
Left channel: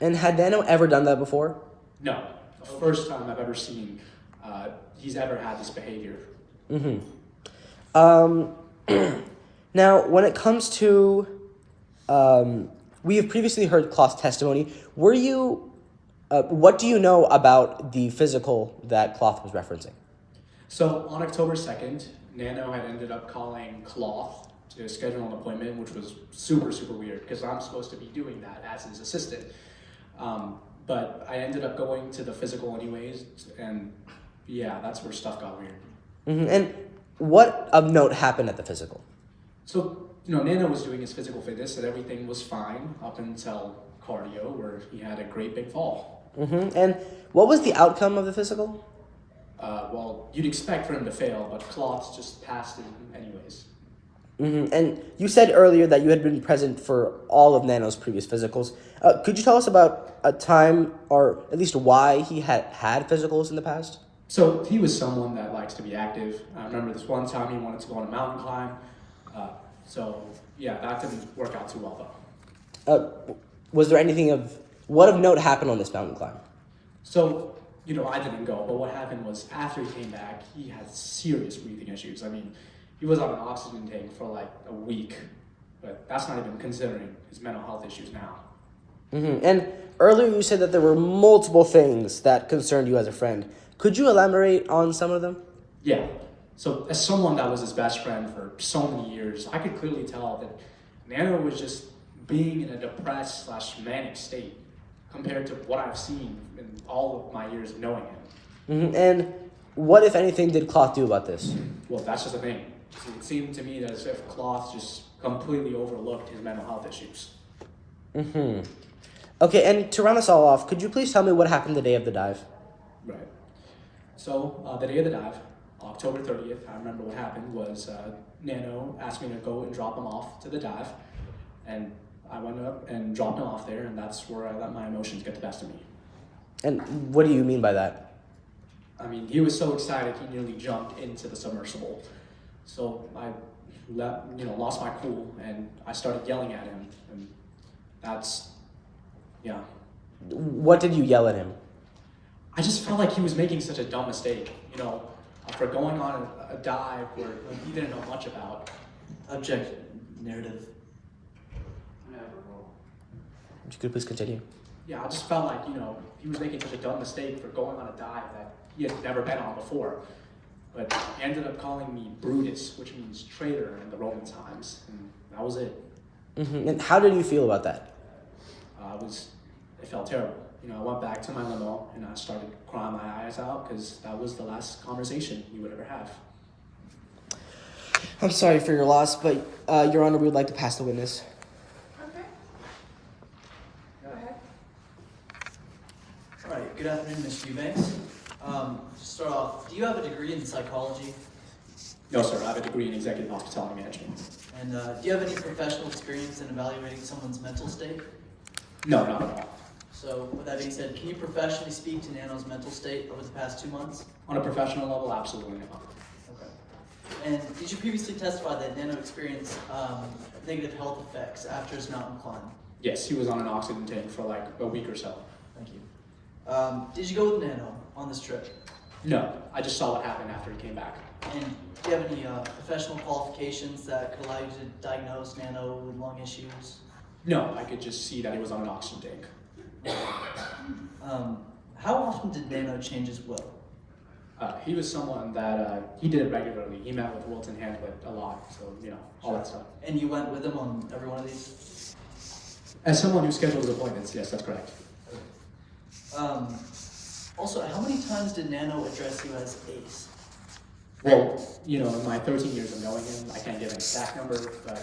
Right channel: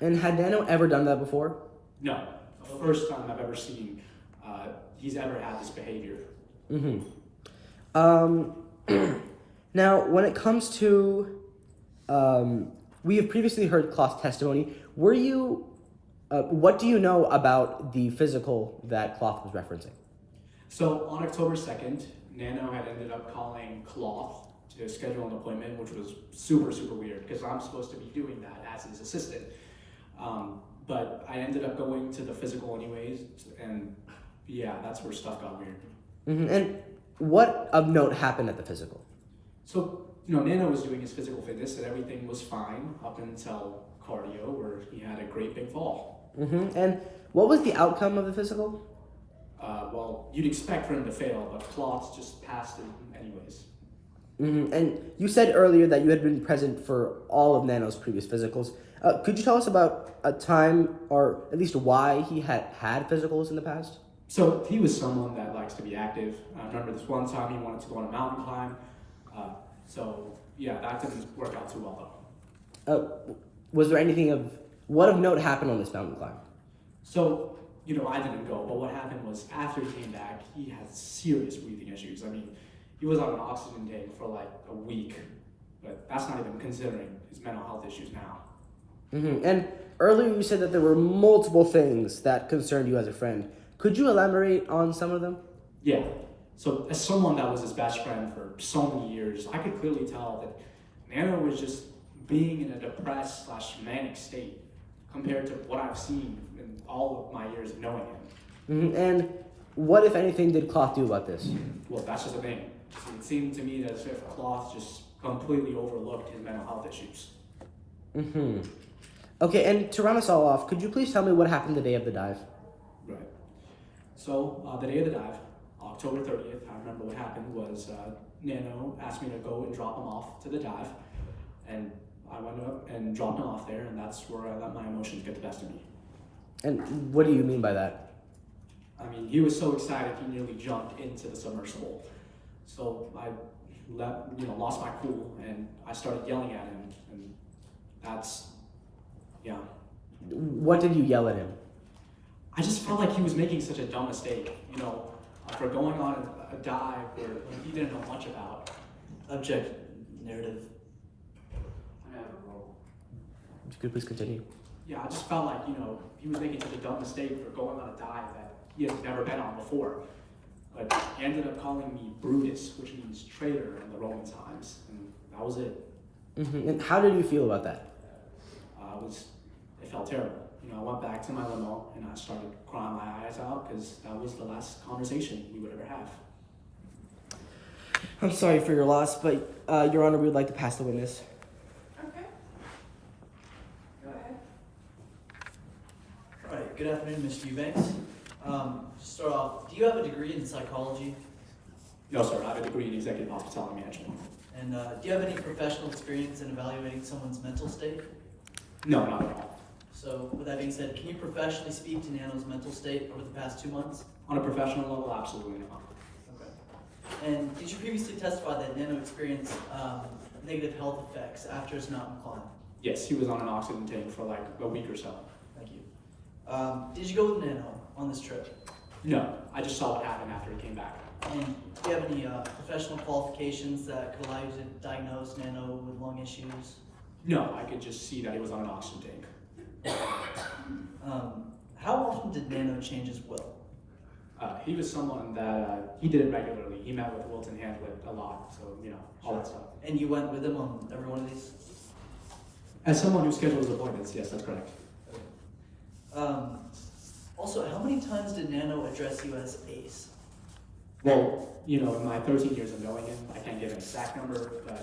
And had Nano ever done that before? No. The first time I've ever seen he's ever had this behavior. Mm-hmm. Now, when it comes to, we have previously heard Cloth's testimony. Were you, what do you know about the physical that Cloth was referencing? So on October 2nd, Nano had ended up calling Cloth to schedule an appointment, which was super weird because I'm supposed to be doing that as his assistant. But I ended up going to the physical anyways, and yeah, that's where stuff got weird. Mm-hmm. And what of note happened at the physical? So, Nano was doing his physical fitness and everything was fine up until cardio where he had a great big fall. Mm-hmm. And what was the outcome of the physical? Well, you'd expect for him to fail, but Cloths just passed it anyways. Mm-hmm. And you said earlier that you had been present for all of Nano's previous physicals. Could you tell us about a time, or at least why he had physicals in the past? So he was someone that likes to be active. I remember this one time he wanted to go on a mountain climb. So yeah, that didn't work out too well though. Was there anything what of note happened on this mountain climb? So, I didn't go, but what happened was after he came back, he had serious breathing issues. I mean, he was on an oxygen tank for like a week, but that's not even considering his mental health issues now. Mm-hmm. And earlier you said that there were multiple things that concerned you as a friend. Could you elaborate on some of them? Yeah. So as someone that was his best friend for so many years, I could clearly tell that Nano was just being in a depressed / manic state compared to what I've seen in all of my years of knowing him. Mm-hmm. And what, if anything, did Cloth do about this? Well, that's just the thing. It seemed to me as if Cloth just completely overlooked his mental health issues. Mm-hmm. Okay, and to round us all off, could you please tell me what happened the day of the dive? Right. So the day of the dive, October 30th, I remember what happened was Nano asked me to go and drop him off to the dive, and I went up and dropped him off there, and that's where I let my emotions get the best of me. And what do you mean by that? I mean, he was so excited he nearly jumped into the submersible. So I lost my cool, and I started yelling at him, and that's, yeah. What did you yell at him? I just felt like he was making such a dumb mistake, for going on a dive where he didn't know much about. Objection. Narrative. Could you please continue? Yeah, I just felt like, he was making such a dumb mistake for going on a dive that he had never been on before. But he ended up calling me Brutus, which means traitor in the Roman times, and that was it. Mm-hmm. And how did you feel about that? It felt terrible. I went back to my limo and I started crying my eyes out because that was the last conversation he would ever have. I'm sorry for your loss, but Your Honor, we would like to pass the witness. Okay. Go ahead. All right, good afternoon, Ms. Eubanks. To start off, do you have a degree in psychology? No, sir, I have a degree in executive hospitality management. And do you have any professional experience in evaluating someone's mental state? No, not at all. So, with that being said, can you professionally speak to Nano's mental state over the past 2 months? On a professional level, absolutely not. Okay. And did you previously testify that Nano experienced negative health effects after his mountain climb? Yes, he was on an oxygen tank for like a week or so. Thank you. Did you go with Nano on this trip? No, I just saw what happened after he came back. And do you have any professional qualifications that could allow you to diagnose Nano with lung issues? No, I could just see that he was on an oxygen tank. How often did Nano change his will? He was someone that he did it regularly. He met with Wilton Handlet a lot, so all that stuff. And you went with him on every one of these? As someone who schedules appointments, yes, that's correct. Also, how many times did Nano address you as Ace? Well, in my 13 years of knowing him, I can't give an exact number, but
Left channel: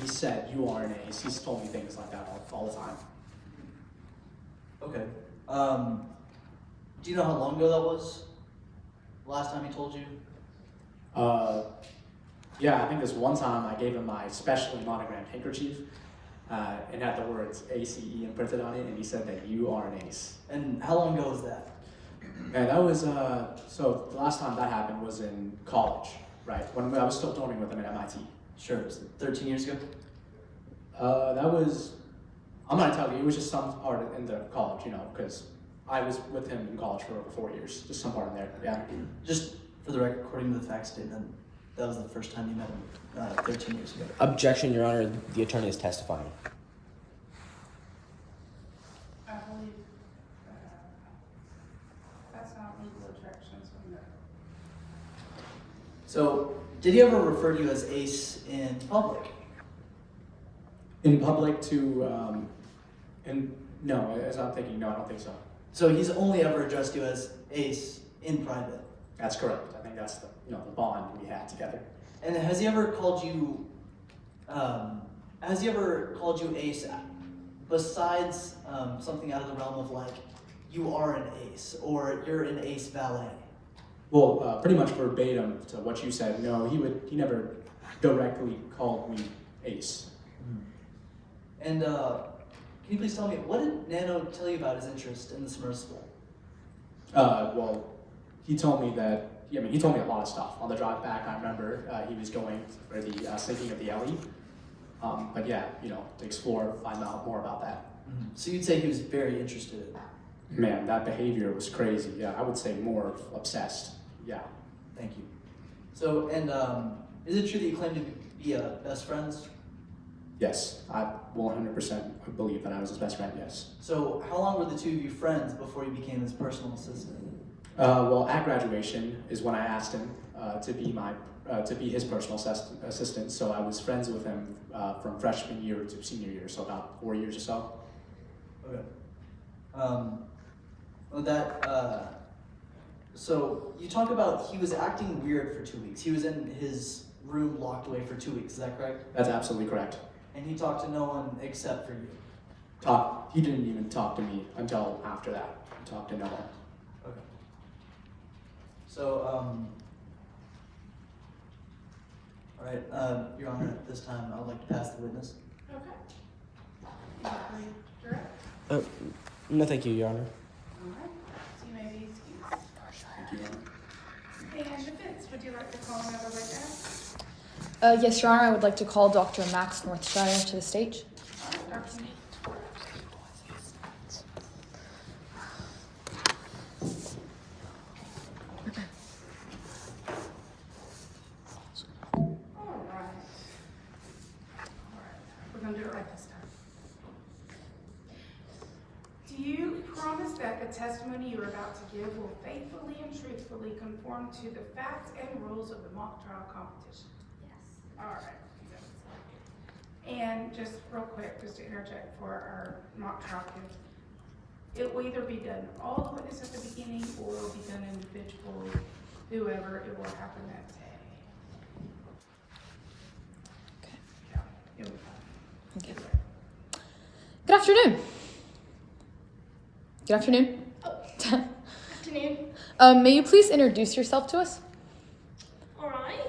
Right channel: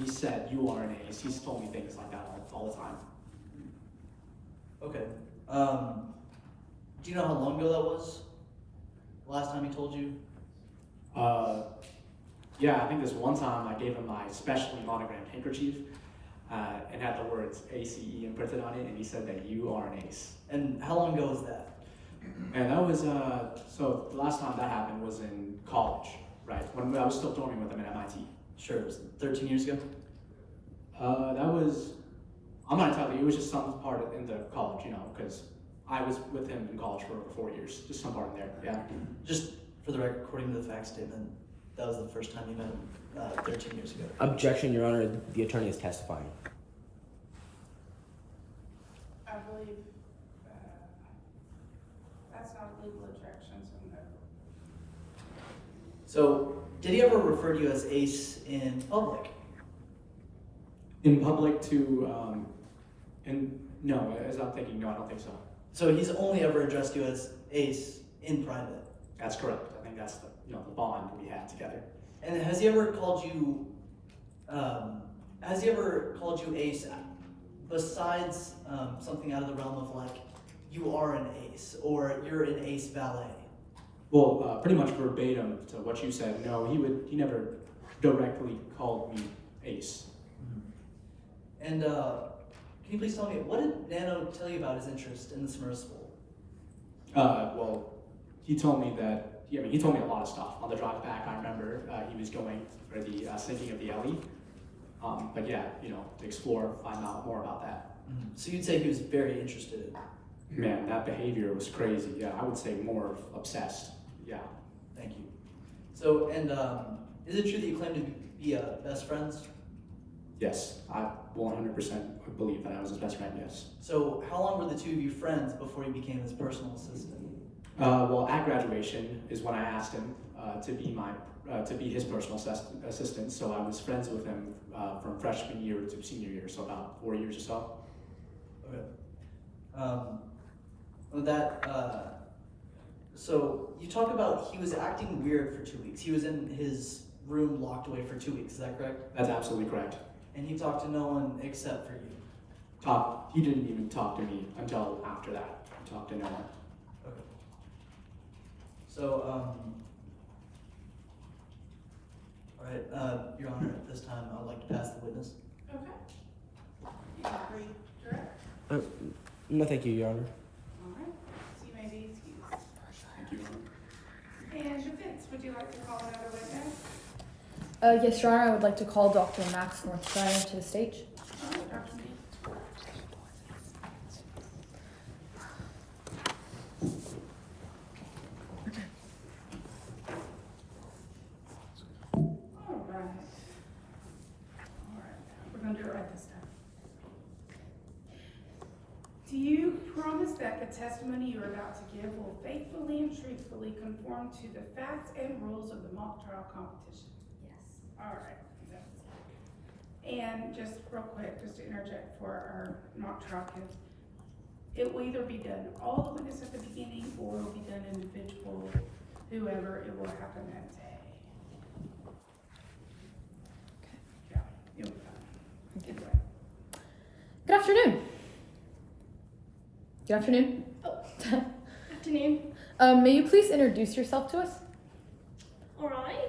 he said, "You are an Ace." He's told me things like that all the time. Okay. Do you know how long ago that was? The last time he told you? Yeah, I think this one time I gave him my specially monogrammed handkerchief and had the words ACE imprinted on it, and he said that you are an ace. And how long ago was that? And that was, so the last time that happened was in college, right? When I was still dorming with him at MIT. Sure, was it 13 years ago? That was, I'm gonna tell you, it was just some part in the college, because I was with him in college for over 4 years, just some part in there, yeah. Just for the record, according to the fact statement, that was the first time you met him 13 years ago. Objection, Your Honor. The attorney is testifying. I believe that's not a legal objection, so no. So, did he ever refer to you as Ace in public? In public no, as I'm thinking, no, I don't think so. So he's only ever addressed you as Ace in private? That's correct. I think that's the bond we had together. And has he ever called you Ace besides something out of the realm of like, you are an Ace, or you're an Ace valet? Well, pretty much verbatim to what you said. No, he never directly called me Ace. And can you please tell me, what did Nano tell you about his interest in the submersible? Well, he told me that, he told me a lot of stuff. On the drive back, I remember he was going for the sinking of the LE. But yeah, to explore, find out more about that. Mm-hmm. So you'd say he was very interested in that? Man, that behavior was crazy. Yeah, I would say more obsessed. Yeah. Thank you. So, and is it true that you claim to be best friends? Yes, I 100% believe that I was his best friend, yes. So how long were the two of you friends before you became his personal assistant? Well, at graduation is when I asked him to be his personal assistant. So I was friends with him from freshman year to senior year, so about 4 years or so. Okay. So you talk about he was acting weird for 2 weeks. He was in his room locked away for 2 weeks. Is that correct? That's absolutely correct. And he talked to no one except for you. He didn't even talk to me until after that. He talked to no one. Okay. So, all right, Your Honor, at this time, I would like to ask the witness. Okay. No, thank you, Your Honor. Alright, so you may be excused. Thank you. And defense, would you like to call another witness? Yes, Your Honor, I would like to call Dr. Max Northshire to the stage. Alright, Dr. Neal. Alright. We're gonna do it right this time. Do you promise that the testimony you are about to give will faithfully and truthfully conform to the facts and rules of the mock trial competition? Yes. Alright. And just real quick, just to interject for our mock trial kids, it will either be done all the witness at the beginning or it will be done individual, whoever it will happen that day. Okay. Yeah, you'll be fine. Okay. Good afternoon. Good afternoon. Afternoon. May you please introduce yourself to us? Alright.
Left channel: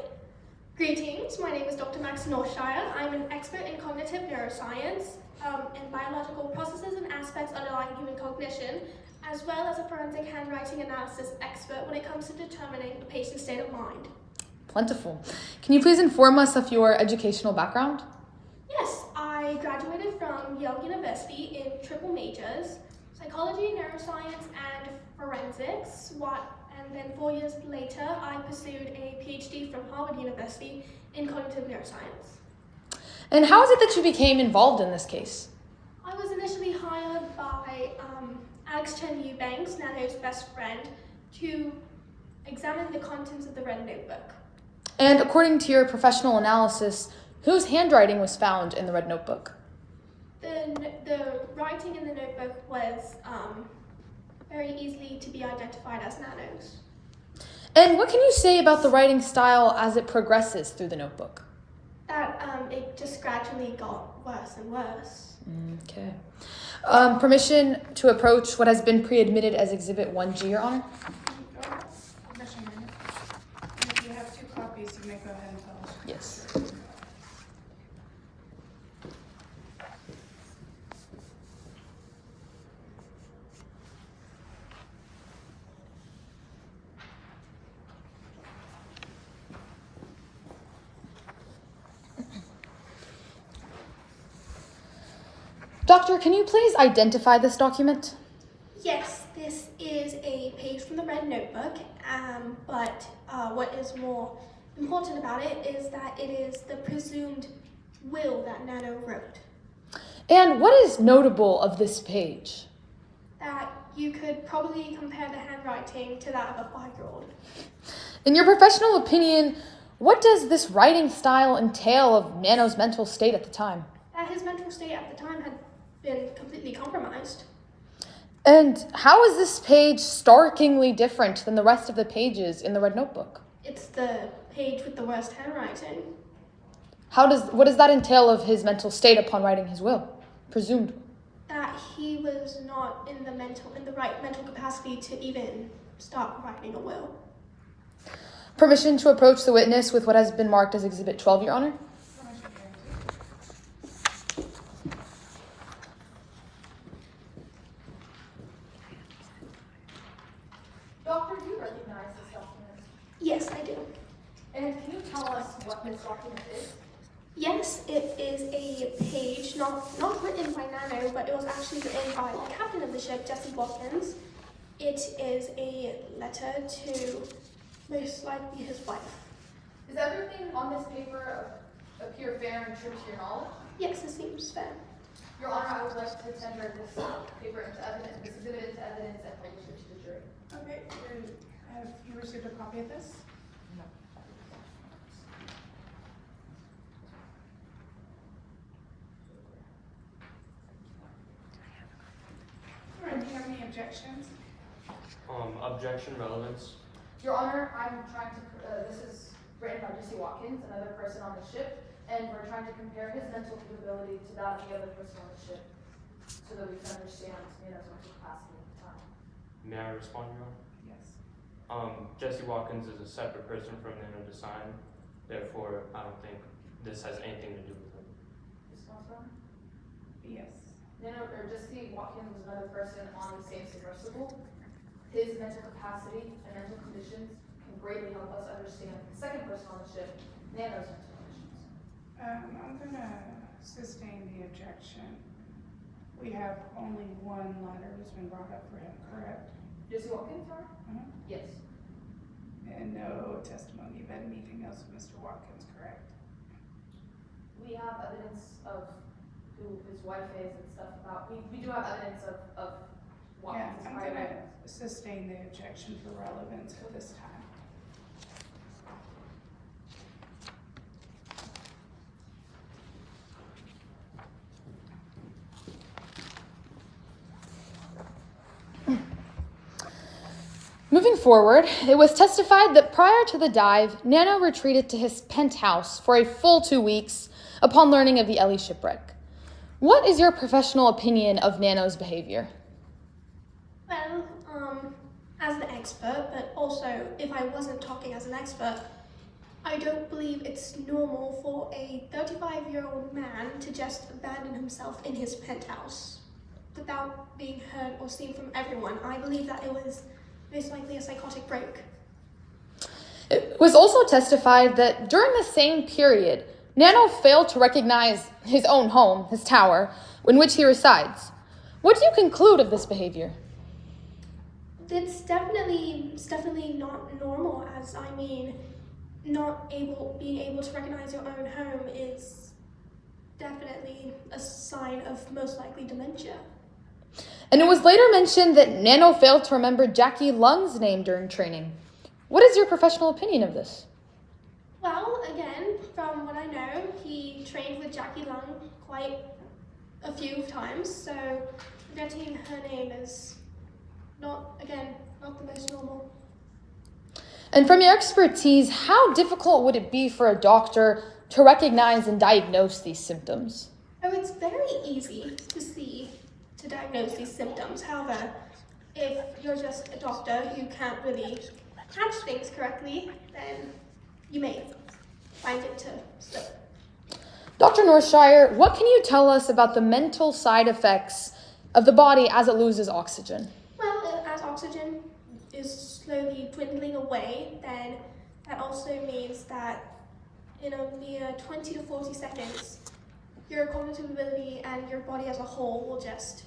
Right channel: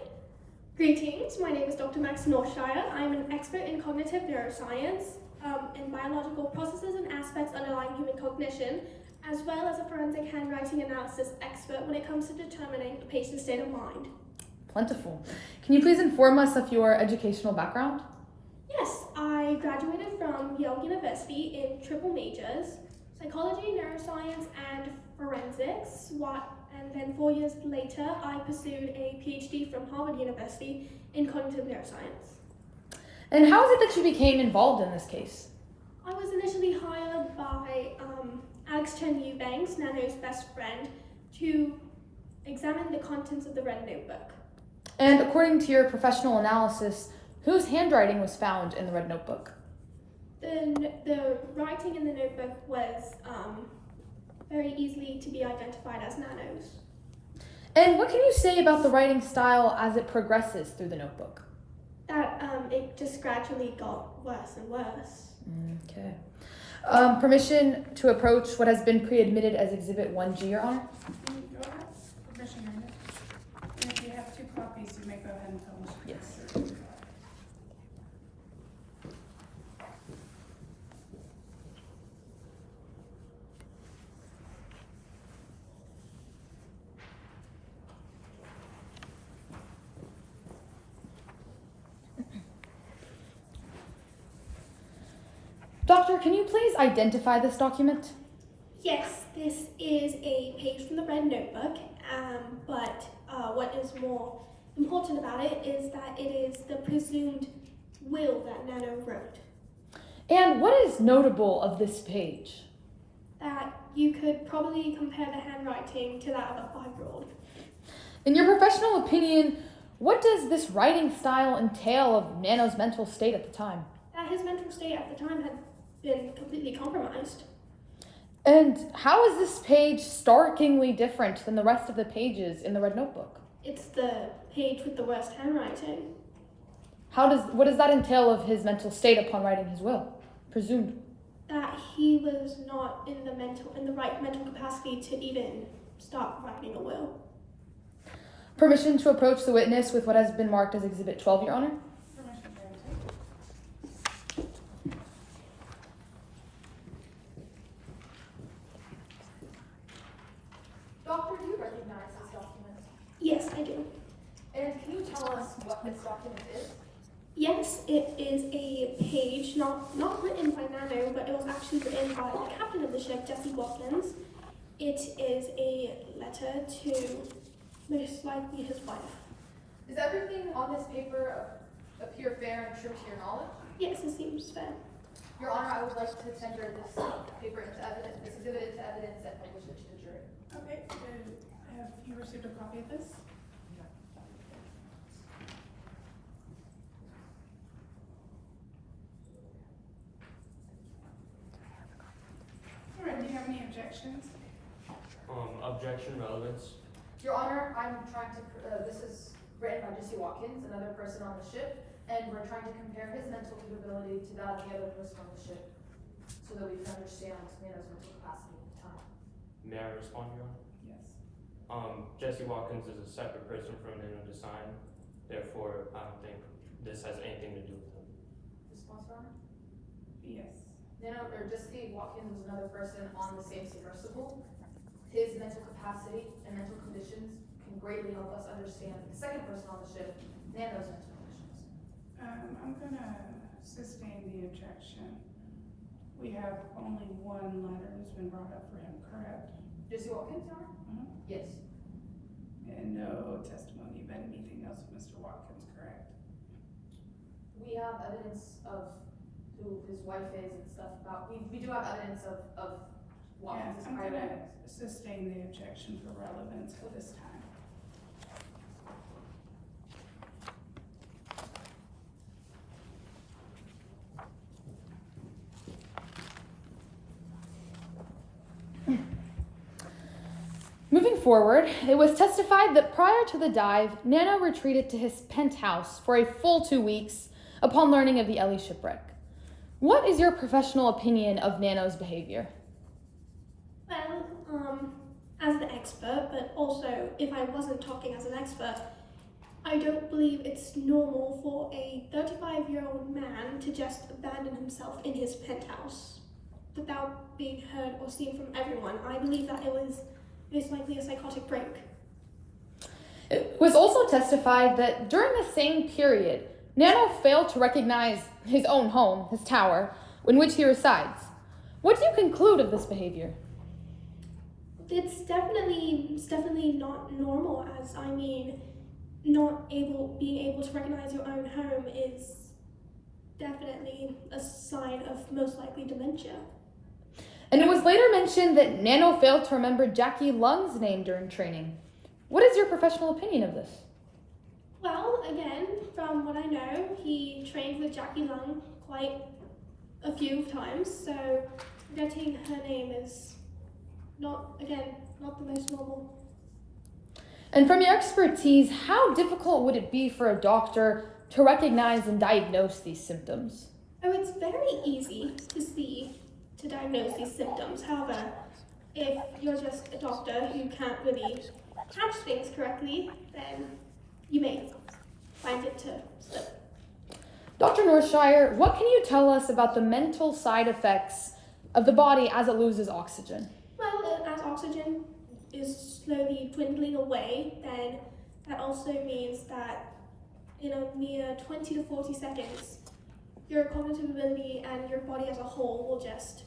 Greetings, my name is Dr. Max Northshire. I'm an expert in cognitive neuroscience, in biological processes and aspects underlying human cognition, as well as a forensic handwriting analysis expert when it comes to determining a patient's state of mind. Plentiful. Can you please inform us of your educational background? Yes, I graduated from Yale University in triple majors, psychology, neuroscience, and forensics. And then 4 years later, I pursued a PhD from Harvard University in cognitive neuroscience. And how is it that you became involved in this case? I was initially hired by Alex Chen Eubanks, Nano's best friend, to examine the contents of the red notebook. And according to your professional analysis, whose handwriting was found in the red notebook? The writing in the notebook was very easily to be identified as Nano's. And what can you say about the writing style as it progresses through the notebook? That it just gradually got worse and worse. Okay. Permission to approach what has been pre-admitted as Exhibit 1G, Your Honor? Permission, ma'am. And if you have 2 copies, you may go ahead and publish. Yes. Doctor, can you please identify this document? Yes, this is a page from the red notebook, but what is more important about it is that it is the presumed will that Nano wrote. And what is notable of this page? That you could probably compare the handwriting to that of a 5-year-old. In your professional opinion, what does this writing style entail of Nano's mental state at the time? That his mental state at the time had been completely compromised. And how is this page starkingly different than the rest of the pages in the red notebook? It's the page with the worst handwriting. What does that entail of his mental state upon writing his will? Presumed. That he was not in the right mental capacity to even start writing a will. Permission to approach the witness with what has been marked as Exhibit 12, Your Honor? Permission granted. Doctor, do you recognize this document? Yes, I do. And can you tell us what this document is? Yes, it is a page not written by Nano, but it was actually written by the captain of the ship, Jesse Watkins. It is a letter to most likely his wife. Does everything on this paper appear fair and true to your knowledge? Yes, it seems fair. Your Honor, I would like to tender this paper into evidence, this exhibit into evidence and publish it to the jury. Okay, and have you received a copy of this? All right, do you have any objections? Objection, relevance. Your Honor, I'm trying to, this is written by Jesse Watkins, another person on the ship, and we're trying to compare his mental capability to that of the other person on the ship. so that we can understand Nana's mental capacity at the time. May I respond, Your Honor? Yes. Jesse Watkins is a separate person from Nana Design, therefore I don't think this has anything to do with him. Response, Your Honor? Yes. Nana, or Jesse Watkins was another person on the same submersible. His mental capacity and mental conditions can greatly help us understand the second person on the ship, Nano's mental conditions. I'm gonna sustain the objection. We have only one letter that's been brought up for him, correct? Jesse Watkins, Your Honor? Mhm. Yes. And no testimony about anything else with Mr. Watkins, correct? We have evidence of who his wife is and stuff about, we do have evidence of Yeah, Watkins' I'm prior. gonna sustain the objection for relevance for this time. Moving forward, it was testified that prior to the dive, Nano retreated to his penthouse for a full 2 weeks upon learning of the Ellie shipwreck. What is your professional opinion of Nano's behavior? Well, as an expert, but also if I wasn't talking as an expert, I don't believe it's normal for a 35-year-old man to just abandon himself in his penthouse without being heard or seen from everyone. I believe that it was most likely a psychotic break. It was also testified that during the same period, Nano failed to recognize his own home, his tower, in which he resides. What do you conclude of this behavior? It's definitely not normal, as I mean, being able to recognize your own home is definitely a sign of most likely dementia. And it was later mentioned that Nano failed to remember Jackie Lung's name during training. What is your professional opinion of this? Well, again, from what I know, he trained with Jackie Lung quite a few times, so forgetting her name is not the most normal. And from your expertise, how difficult would it be for a doctor to recognize and diagnose these symptoms? Oh, it's very easy to diagnose these symptoms. However, if you're just a doctor who can't really catch things correctly, then you may find it to slip. Dr. Northshire, what can you tell us about the mental side effects of the body as it loses oxygen? Well, as oxygen is slowly dwindling away, then that also means that in a mere 20 to 40 seconds, your cognitive ability and your body as a whole will just,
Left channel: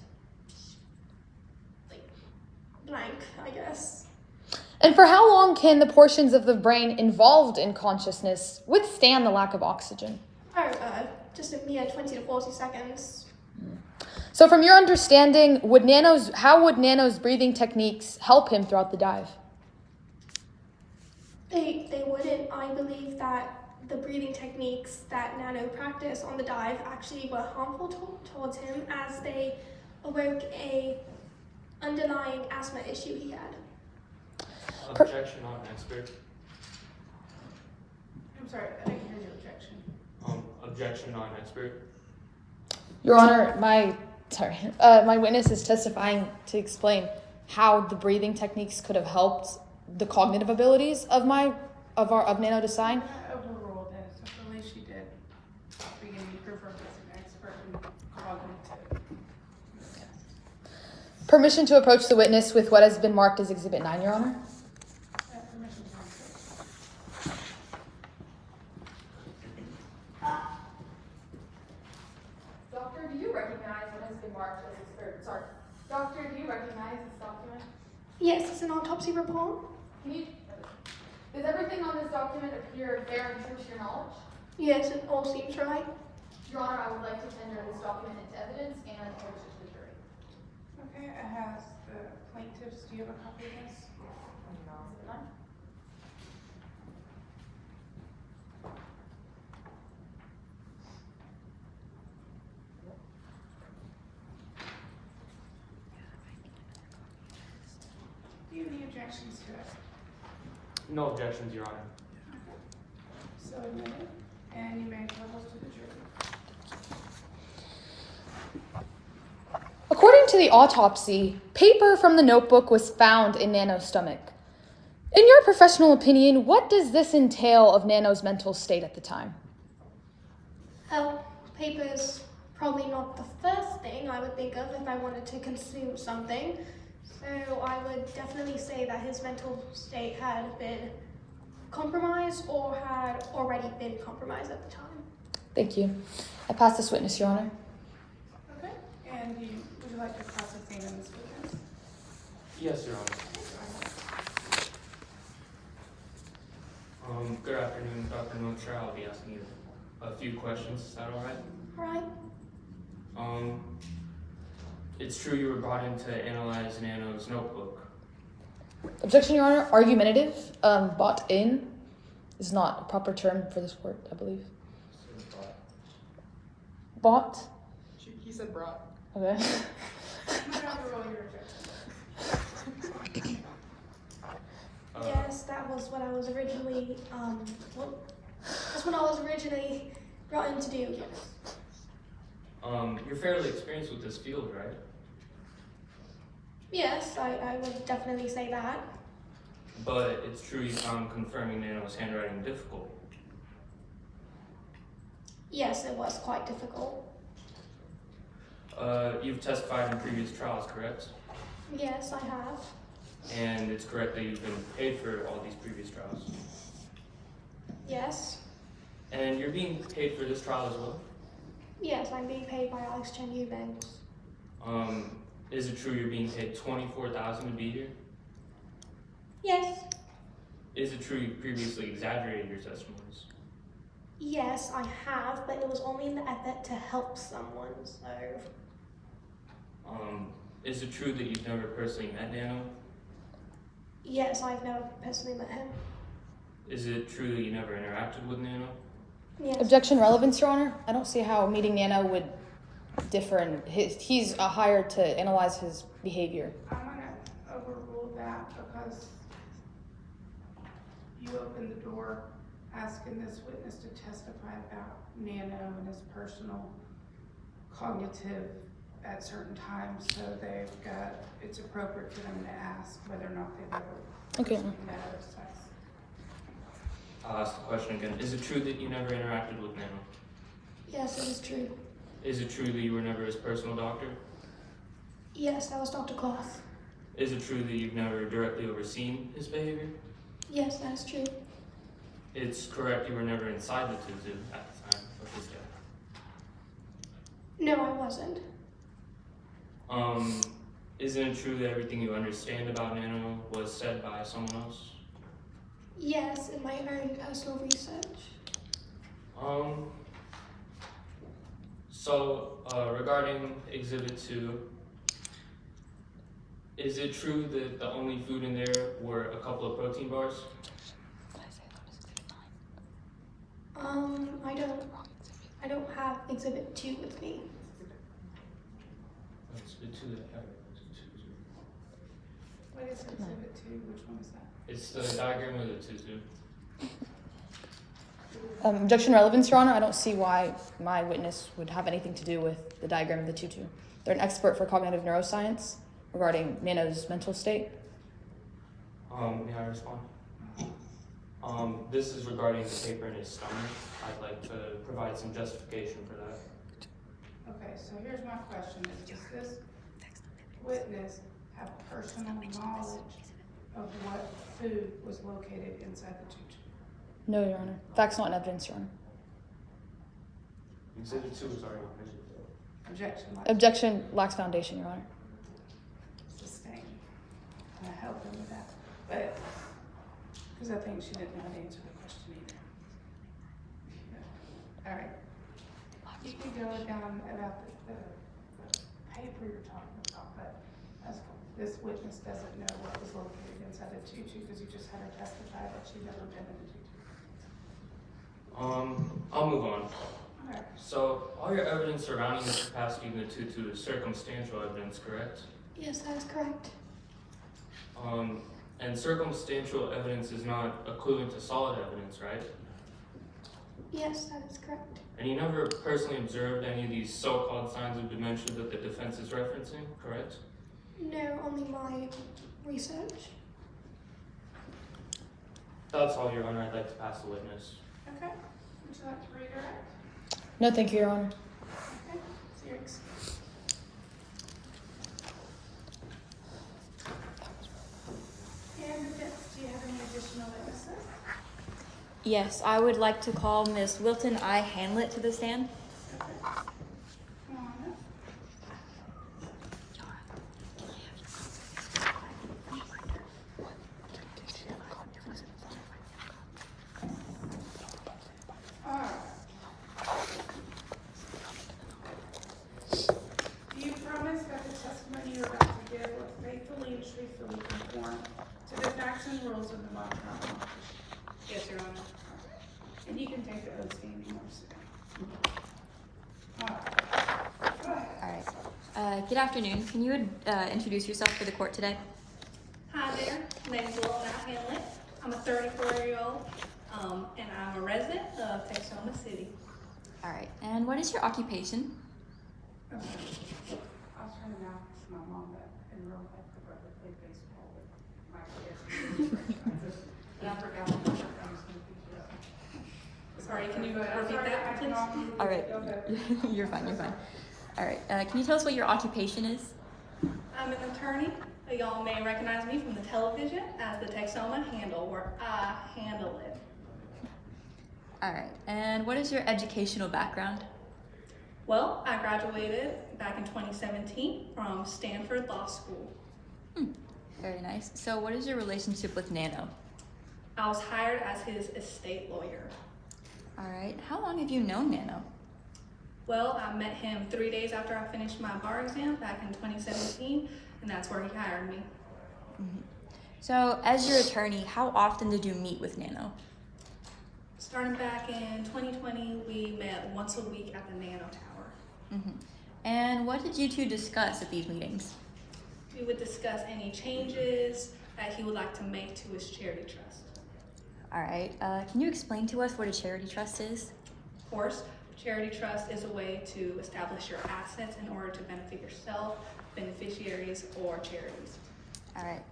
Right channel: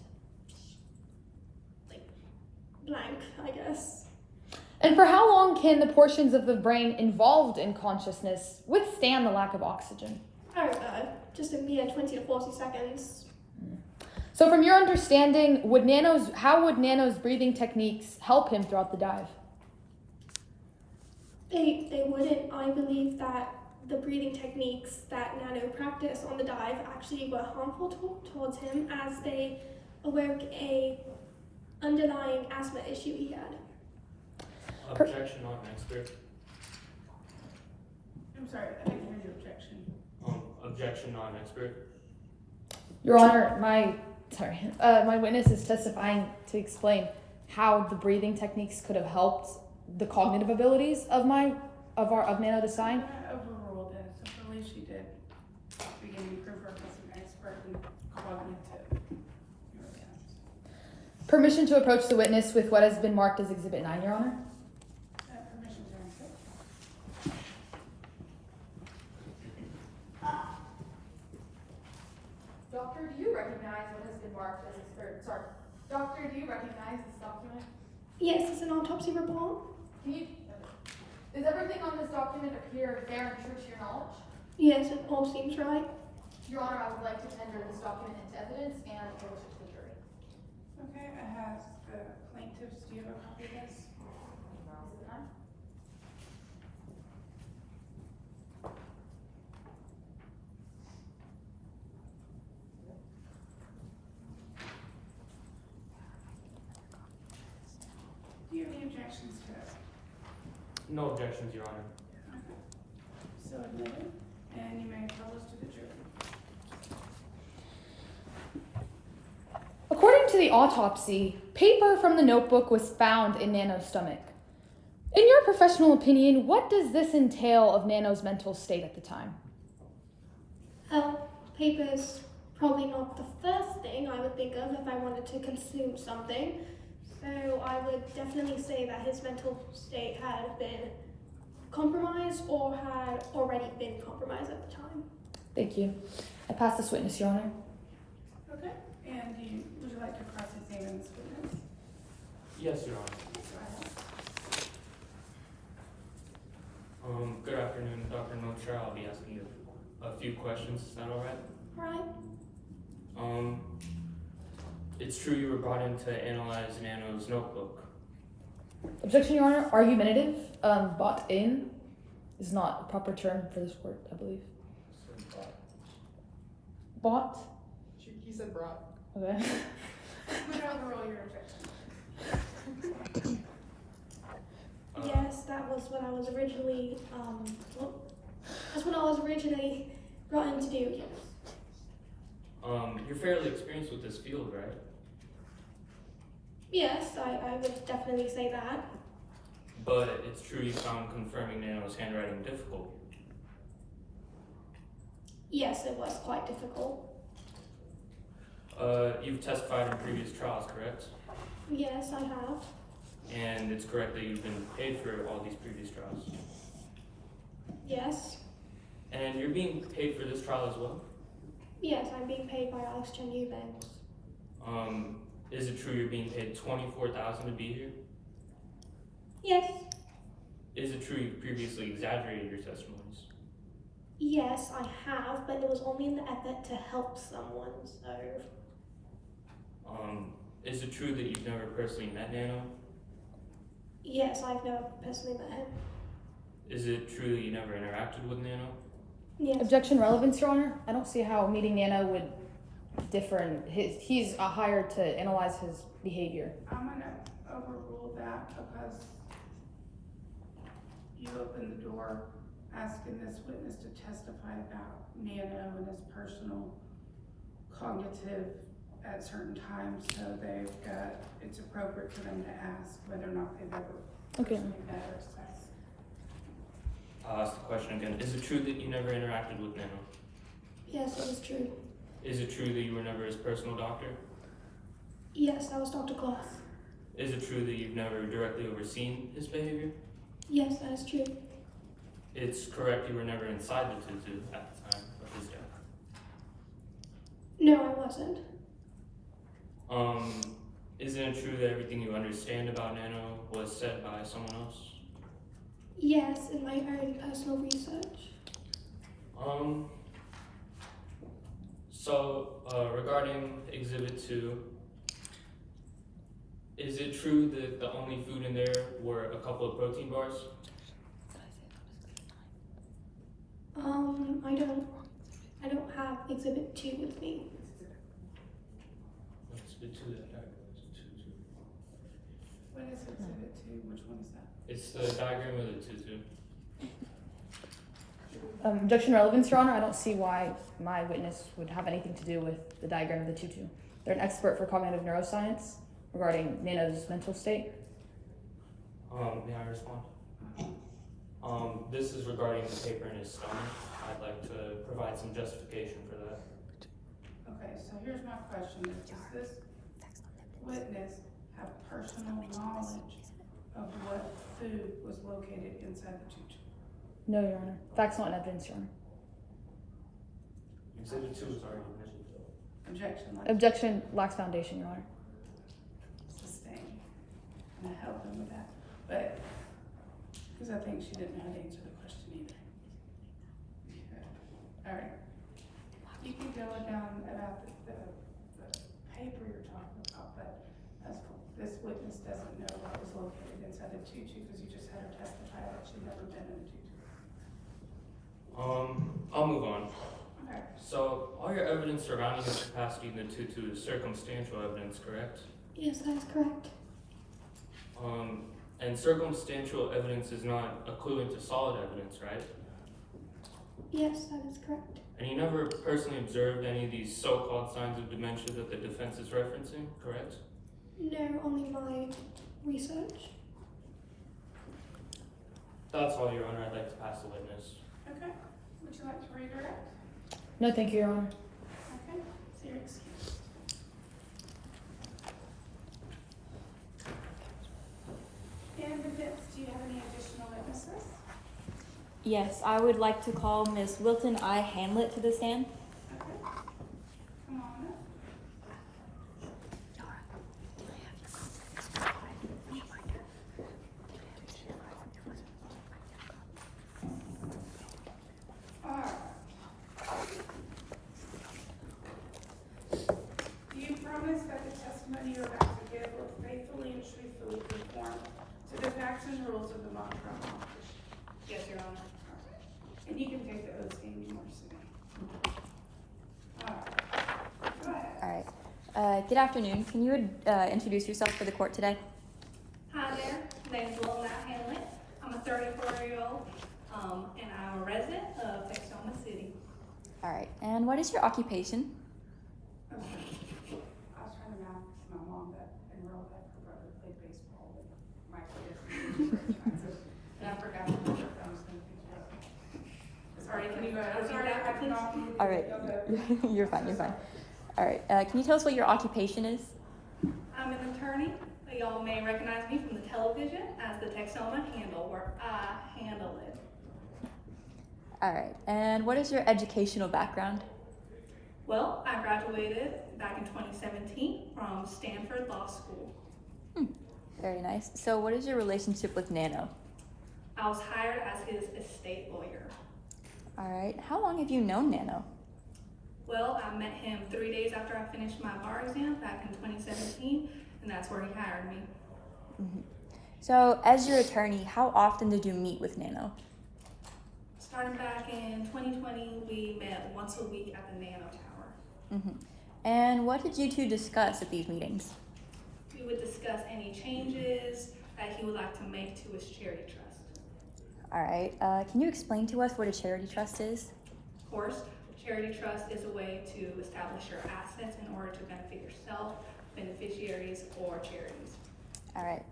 blank, I guess. And for how long can the portions of the brain involved in consciousness withstand the lack of oxygen? Oh, just a mere 20 to 40 seconds. So from your understanding, how would Nano's breathing techniques help him throughout the dive? They wouldn't. I believe that the breathing techniques that Nano practiced on the dive actually were harmful towards him, as they awoke a underlying asthma issue he had. Objection, not an expert. I'm sorry, I didn't hear your objection. Objection, not an expert. Your Honor, my witness is testifying to explain how the breathing techniques could have helped the cognitive abilities of Nano Design. I overruled it, so the way she did, beginning proof her as an expert in cognitive. Permission to approach the witness with what has been marked as Exhibit 9, Your Honor. Permission to answer. Doctor, do you recognize what has been marked as Doctor, do you recognize this document? Yes, it's an autopsy report. Does everything on this document appear fair and true to your knowledge? Yes, it all seems right. Your Honor, I would like to tender this document into evidence and introduce it to the jury. Okay, it has the plaintiffs, do you have a copy of this? Do you have any objections to it? No objections, Your Honor. Okay. So admitted, and you may propose to the jury. to the autopsy, paper from the notebook was found in Nano's stomach. In your professional opinion, what does this entail of Nano's mental state at the time? Well, paper's probably not the first thing I would think of if I wanted to consume something. So I would definitely say that his mental state had been compromised or had already been compromised at the time. Thank you. I pass this witness, Your Honor. Okay, and would you like to cross-examine this witness? Yes, Your Honor. Good afternoon, Dr. Notra. I'll be asking you a few questions. Is that all right? All right. It's true you were brought in to analyze Nano's notebook. Objection, Your Honor. Argumentative. Bought in is not a proper term for this word, I believe. Bought? He said brought. Okay. Might overrule your objection. Yes, that was what I was originally, that's what I was originally brought in to do, yes. You're fairly experienced with this field, right? Yes, I would definitely say that. But it's true you found confirming Nano's handwriting difficult. Yes, it was quite difficult. You've testified in previous trials, correct? Yes, I have. And it's correct that you've been paid for all these previous trials. Yes. And you're being paid for this trial as well? Yes, I'm being paid by Alex Chen Eubanks. Is it true you're being paid $24,000 to be here? Yes. Is it true you previously exaggerated your testimonies? Yes, I have, but it was only in the effort to help someone, so. Is it true that you've never personally met Nano? Yes, I've never personally met him. Is it true that you never interacted with Nano? Yes. Objection, relevance, Your Honor. I don't see how meeting Nano would differ in he's hired to analyze his behavior. I'm gonna overrule that because you opened the door asking this witness to testify about Nano and his personal cognitive at certain times, so it's appropriate for them to ask whether or not they've ever personally met or assessed. I'll ask the question again. Is it true that you never interacted with Nano? Yes, it is true. Is it true that you were never his personal doctor? Yes, that was Dr. Kloss. Is it true that you've never directly overseen his behavior? Yes, that is true. It's correct you were never inside the tutu at the time of his death. No, I wasn't. Isn't it true that everything you understand about Nano was said by someone else? Yes, in my own personal research. Regarding Exhibit 2, is it true that the only food in there were a couple of protein bars? I don't have Exhibit 2 with me. Exhibit 2. What is Exhibit 2? Which one is that? It's the diagram of the tutu. Objection, relevance, Your Honor. I don't see why my witness would have anything to do with the diagram of the tutu. They're an expert for cognitive neuroscience regarding Nano's mental state. May I respond? This is regarding the paper in his stomach. I'd like to provide some justification for that. Okay, so here's my question. Does this witness have personal knowledge of what food was located inside the tutu? No, Your Honor. Facts not in evidence, Your Honor. Exhibit 2 is already Objection. Objection lacks foundation, Your Honor. Sustained. And I helped him with that. But, because I think she didn't know how to answer the question either. All right. You can go down about the paper you're talking about, but this witness doesn't know what was located inside the tutu because you just had her testify that she'd never been in a tutu. I'll move on. Okay. So, all your evidence surrounding the capacity in the tutu is circumstantial evidence, correct? Yes, that is correct. And circumstantial evidence is not equivalent to solid evidence, right? Yes, that is correct. And he never personally observed any of these so-called signs of dementia that the defense is referencing, correct? No, only my research. That's all, Your Honor. I'd like to pass the witness. Okay, would you like to redirect? No, thank you, Your Honor. Okay, so you're excused. Candidates, do you have any additional witnesses? Yes, I would like to call Miss Wilton I. Hanlett to the stand. Okay. Come on up. Alright. Do you promise that the testimony you're about to give will faithfully and truthfully conform to the facts and rules of the Montgomery office? Yes, Your Honor. And you can take the oath standing or sitting. Alright. Go ahead. All right. Good afternoon. Can you introduce yourself for the court today? Hi there, my name is Wilton Hanlett. I'm a 34-year-old, and I'm a resident of Texoma City. All right. And what is your occupation? Okay. I was trying to announce my mom, but in real life, my brother played baseball, but my kids. And I forgot that I was gonna be. Sorry, can you repeat that, please? All right. You're fine. You're fine. All right. Can you tell us what your occupation is? I'm an attorney. Y'all may recognize me from the television as the Texoma Handle, where I handle it. All right. And what is your educational background? Well, I graduated back in 2017 from Stanford Law School. Very nice. So what is your relationship with Nano? I was hired as his estate lawyer. All right. How long have you known Nano? Well, I met him 3 days after I finished my bar exam back in 2017, and that's where he hired me. So as your attorney, how often did you meet with Nano? Starting back in 2020, we met once a week at the Nano Tower. And what did you two discuss at these meetings? We would discuss any changes that he would like to make to his charity trust. All right. Can you explain to us what a charity trust is? Of course, a charity trust is a way to establish your assets in order to benefit yourself, beneficiaries, or charities. All right.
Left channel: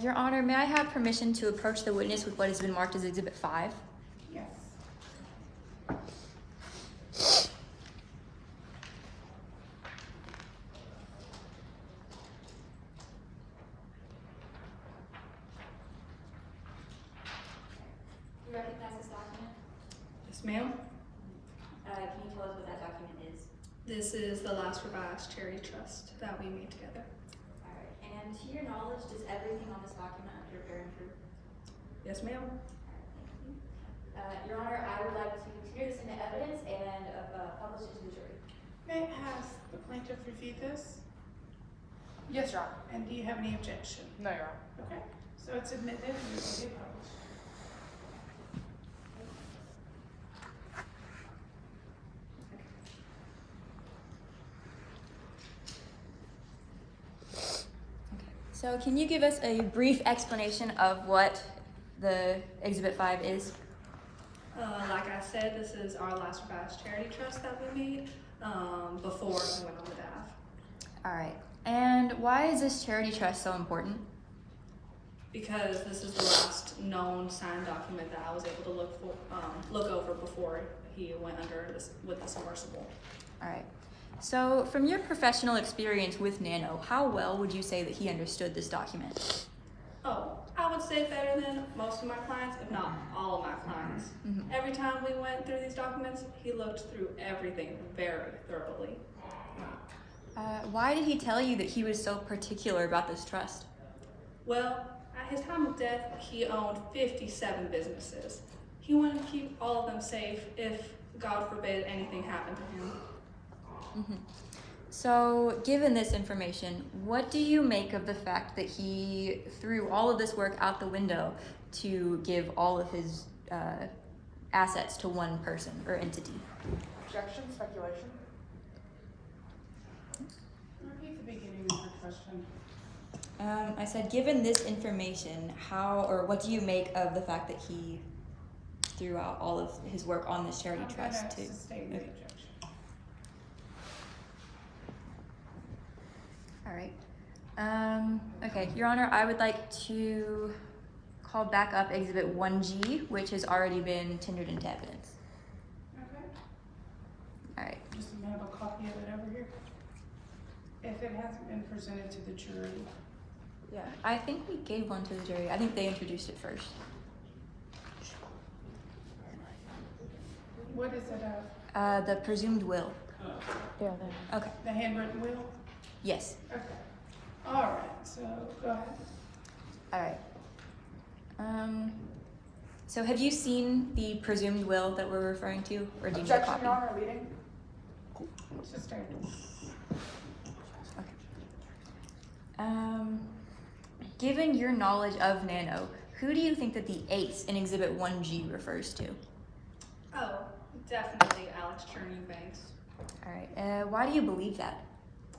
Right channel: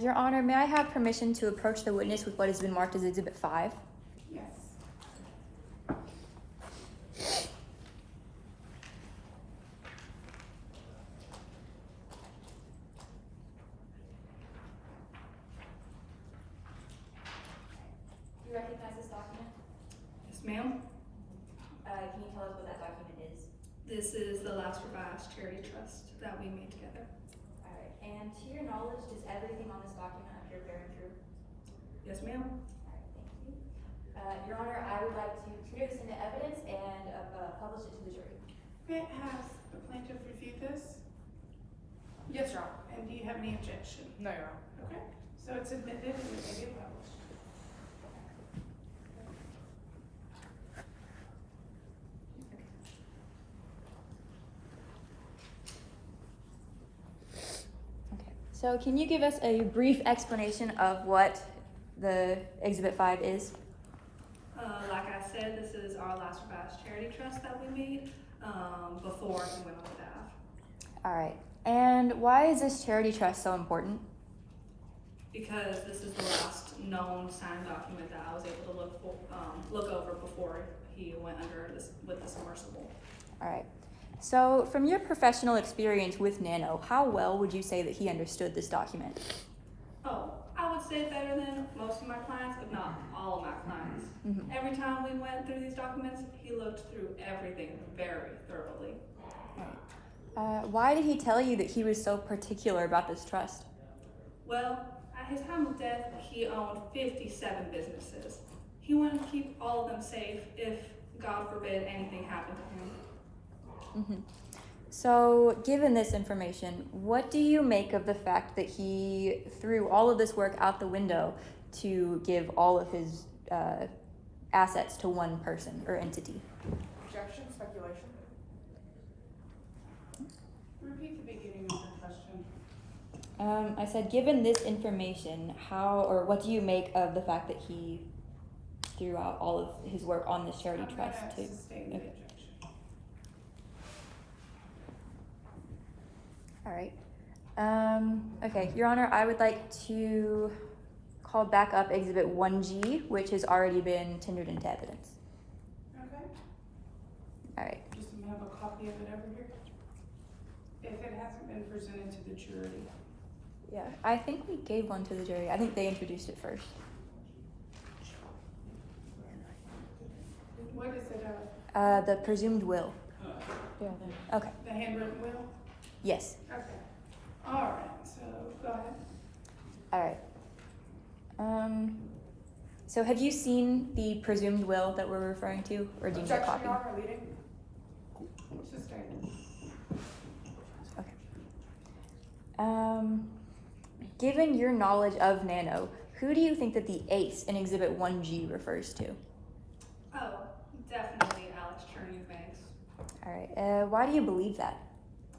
Your Honor, may I have permission to approach the witness with what has been marked as Exhibit 5? Yes. You recognize this document? Yes, ma'am. Can you tell us what that document is? This is the last revised charity trust that we made together. All right. And to your knowledge, does everything on this document appear fair and true? Yes, ma'am. All right, thank you. Your Honor, I would like to consider this into evidence and publish it to the jury. Okay, has the plaintiff reviewed this? Yes, Your Honor. And do you have any objection? No, Your Honor. Okay, so it's admitted and it will be published. So can you give us a brief explanation of what the Exhibit 5 is? Like I said, this is our last revised charity trust that we made before we went on the DAV. All right. And why is this charity trust so important? Because this is the last known signed document that I was able to look over before he went under this with the submersible. All right. So from your professional experience with Nano, how well would you say that he understood this document? Oh, I would say better than most of my clients, if not all of my clients. Every time we went through these documents, he looked through everything very thoroughly. Why did he tell you that he was so particular about this trust? Well, at his time of death, he owned 57 businesses. He wanted to keep all of them safe if, God forbid, anything happened to him. So, given this information, what do you make of the fact that he threw all of this work out the window to give all of his assets to one person or entity? Objection, speculation. Repeat the beginning of the question. I said, given this information, how or what do you make of the fact that he throughout all of his work on this charity trust too. Sustain the Okay. objection. All right. Okay, Your Honor, I would like to call back up Exhibit 1G, which has already been tendered into evidence. Okay, All right. just have a copy of it over here. If it hasn't been presented to the jury. Yeah, I think we gave one to the jury. I think they introduced it first. What is it of? The presumed will. Yeah. Okay. The handwritten will? Yes. Okay. All right, so go ahead. All right. So have you seen the presumed will that we're referring to, or do you need a copy? Objection, Your Honor, leading. Sustain. Okay. Given your knowledge of Nano, who do you think that the ace in Exhibit 1G refers to? Oh, definitely Alex Cherny-Banks. All right. Why do you believe that?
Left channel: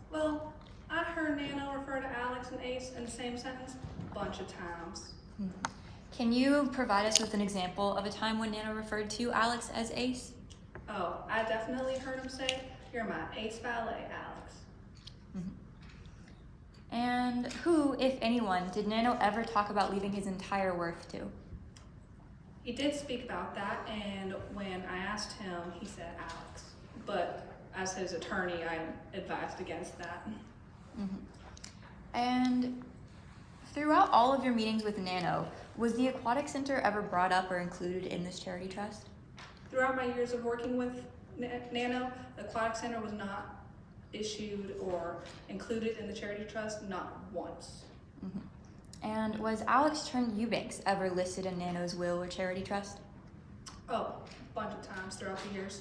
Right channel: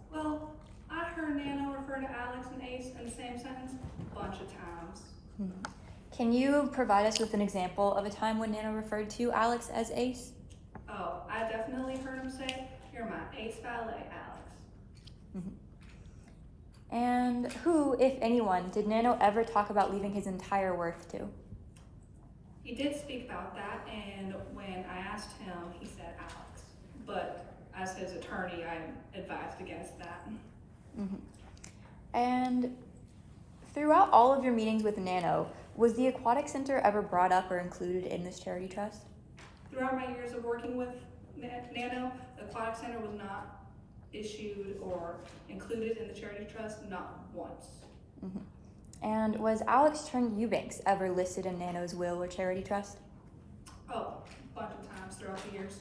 Well, I heard Nano refer to Alex and Ace in the same sentence a bunch of times. Can you provide us with an example of a time when Nano referred to Alex as ace? Oh, I definitely heard him say, "You're my ace valet, Alex." And who, if anyone, did Nano ever talk about leaving his entire worth to? He did speak about that, and when I asked him, he said Alex. But as his attorney, I'm advised against that. And throughout all of your meetings with Nano, was the Aquatic Center ever brought up or included in this charity trust? Throughout my years of working with Nano, the Aquatic Center was not issued or included in the charity trust, not once. And was Alex Eubanks ever listed in Nano's will or charity trust? Oh, a bunch of times throughout the years.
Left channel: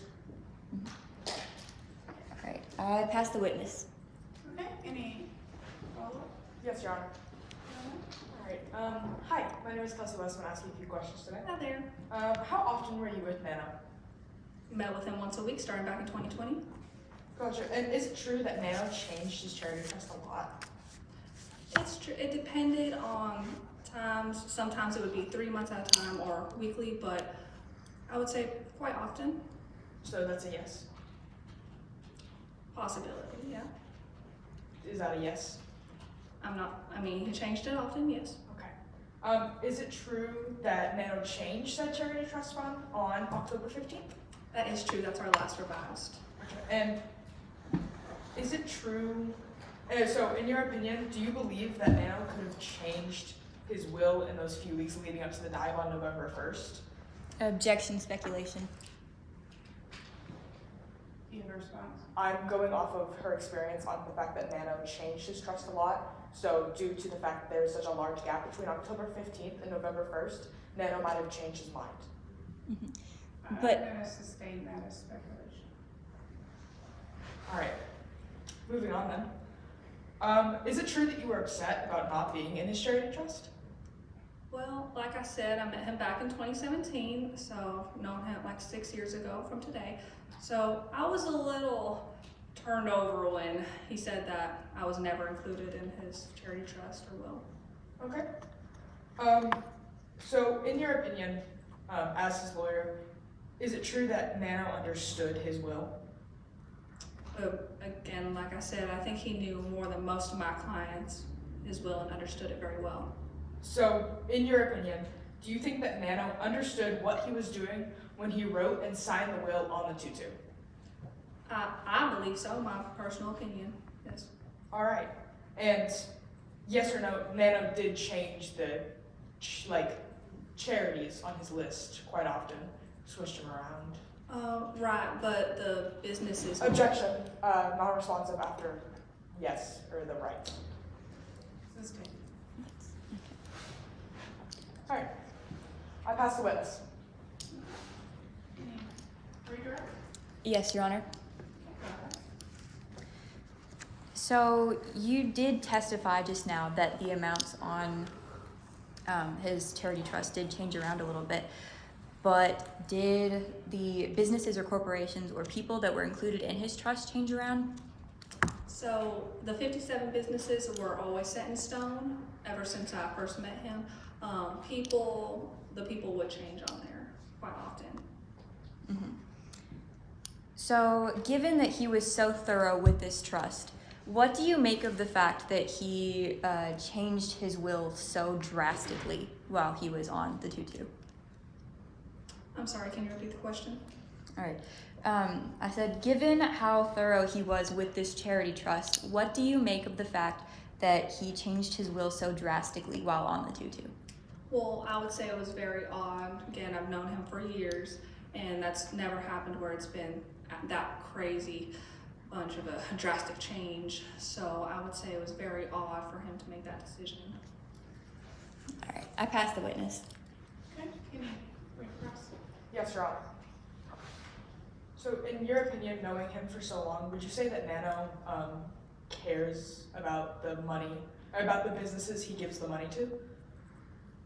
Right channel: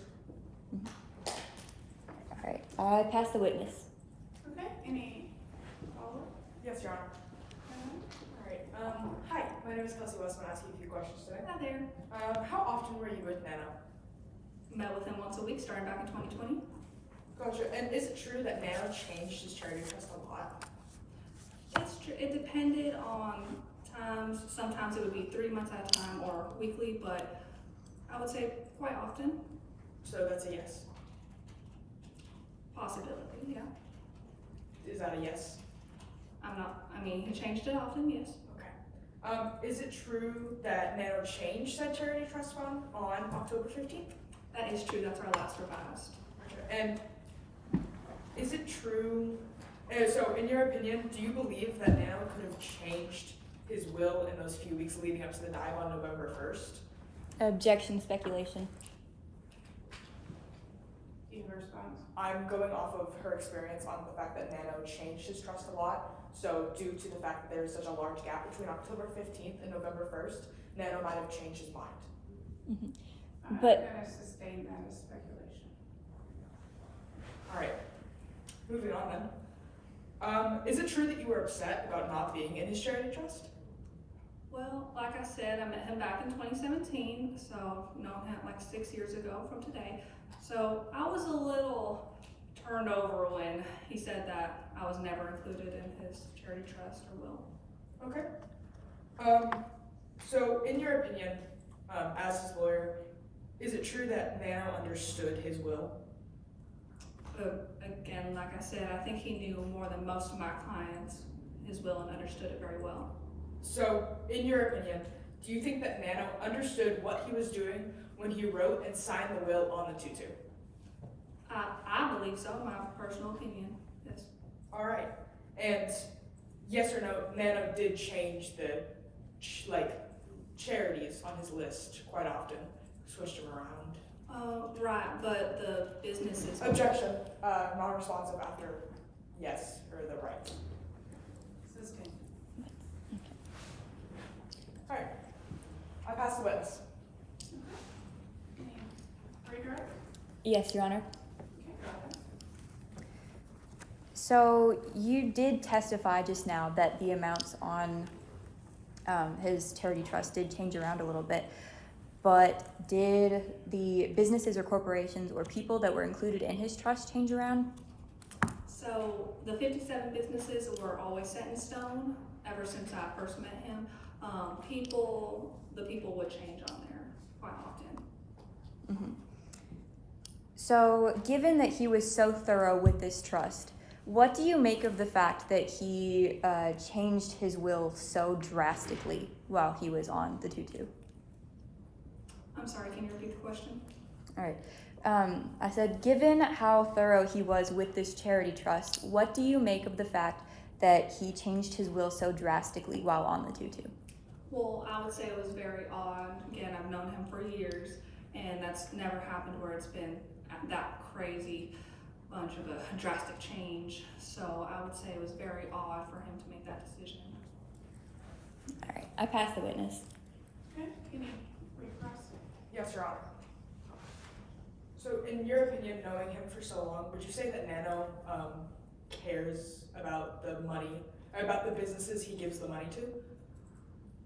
All right, I pass the witness. Okay, any follow-up? Yes, Your Honor. All right. Hi, my name is Kelsey West. I'm asking a few questions today. Hi there. How often were you with Nano? Met with him once a week starting back in 2020. Gotcha. And is it true that Nano changed his charity trust a lot? It's true. It depended on times. Sometimes it would be 3 months at a time or weekly, but I would say quite often. So that's a yes. Possibility, yeah. Is that a yes? He changed it often, yes. Okay. Is it true that Nano changed that charity trust fund on October 15th? That is true. That's our last revised. And is it true, so in your opinion, do you believe that Nano could have changed his will in those few weeks leading up to the dive on November 1st? Objection, speculation. Do you have a response? I'm going off of her experience on the fact that Nano changed his trust a lot. So due to the fact that there is such a large gap between October 15th and November 1st, Nano might have changed his mind. But I'm gonna sustain that as speculation. All right, moving on then. Is it true that you were upset about not being in his charity trust? Well, like I said, I met him back in 2017, so known him like 6 years ago from today. So I was a little turned over when he said that I was never included in his charity trust or will. Okay. So in your opinion, as his lawyer, is it true that Nano understood his will? Again, like I said, I think he knew more than most of my clients his will and understood it very well. So, in your opinion, do you think that Nano understood what he was doing when he wrote and signed the will on the tutu? I believe so, my personal opinion, yes. All right. And yes or no, Nano did change the charities on his list quite often, switched them around. Right, but the businesses. Objection. Non-responsive after yes or the right. Sustain. All right. I pass the witness. Redirect? yes, Your Honor. So you did testify just now that the amounts on his charity trust did change around a little bit, but did the businesses or corporations or people that were included in his trust change around? So the 57 businesses were always set in stone ever since I first met him. The people would change on there quite often. Mm-hmm. So, given that he was so thorough with this trust, what do you make of the fact that he changed his will so drastically while he was on the 2-2? I'm sorry, can you repeat the question? All right. I said, given how thorough he was with this charity trust, what do you make of the fact that he changed his will so drastically while on the 2-2? Well, I would say it was very odd. Again, I've known him for years, and that's never happened where it's been that crazy bunch of a drastic change. So I would say it was very odd for him to make that decision. All right, I pass the witness. Okay, can you read for us? Yes, Your Honor. So, in your opinion, knowing him for so long, would you say that Nano cares about the money, or about the businesses he gives the money to?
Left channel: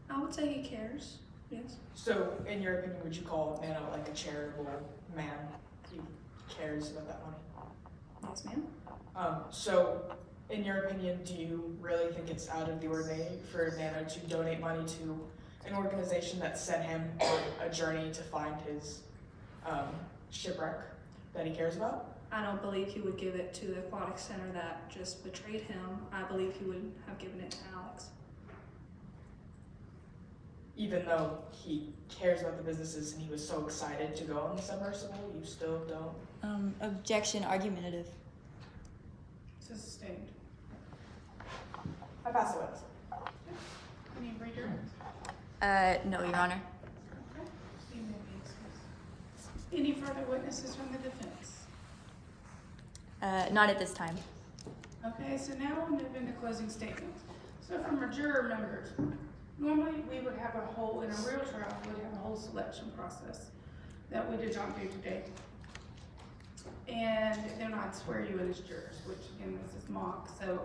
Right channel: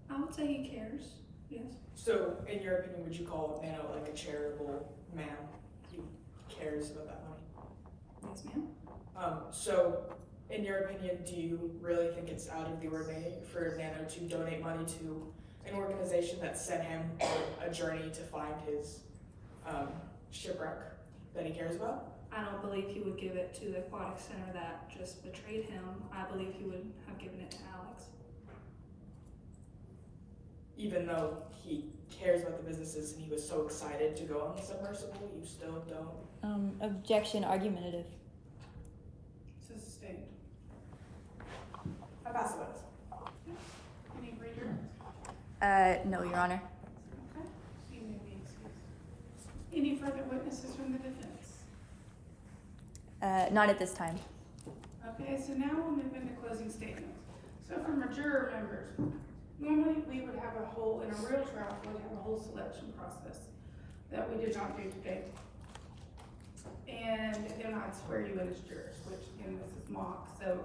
I would say he cares, yes. So, in your opinion, would you call Nano like a charitable man? He cares about that money? Yes, ma'am. So, in your opinion, do you really think it's out of the ordinary for Nano to donate money to an organization that sent him on a journey to find his shipwreck that he cares about? I don't believe he would give it to the aquatic center that just betrayed him. I believe he would have given it to Alex. Even though he cares about the businesses and he was so excited to go on the submersible, you still don't? Objection, argumentative. Sustained. I pass the witness. Can you read your? No, Your Honor. Okay, so you may be excused. Any further witnesses from the defense? Not at this time. Okay, so now we'll move into closing statements. So from our juror members, normally we would have a whole, in a real trial, we would have a whole selection process that we did not do today. And then I'd swear you in as jurors, which again, this is mock, so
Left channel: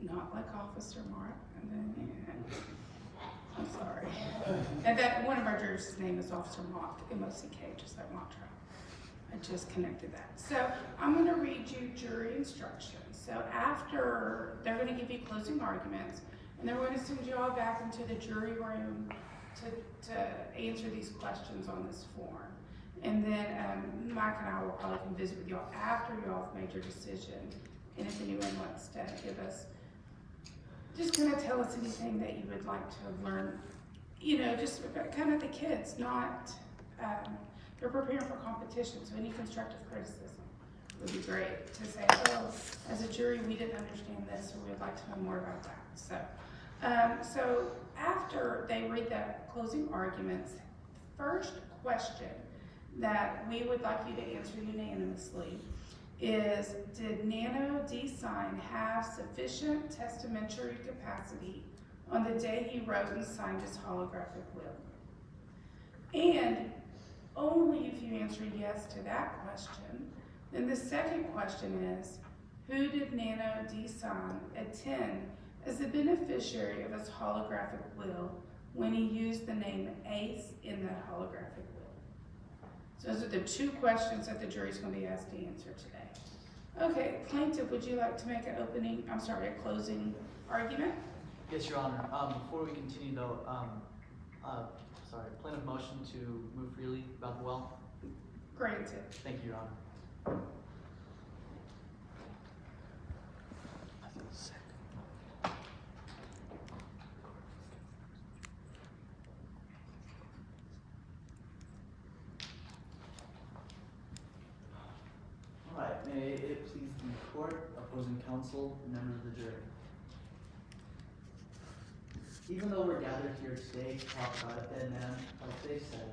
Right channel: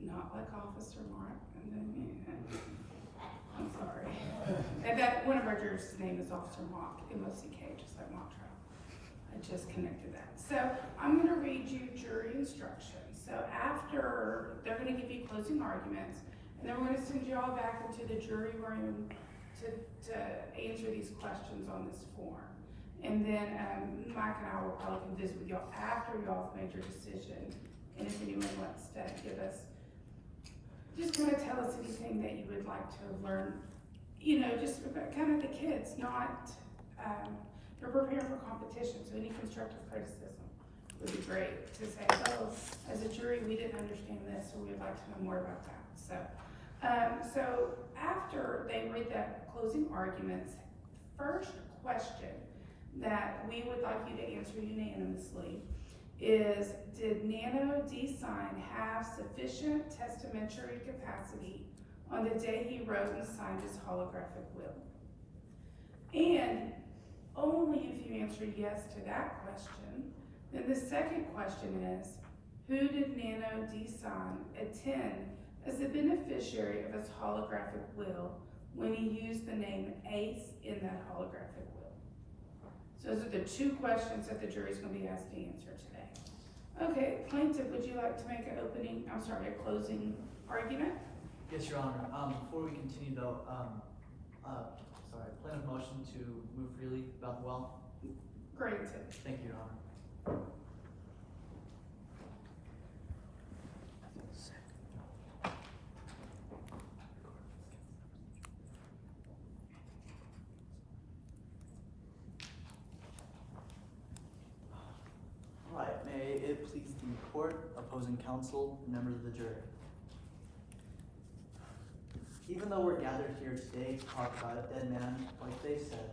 not like Officer Mark. And then, yeah, I'm sorry. And that one of our jurors' name is Officer Mock, M-O-C-K, just like mock trial. I just connected that. So I'm going to read you jury instructions. So after, they're going to give you closing arguments, and then we're going to send you all back into the jury room to answer these questions on this form. And then Mike and I will probably come visit with y'all after y'all have made your decision. And if anyone wants to give us, just kind of tell us anything that you would like to have learned, you know, just about kind of the kids, not, they're preparing for competition, so any constructive criticism would be great to say, oh, as a jury, we didn't understand this, or we'd like to know more about that. So after they read the closing arguments, first question that we would like you to answer unanimously is, did Nano D-Sign have sufficient testamentary capacity on the day he wrote and signed his holographic will? And only if you answer yes to that question, then the second question is, who did Nano D-Sign attend as the beneficiary of his holographic will when he used the name Ace in that holographic will? So those are the two questions that the jury's going to be asked to answer today. Okay, plaintiff, would you like to make a closing argument? Yes, Your Honor. Before we continue though, plaintiff motion to move freely about the well. Granted. Thank you, Your Honor. All right, may it please the court, opposing counsel, members of the jury. Even though we're gathered here today to talk about a dead man, like they've said,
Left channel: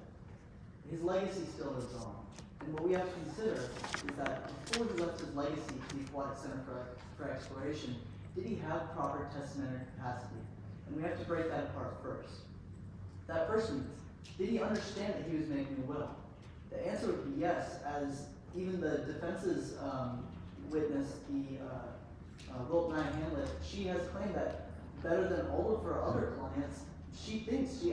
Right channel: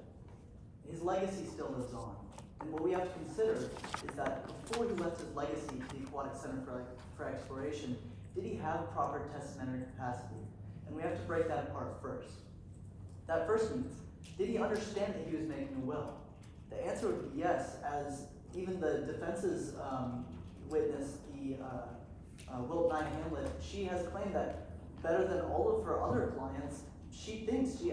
his legacy still lives on. And what we have to consider is that before he left his legacy to the Aquatic Center for Exploration, did he have proper testamentary capacity? And we have to break that apart first. That first means, did he understand that he was making a will? The answer would be yes, as even the defense's witness, the Wilt Nye Hamlet, she has claimed that better than all of her other clients, she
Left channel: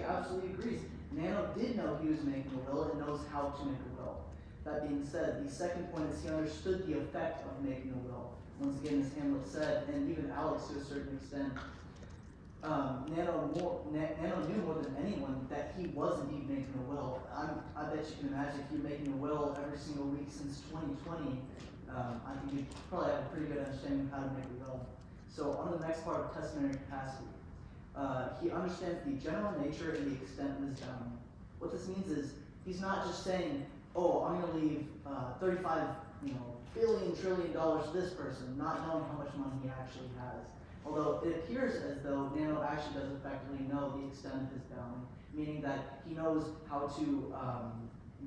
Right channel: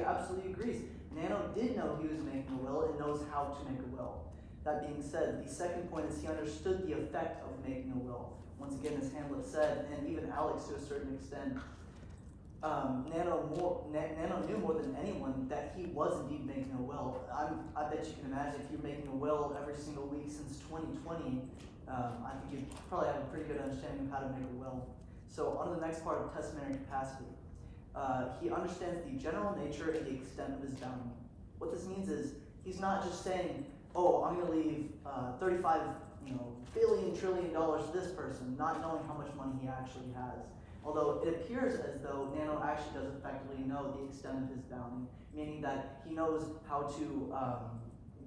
absolutely agrees. Nano did know he was making a will and knows how to make a will. That being said, the second point is he understood the effect of making a will. Once again, as Hamlet said, and even Alex to a certain extent, Nano knew more than anyone that he was indeed making a will. I bet you can imagine if you're making a will every single week since 2020, I think you probably have a pretty good understanding of how to make a will. So on the next part of testamentary capacity, he understands the general nature and the extent of his bounty. What this means is he's not just saying, oh, I'm going to leave 35 billion trillion dollars to this person, not knowing how much money he actually has. Although it appears as though Nano actually does effectively know the extent of his bounty, meaning that he knows how to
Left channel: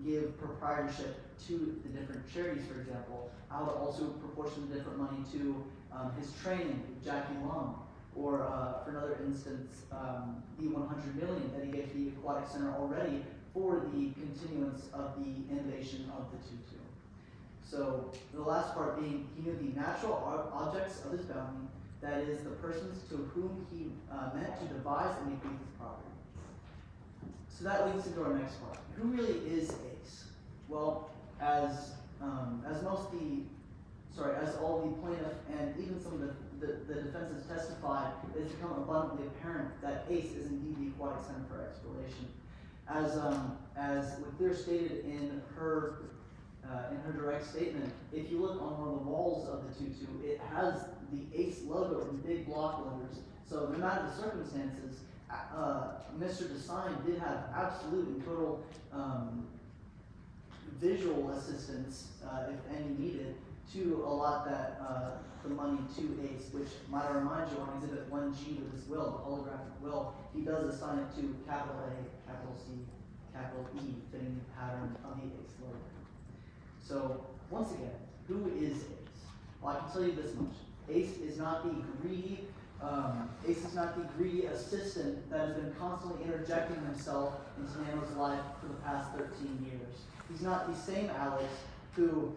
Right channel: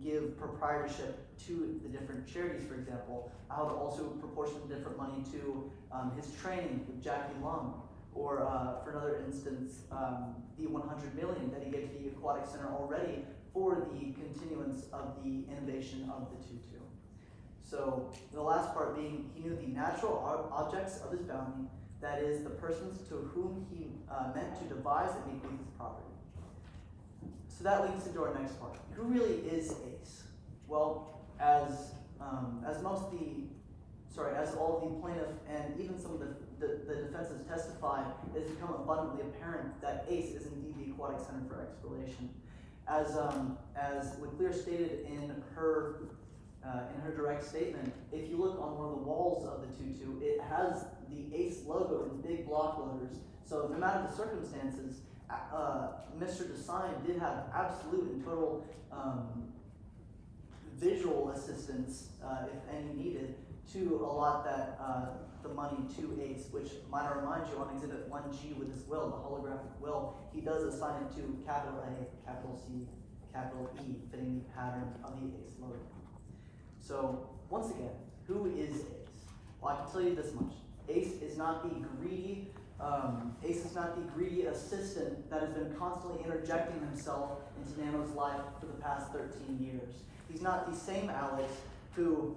give proprietorship to the different charities, for example, how to also proportion different money to his training with Jackie Lung, or for another instance, the 100 million that he gave to the Aquatic Center already for the continuance of the innovation of the tutu. So the last part being, he knew the natural objects of his bounty, that is, the persons to whom he meant to devise and bequeath his property. So that leads into our next part. Who really is Ace? Well, as all the plaintiff and even some of the defenses testified, it's become abundantly apparent that Ace is indeed the Aquatic Center for Exploration. As LeClaire stated in her direct statement, if you look on one of the walls of the tutu, it has the Ace logo in big block letters. So no matter the circumstances, Mr. Design did have absolute and total visual assistance, if any needed, to allot the money to Ace, which might I remind you on Exhibit 1G with his will, the holographic will, he does assign it to capital A, capital C, capital E, fitting the pattern of the Ace logo. So once again, who is Ace? Well, I can tell you this much: Ace is not the greedy assistant that has been constantly interjecting himself into Nano's life for the past 13 years. He's not the same Alex who,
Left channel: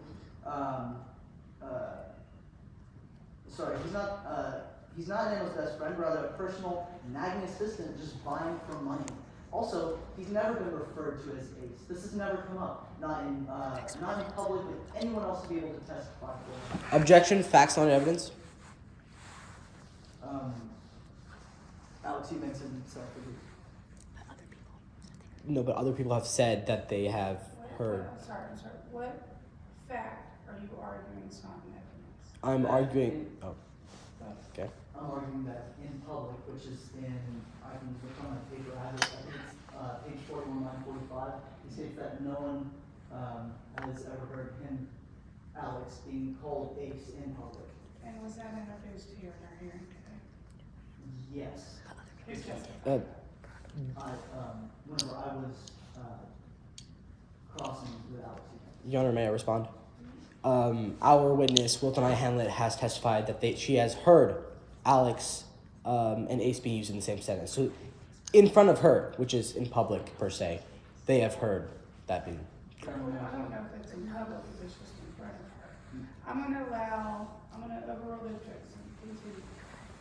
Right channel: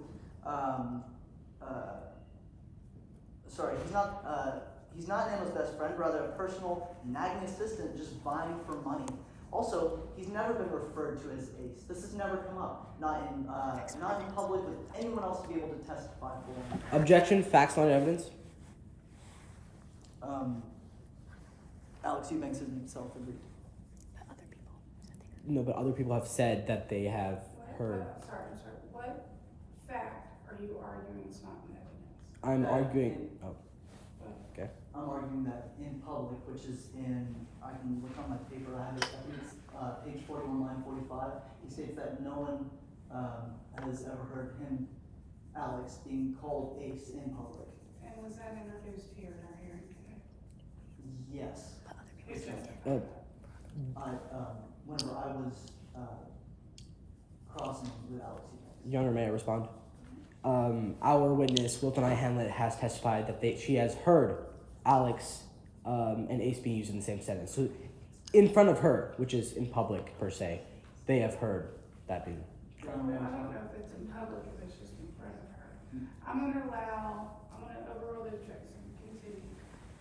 he's not Nano's best friend, rather a personal nagging assistant just vying for money. Also, he's never been referred to as Ace. This has never come up, not in public with anyone else to be able to testify for him. Objection, facts, not evidence. Alex Eubanks himself agreed. No, but other people have said that they have heard. I'm sorry. What fact are you arguing is not in evidence? I'm arguing. Oh. Okay. I'm arguing that in public, which is I can look on my paper, I think it's page 41, line 45, he states that no one has ever heard him, Alex, being called Ace in public. And was that introduced here in our hearing today? Yes. Whenever I was crossing with Alex. Your Honor, may I respond? Our witness, Wilton I. Hamlet, has testified that she has heard Alex and Ace being used in the same sentence. So in front of her, which is in public per se, they have heard that being. I don't know if it's in public, if it's just in front of her. I'm going to overrule the objection.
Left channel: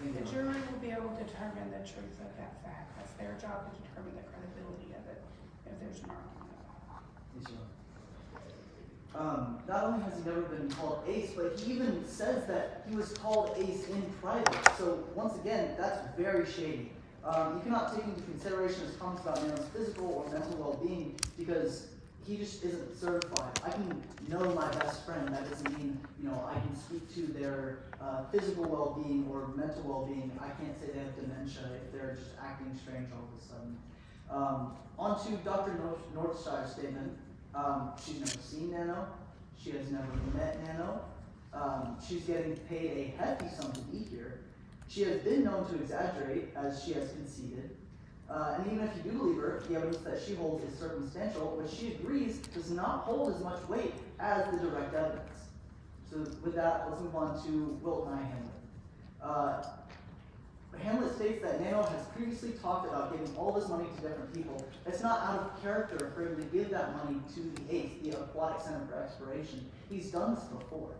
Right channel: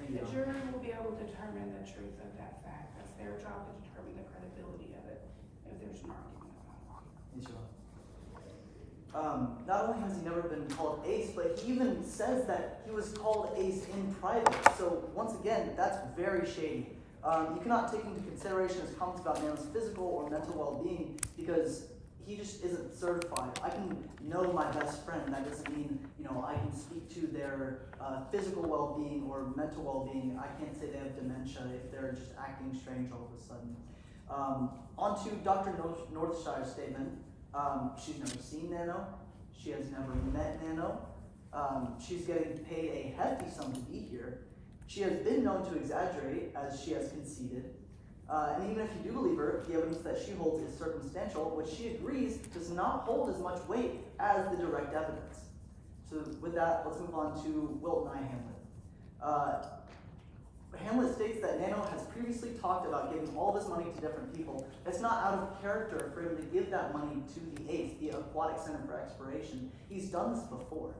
The jury will be able to determine the truth of that fact. That's their job to determine the credibility of it, if there's an argument. Not only has he never been called Ace, but he even says that he was called Ace in private. So once again, that's very shady. You cannot take into consideration his comments about Nano's physical or mental well-being because he just isn't certified. I can know my best friend. That doesn't mean I can speak to their physical well-being or mental well-being. I can't say they have dementia if they're just acting strange all of a sudden. On to Dr. Northshire's statement. She's never seen Nano. She has never met Nano. She's getting paid a hefty sum to be here. She has been known to exaggerate, as she has conceded. And even if you do believe her, the evidence that she holds is circumstantial, which she agrees does not hold as much weight as the direct evidence. So with that, let's move on to Wilton I. Hamlet. Hamlet states that Nano has previously talked about giving all this money to different people. It's not out of character for him to give that money to the Ace, the Aquatic Center for Exploration. He's done this before.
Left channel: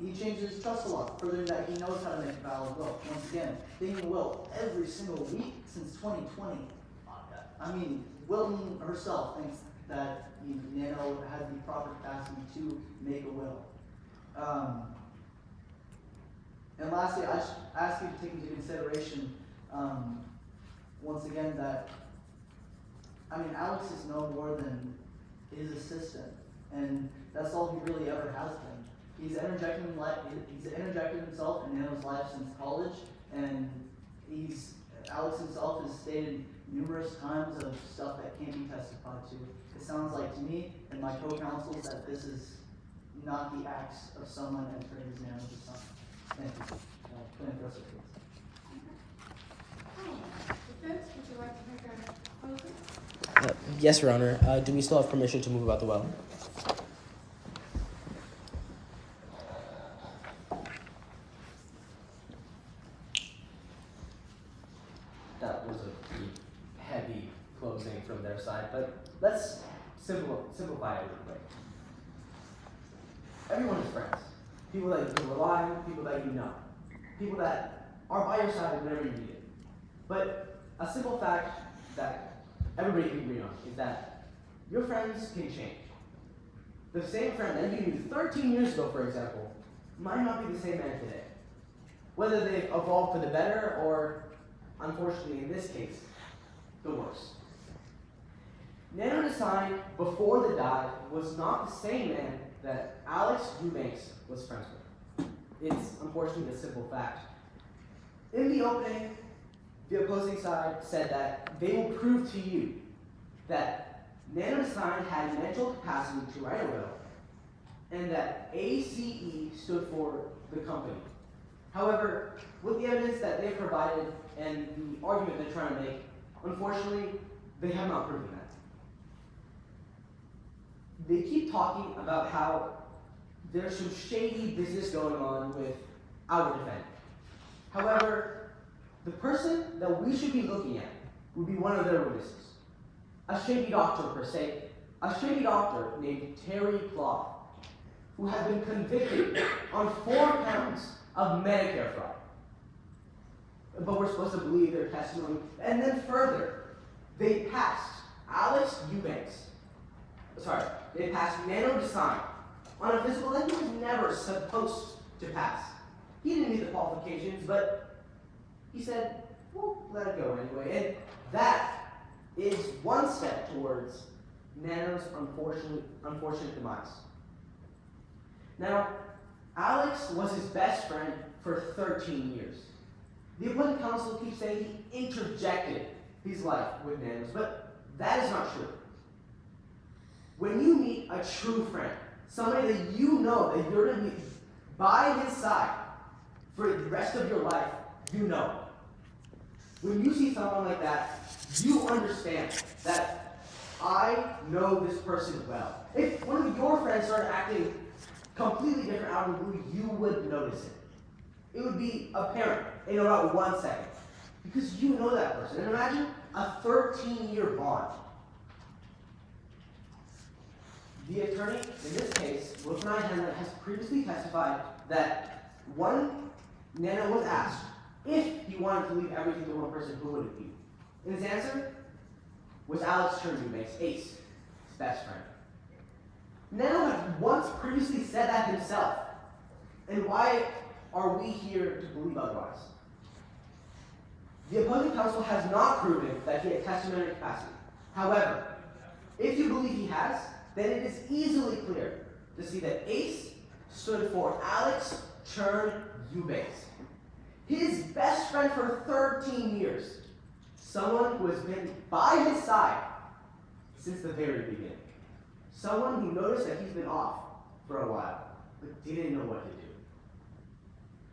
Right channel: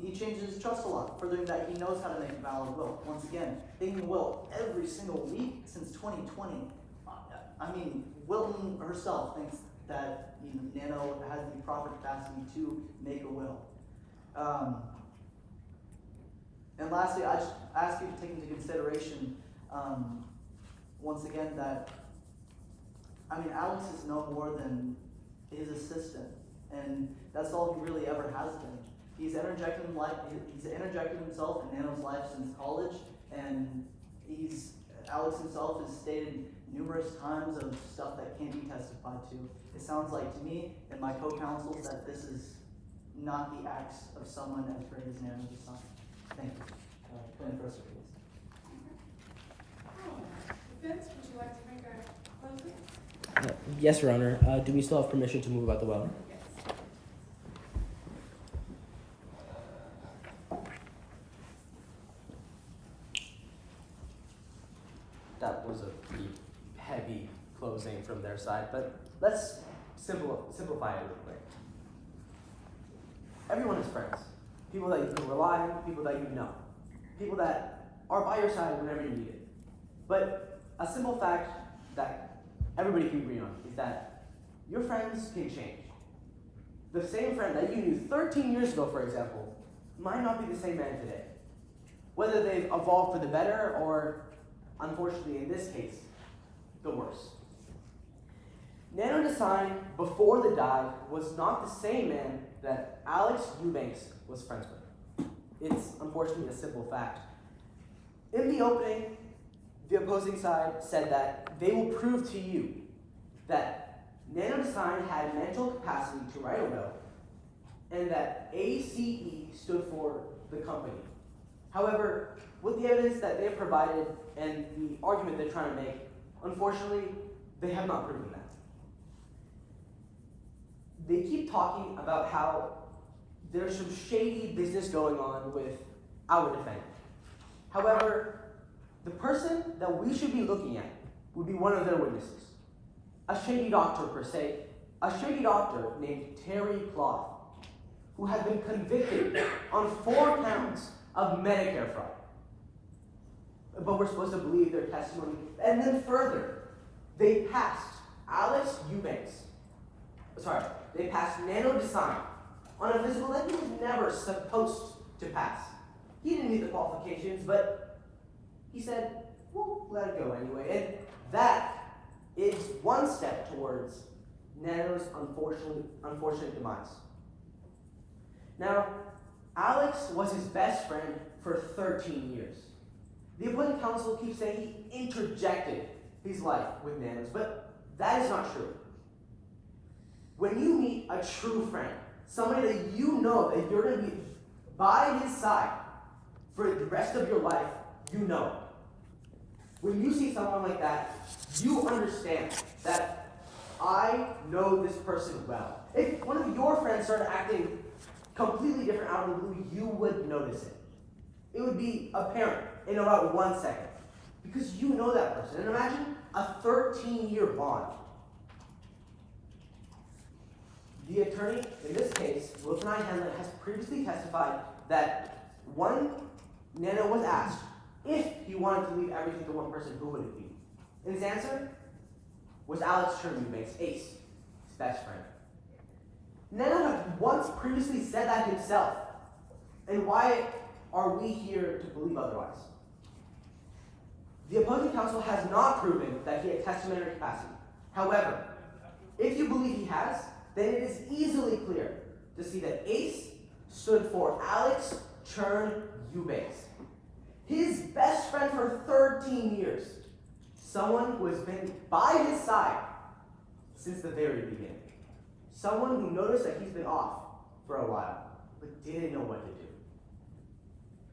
He changes his trust a lot, furthering that he knows how to make a valid will. Once again, making a will every single week since 2020. I mean, Wilton herself thinks that Nano has the proper capacity to make a will. And lastly, I just ask you to take into consideration, once again, that, Alex is no more than his assistant, and that's all he really ever has been. He's interjected himself in Nano's life since college, and Alex himself has stated numerous times of stuff that can't be testified to. It sounds like to me and my co-counsels that this is not the acts of someone as great as Nano's son. Thank you. Plaintiff Russell, please. Defense, would you like to make a closing? Yes, Your Honor. Do we still have permission to move about the well? That was a pretty heavy closing from their side, but let's simplify it real quick. Everyone is friends. People that you can rely on, people that you know. People that are by your side whenever you need it. But a simple fact that everybody can agree on is that your friends can change. The same friend that you knew 13 years ago, for example, might not be the same man today. Whether they've evolved for the better or, unfortunately in this case, the worse. Nano Design, before the dive, was not the same man that Alex Eubanks was friends with. It's unfortunately a simple fact. In the opening, the opposing side said that they will prove to you that Nano Design had mental capacity to write a will, and that ACE stood for the company. However, with the evidence that they've provided and the argument they're trying to make, unfortunately, they have not proven that. They keep talking about how there's some shady business going on with our defendant. However, the person that we should be looking at would be one of their witnesses. A shady doctor per se, a shady doctor named Terry Clough, who has been convicted on 4 counts of Medicare fraud. But we're supposed to believe their testimony. And then further, they passed Nano Design on a physical that he was never supposed to pass. He didn't meet the qualifications, but he said, well, let it go anyway. And that is one step towards Nano's unfortunate demise. Now, Alex was his best friend for 13 years. The opposing counsel keeps saying he interjected his life with Nano's, but that is not true. When you meet a true friend, somebody that you know that you're going to be by his side for the rest of your life, you know. When you see someone like that, you understand that I know this person well. If one of your friends started acting completely different out of the blue, you would notice it. It would be apparent in about 1 second. Because you know that person. And imagine a 13-year bond. The attorney, in this case, Wilson I. Henry, has previously testified that when Nano was asked if he wanted to leave everything to one person, who would it be? And his answer was Alex Eubanks, Ace, his best friend. Nano had once previously said that himself. And why are we here to believe otherwise? The opposing counsel has not proven that he had testamentary capacity. However, if you believe he has, then it is easily clear to see that ACE stood for Alex Eubanks, his best friend for 13 years, someone who has been by his side since the very beginning, someone who noticed that he's been off for a while, but didn't know what to do.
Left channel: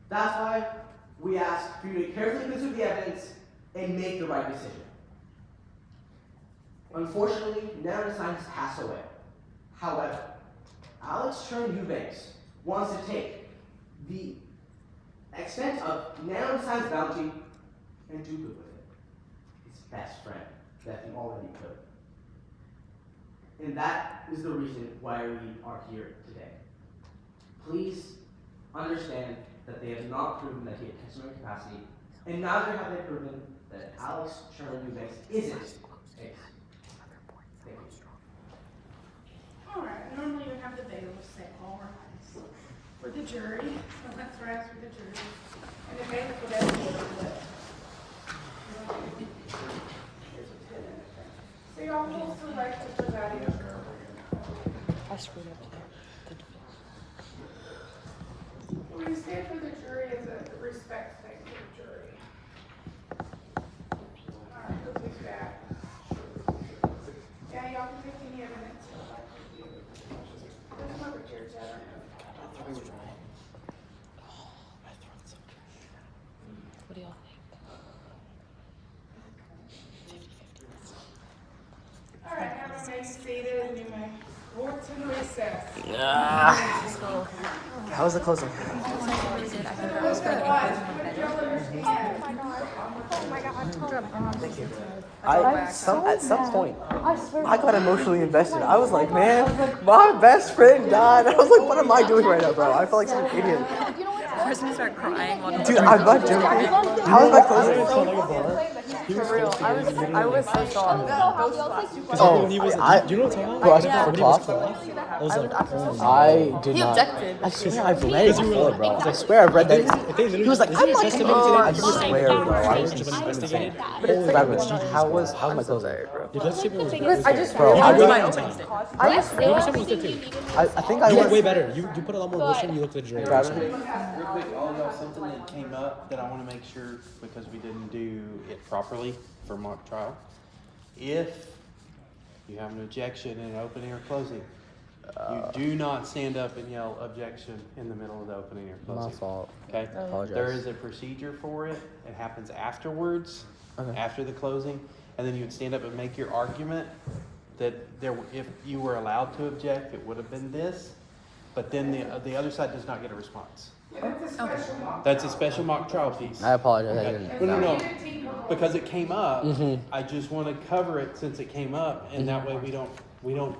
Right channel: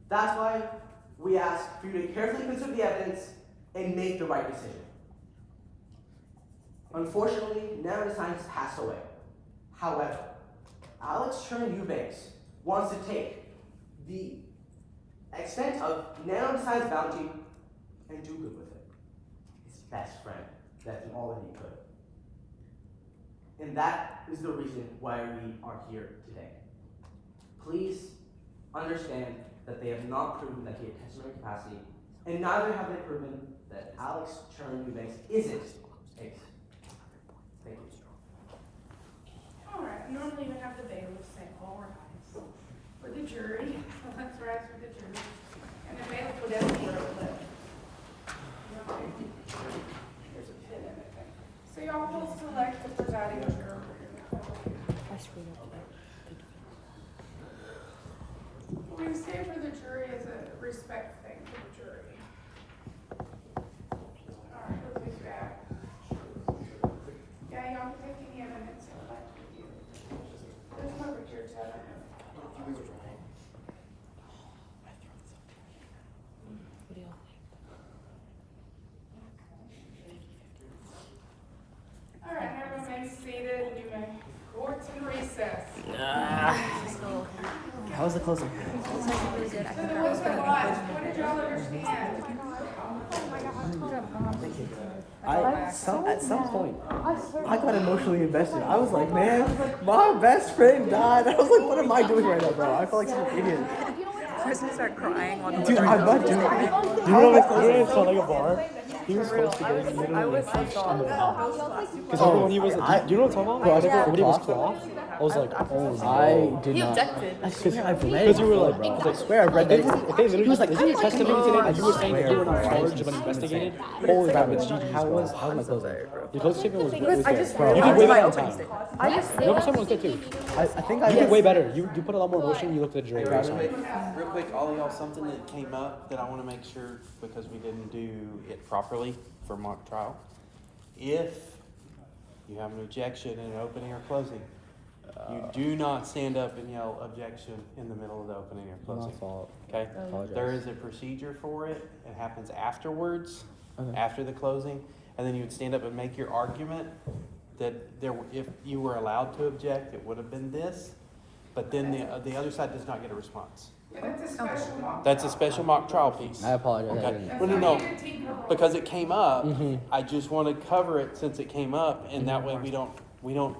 That's why we ask for you to carefully consider the evidence and make the right decision. Unfortunately, Nano Design has passed away. However, Alex Eubanks wants to take the extent of Nano Design's bounty and do good with it. His best friend that he already could. And that is the reason why we are here today. Please understand that they have not proven that he had testamentary capacity, and neither have they proven that Alex Eubanks isn't Ace. Thank you. Alright, normally we have the bailiffs say all rise for the jury. So let's rise for the jury. And it makes for them where they live. Here's a pin in it. So y'all will select the presiding juror. What we say for the jury is a respect thing for the jury. Alright, we'll be back. Yeah, y'all can take any evidence you'd like to do. There's one over here, Ted. What do y'all think? Alright, now remain seated and you may court's in recess. How was the closing? It's like really good. I think our opening and closing was better. At some point, I got emotionally invested. I was like, man, my best friend died. I was like, what am I doing right now, bro? I felt like such an idiot. We're gonna start crying on Dude, I'm not doing it. How am I closing? He was supposed to be literally pushed in the mouth. Because Oh, when he was, do you know what I'm talking bro, I about? took When the he was cloth. cloth, I was like, oh no. I did He not. objected. I swear I've read it. Because you were like, bro. I swear I've read If that. they literally, He was like, isn't your I'm like, testimony today that you were saying that you were bro. in charge of an investigated? Holy crap, Which you how was my closing? Your closing statement was good. Bro, You I did was way my better on time. Your opening statement was good too. I think I You did was way better. You put a lot more emotion. You looked at the jury. Real quick, all of y'all, something that came up that I want to make sure, because we didn't do it properly for mock trial. If you have an objection in an opening or closing, you do not stand up and yell objection in the middle of the opening or closing. My fault. Okay? I apologize. There is a procedure for it. It happens afterwards, Okay. after the closing, and then you would stand up and make your argument that if you were allowed to object, it would have been this, but then the other side does not get a response. That's a special mock trial piece. I apologize. Okay. No. Because it came up, I just want to cover it since it came up, and that way we don't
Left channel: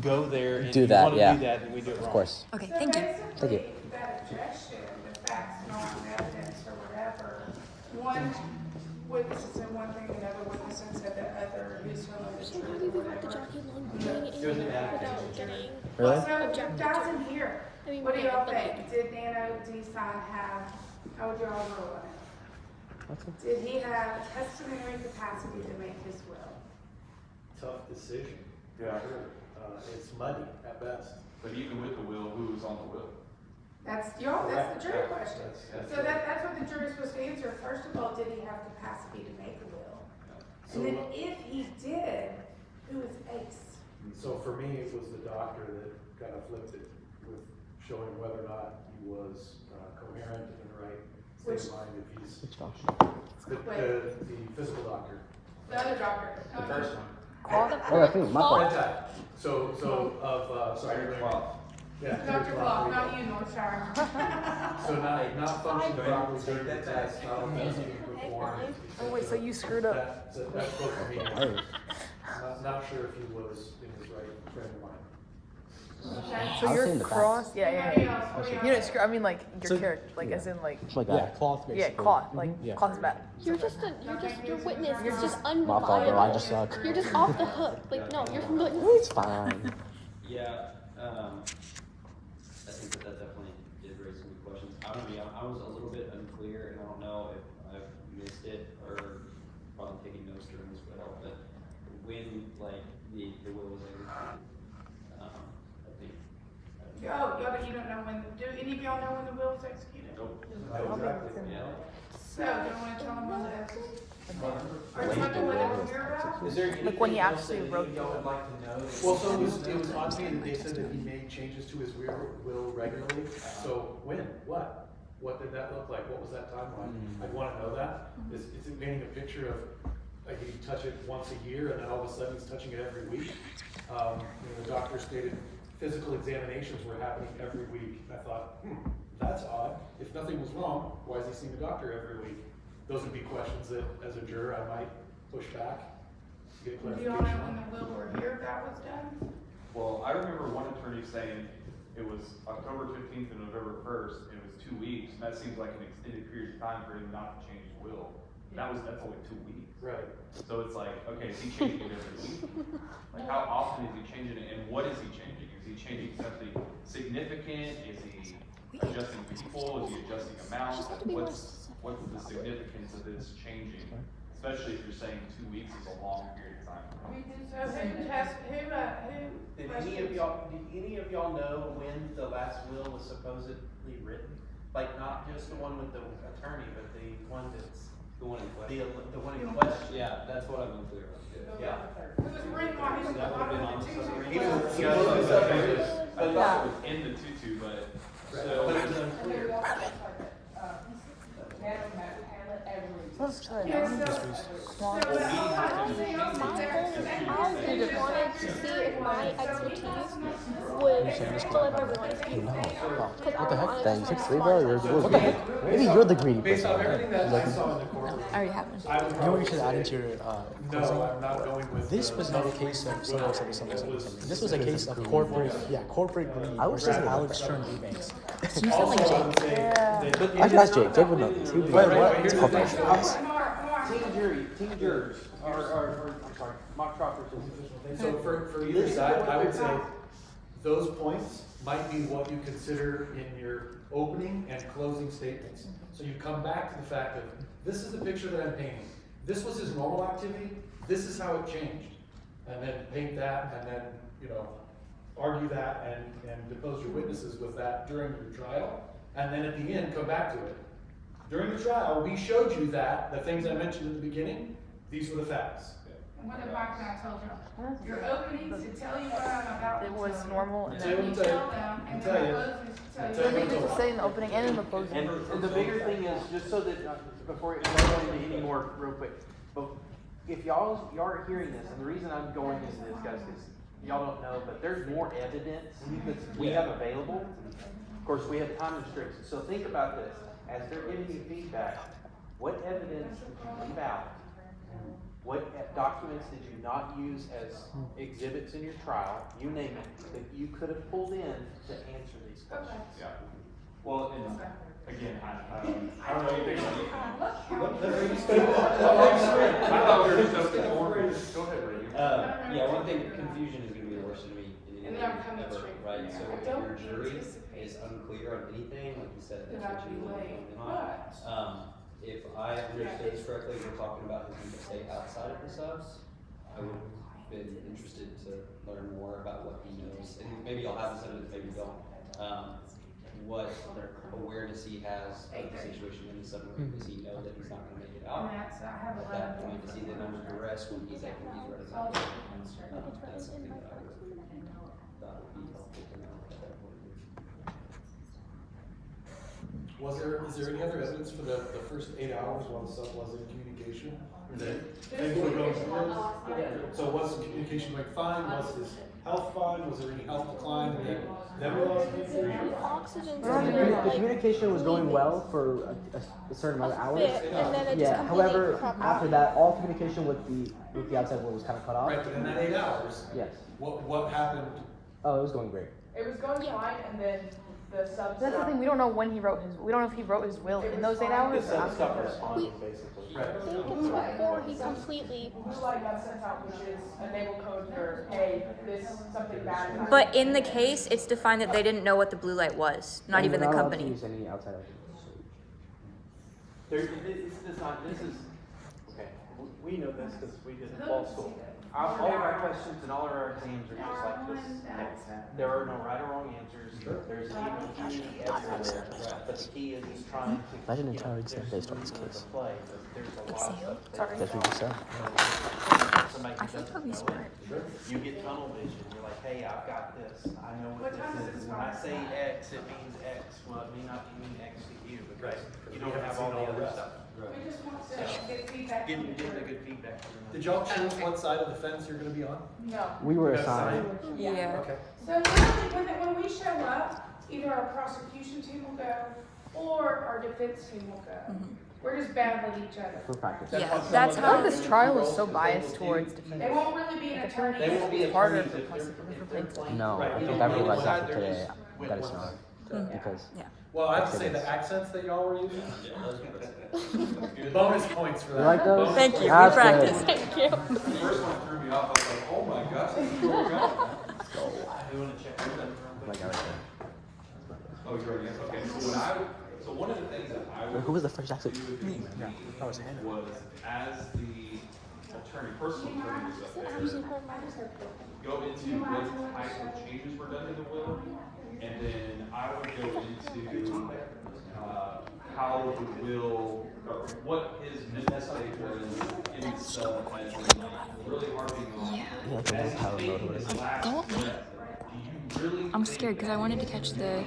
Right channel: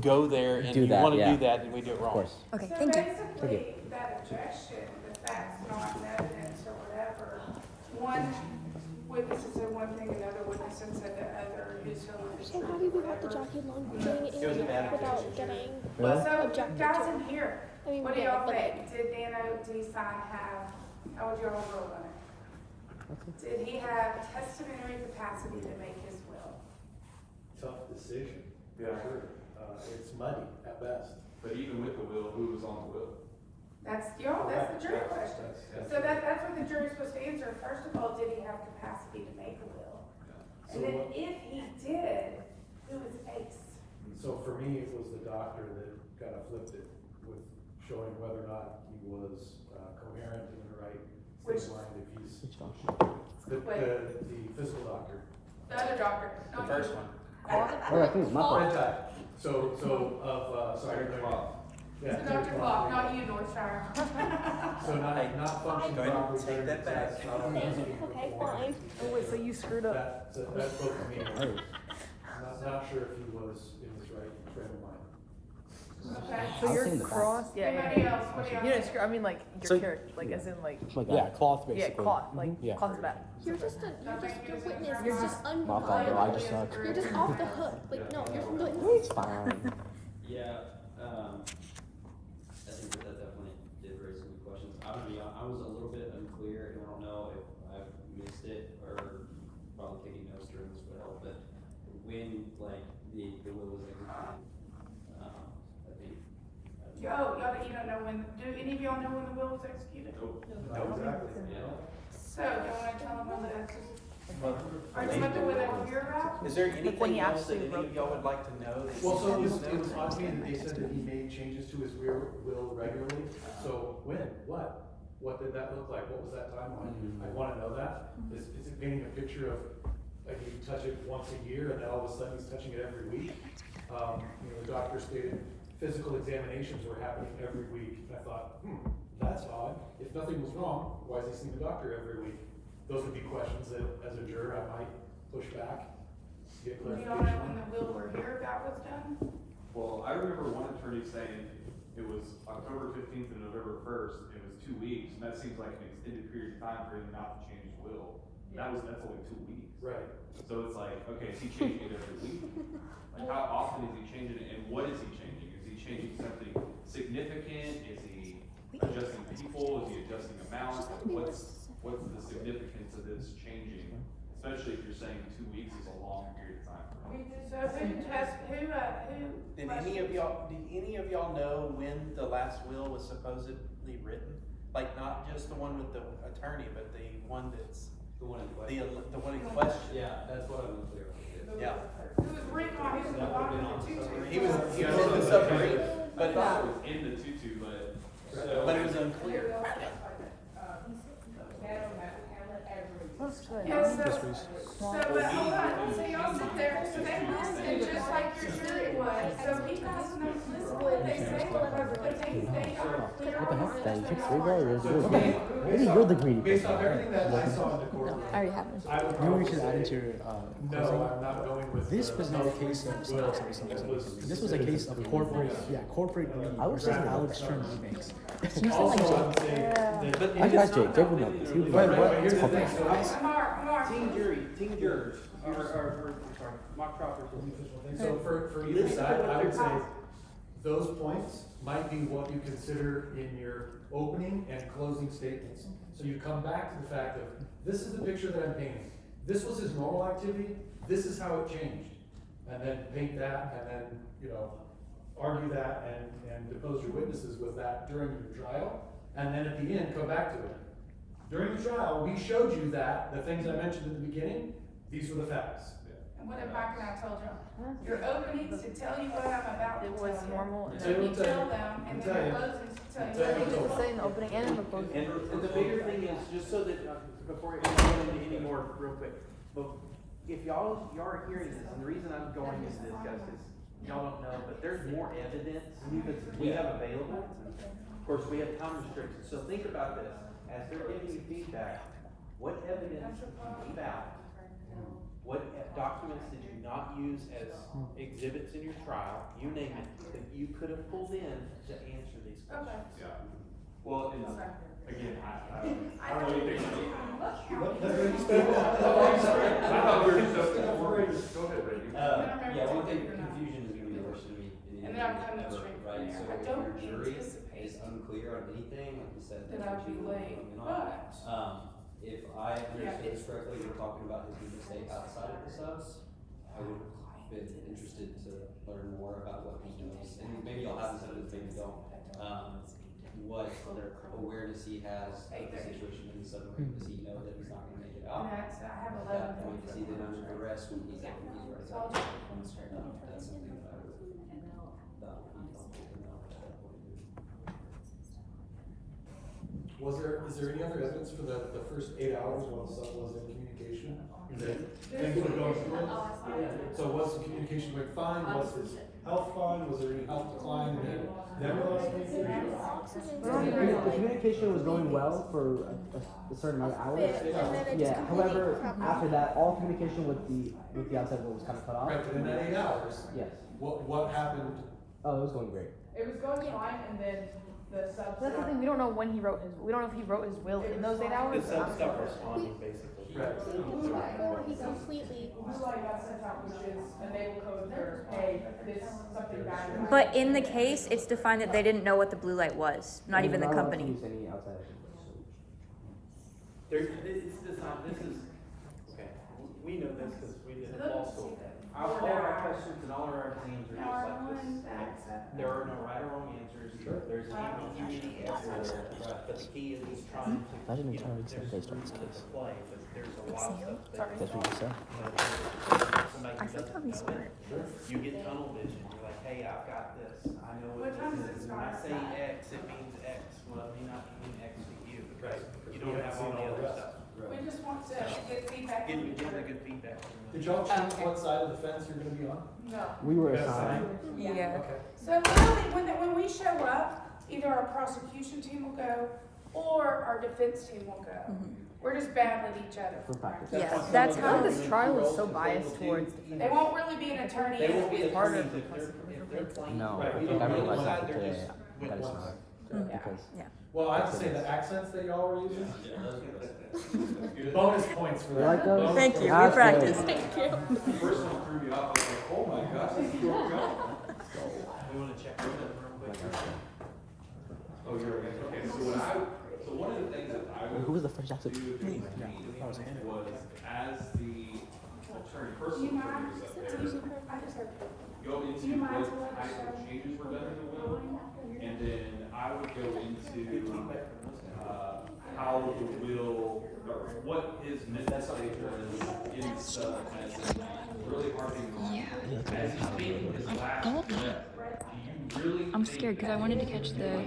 go there and Do if that, you want to yeah. do that, and we do it wrong. Of course. Okay, thank you. Thank you. That objection, the facts not in evidence or whatever, one witness said one thing, another witness said the other, who's from So how do we got the jockey long chain in without getting Really? So, guys in here, I mean, what do yeah, y'all but think? Did Nano D-Sign have, how would y'all rule on it? Did he have testamentary capacity to make his will? Tough decision. Yeah. It's muddy at best. But even with the will, who was on the will? That's the jury question. That's So that's what the jury's supposed to answer. First of all, did he have capacity to make a will? And then if he did, who is Ace? So for me, it was the doctor that kind of flipped it with showing whether or not he was coherent and in the right state of mind. If he's the physical doctor. The other doctor. The first one. I think my fault. Sorry, yeah. Dr. Block, not you, Northshire. So not functioning properly during the test, not easy to perform. Wait, so you screwed up? That's what me. Not sure if he was in his right frame of mind. Okay. So you're cross, Anybody else? What do y'all You know, think? I mean, like your So- character, like as in like. Yeah, cloth basically. Yeah, cloth, like Yeah. cloth's bad. you're just your witness is just My fault, bro. I unreliable. just suck. You're just off the hook. Like no, you're from the It's fine. Yeah, I think that definitely did raise some good questions. I was a little bit unclear, and I don't know if I missed it or probably taking notes during this would help, but when, like, the will was executed, I think. Oh, you don't know when, do any of y'all know when the will was executed? So, don't want to tell them when the, are you talking what I hear about? Is there when anything he else that actually any of y'all would like to know? Well, so it was obvious, they said that he made changes to his will regularly, so when, what did that look like, what was that timeline? I wanna know that, is it painting a picture of, like, he touch it once a year, and then all of a sudden he's touching it every week? The doctor stated physical examinations were happening every week, and I thought, that's odd, if nothing was wrong, why is he seeing the doctor every week? Those would be questions that, as a juror, I might push back, get Do y'all know clarification when on. the will or hear about was done? Well, I remember one attorney saying it was October 15th and November 1st, and it was 2 weeks, and that seems like an extended period of time for him not to change his will. That's only 2 weeks. Right. So it's like, okay, is he changing it every week? Like, how often is he changing it, and what is he changing? Is he changing something significant? Is he adjusting people? Is he adjusting amount? What's the significance of this changing? Especially if you're saying 2 weeks is a long period of time. So who Did any of y'all know when the last will was supposedly written? Like, not just the one with the attorney, but the one that's The one in question. the one in question. Yeah, that's what I'm unclear on. Yeah. Who was written while he was in the bottom of the tutu? He was But it was in the tutu, but but it was unclear. Yes, so, but hold on, so y'all sit there, so they listen just like your jury was, so he doesn't know. What the heck? That is 6-3, bro. What the heck? Maybe you're the greedy Based person. on everything that I saw in the court. No, I already have one. You know what you should add into your quiz? No, I'm not going with. This was not a case of something. This was a case of corporate greed versus Alex Stern Eubanks. You sound like Jake. I that's Jake. Jake would know this. Wait, what? It's a corporation. Team jurors are I'm sorry, mock trial participants. So for either side, I would say those points might be what you consider in your opening and closing statements. So you come back to the fact of, this is the picture that I'm painting. This was his normal activity, this is how it changed. And then paint that, and then, argue that and depose your witnesses with that during your trial. And then at the end, come back to it. During the trial, we showed you that, the things I mentioned in the beginning, these were the facts. And what if Mike and I told you, your openings to tell you what I'm about to tell you. You And say then you what tell them, and then the closings to tell you. Tell you what what they to Say in the opening and in the closing. And the bigger thing is, just so that, before we go into any more real quick, but if y'all are hearing this, and the reason I'm going into this, guys, is y'all don't know, but there's more evidence that we have available. Of course, we have time restrictions, so think about this. As they're giving you feedback, what evidence did you leave out? What documents did you not use as exhibits in your trial? You name it, that you could have pulled in to answer these questions. yeah. Well, and again, I don't know anything. Go ahead, Brady. Yeah, one thing, confusion is gonna be the worst for me. And then I'm coming straight from Right, there. so I if don't your jury anticipate is unclear on anything, like you said, that that's I'd what be you late, want on. but. If I understood this correctly, we're talking about his real estate outside of the subs. I would have been interested to learn more about what he knows, and maybe you'll have this evidence, maybe you don't. What awareness he has of the situation in the submarine, does he know that he's not gonna make it out? And that's, I have Is 11 that, I mean, points. does he then under duress when he's ready It's to all go? different straight from the That's something that I would, thought would be helpful to know at that point. Is there any other evidence for the first 8 hours while the sub was in communication? Things were going good? So was the communication going fine? Was his health fine? Was there any health decline? Never lost communication? The communication was going well for a certain amount of hours. Yeah. However, after that, all communication with the outside world was kind of cut off. Right, but in that 8 hours, Yes. what happened? Oh, it was going great. It was going fine, and then the subs. That's the thing. We don't know when he wrote his. We don't know if he wrote his will in those 8 hours. The sub stopped responding, basically. Right. Before he completely. Blue light got sent out, which is enable code for, hey, this, something bad. But in the case, it's defined that they didn't know what the blue light was, not even the We're not allowed to company. use any outside It's designed, this is, okay, we know this because we did it law school. All of our questions and all of our exams are just like this. There are no right or wrong answers. There's an even everywhere. But the key is just trying to. Imagine an you know, entire exam there's based on this room case. for play, but there's a lot of stuff That's what you said. I think he'll be smart. You get tunnel vision. You're like, hey, I've got this. I know what What time this is is. this When I by? say X, it means X. Well, it may not mean X to you. Right. You don't have all the other stuff. We just want to get feedback. Give me the good feedback. Did y'all choose what side of the fence you're gonna be on? No. We were You got assigned. Yeah. Okay. So really, when we show up, either our prosecution team will go, or our defense team will go. We're just bad with each other. For practice. Yeah, that's how. This trial is so biased towards. They won't really be an attorney. They won't be Harder. attorneys if they're playing. No, Right, if you I don't ever know like what that side for they're today, just I gotta with say one. that. Because Yeah. Well, I have to say the accents that y'all were using. Bonus points for You that. like those? Thank you. We That's practiced. good. Thank you. The first one threw me off, I was like, oh my gosh, this is where we're going. We wanna check your real quick. Oh, you're already, okay, so one of the things that I would. Who was the first actor? do with Me. this Yeah, meeting that was Hannah. Was as the attorney, personal attorney was up there, go into what type of changes were done in the will, and then I would go into, how the will, or what his mistake was in the stuff, and really harping on. Yeah. Like the one power mode or whatever. Go. I'm scared because I wanted to catch the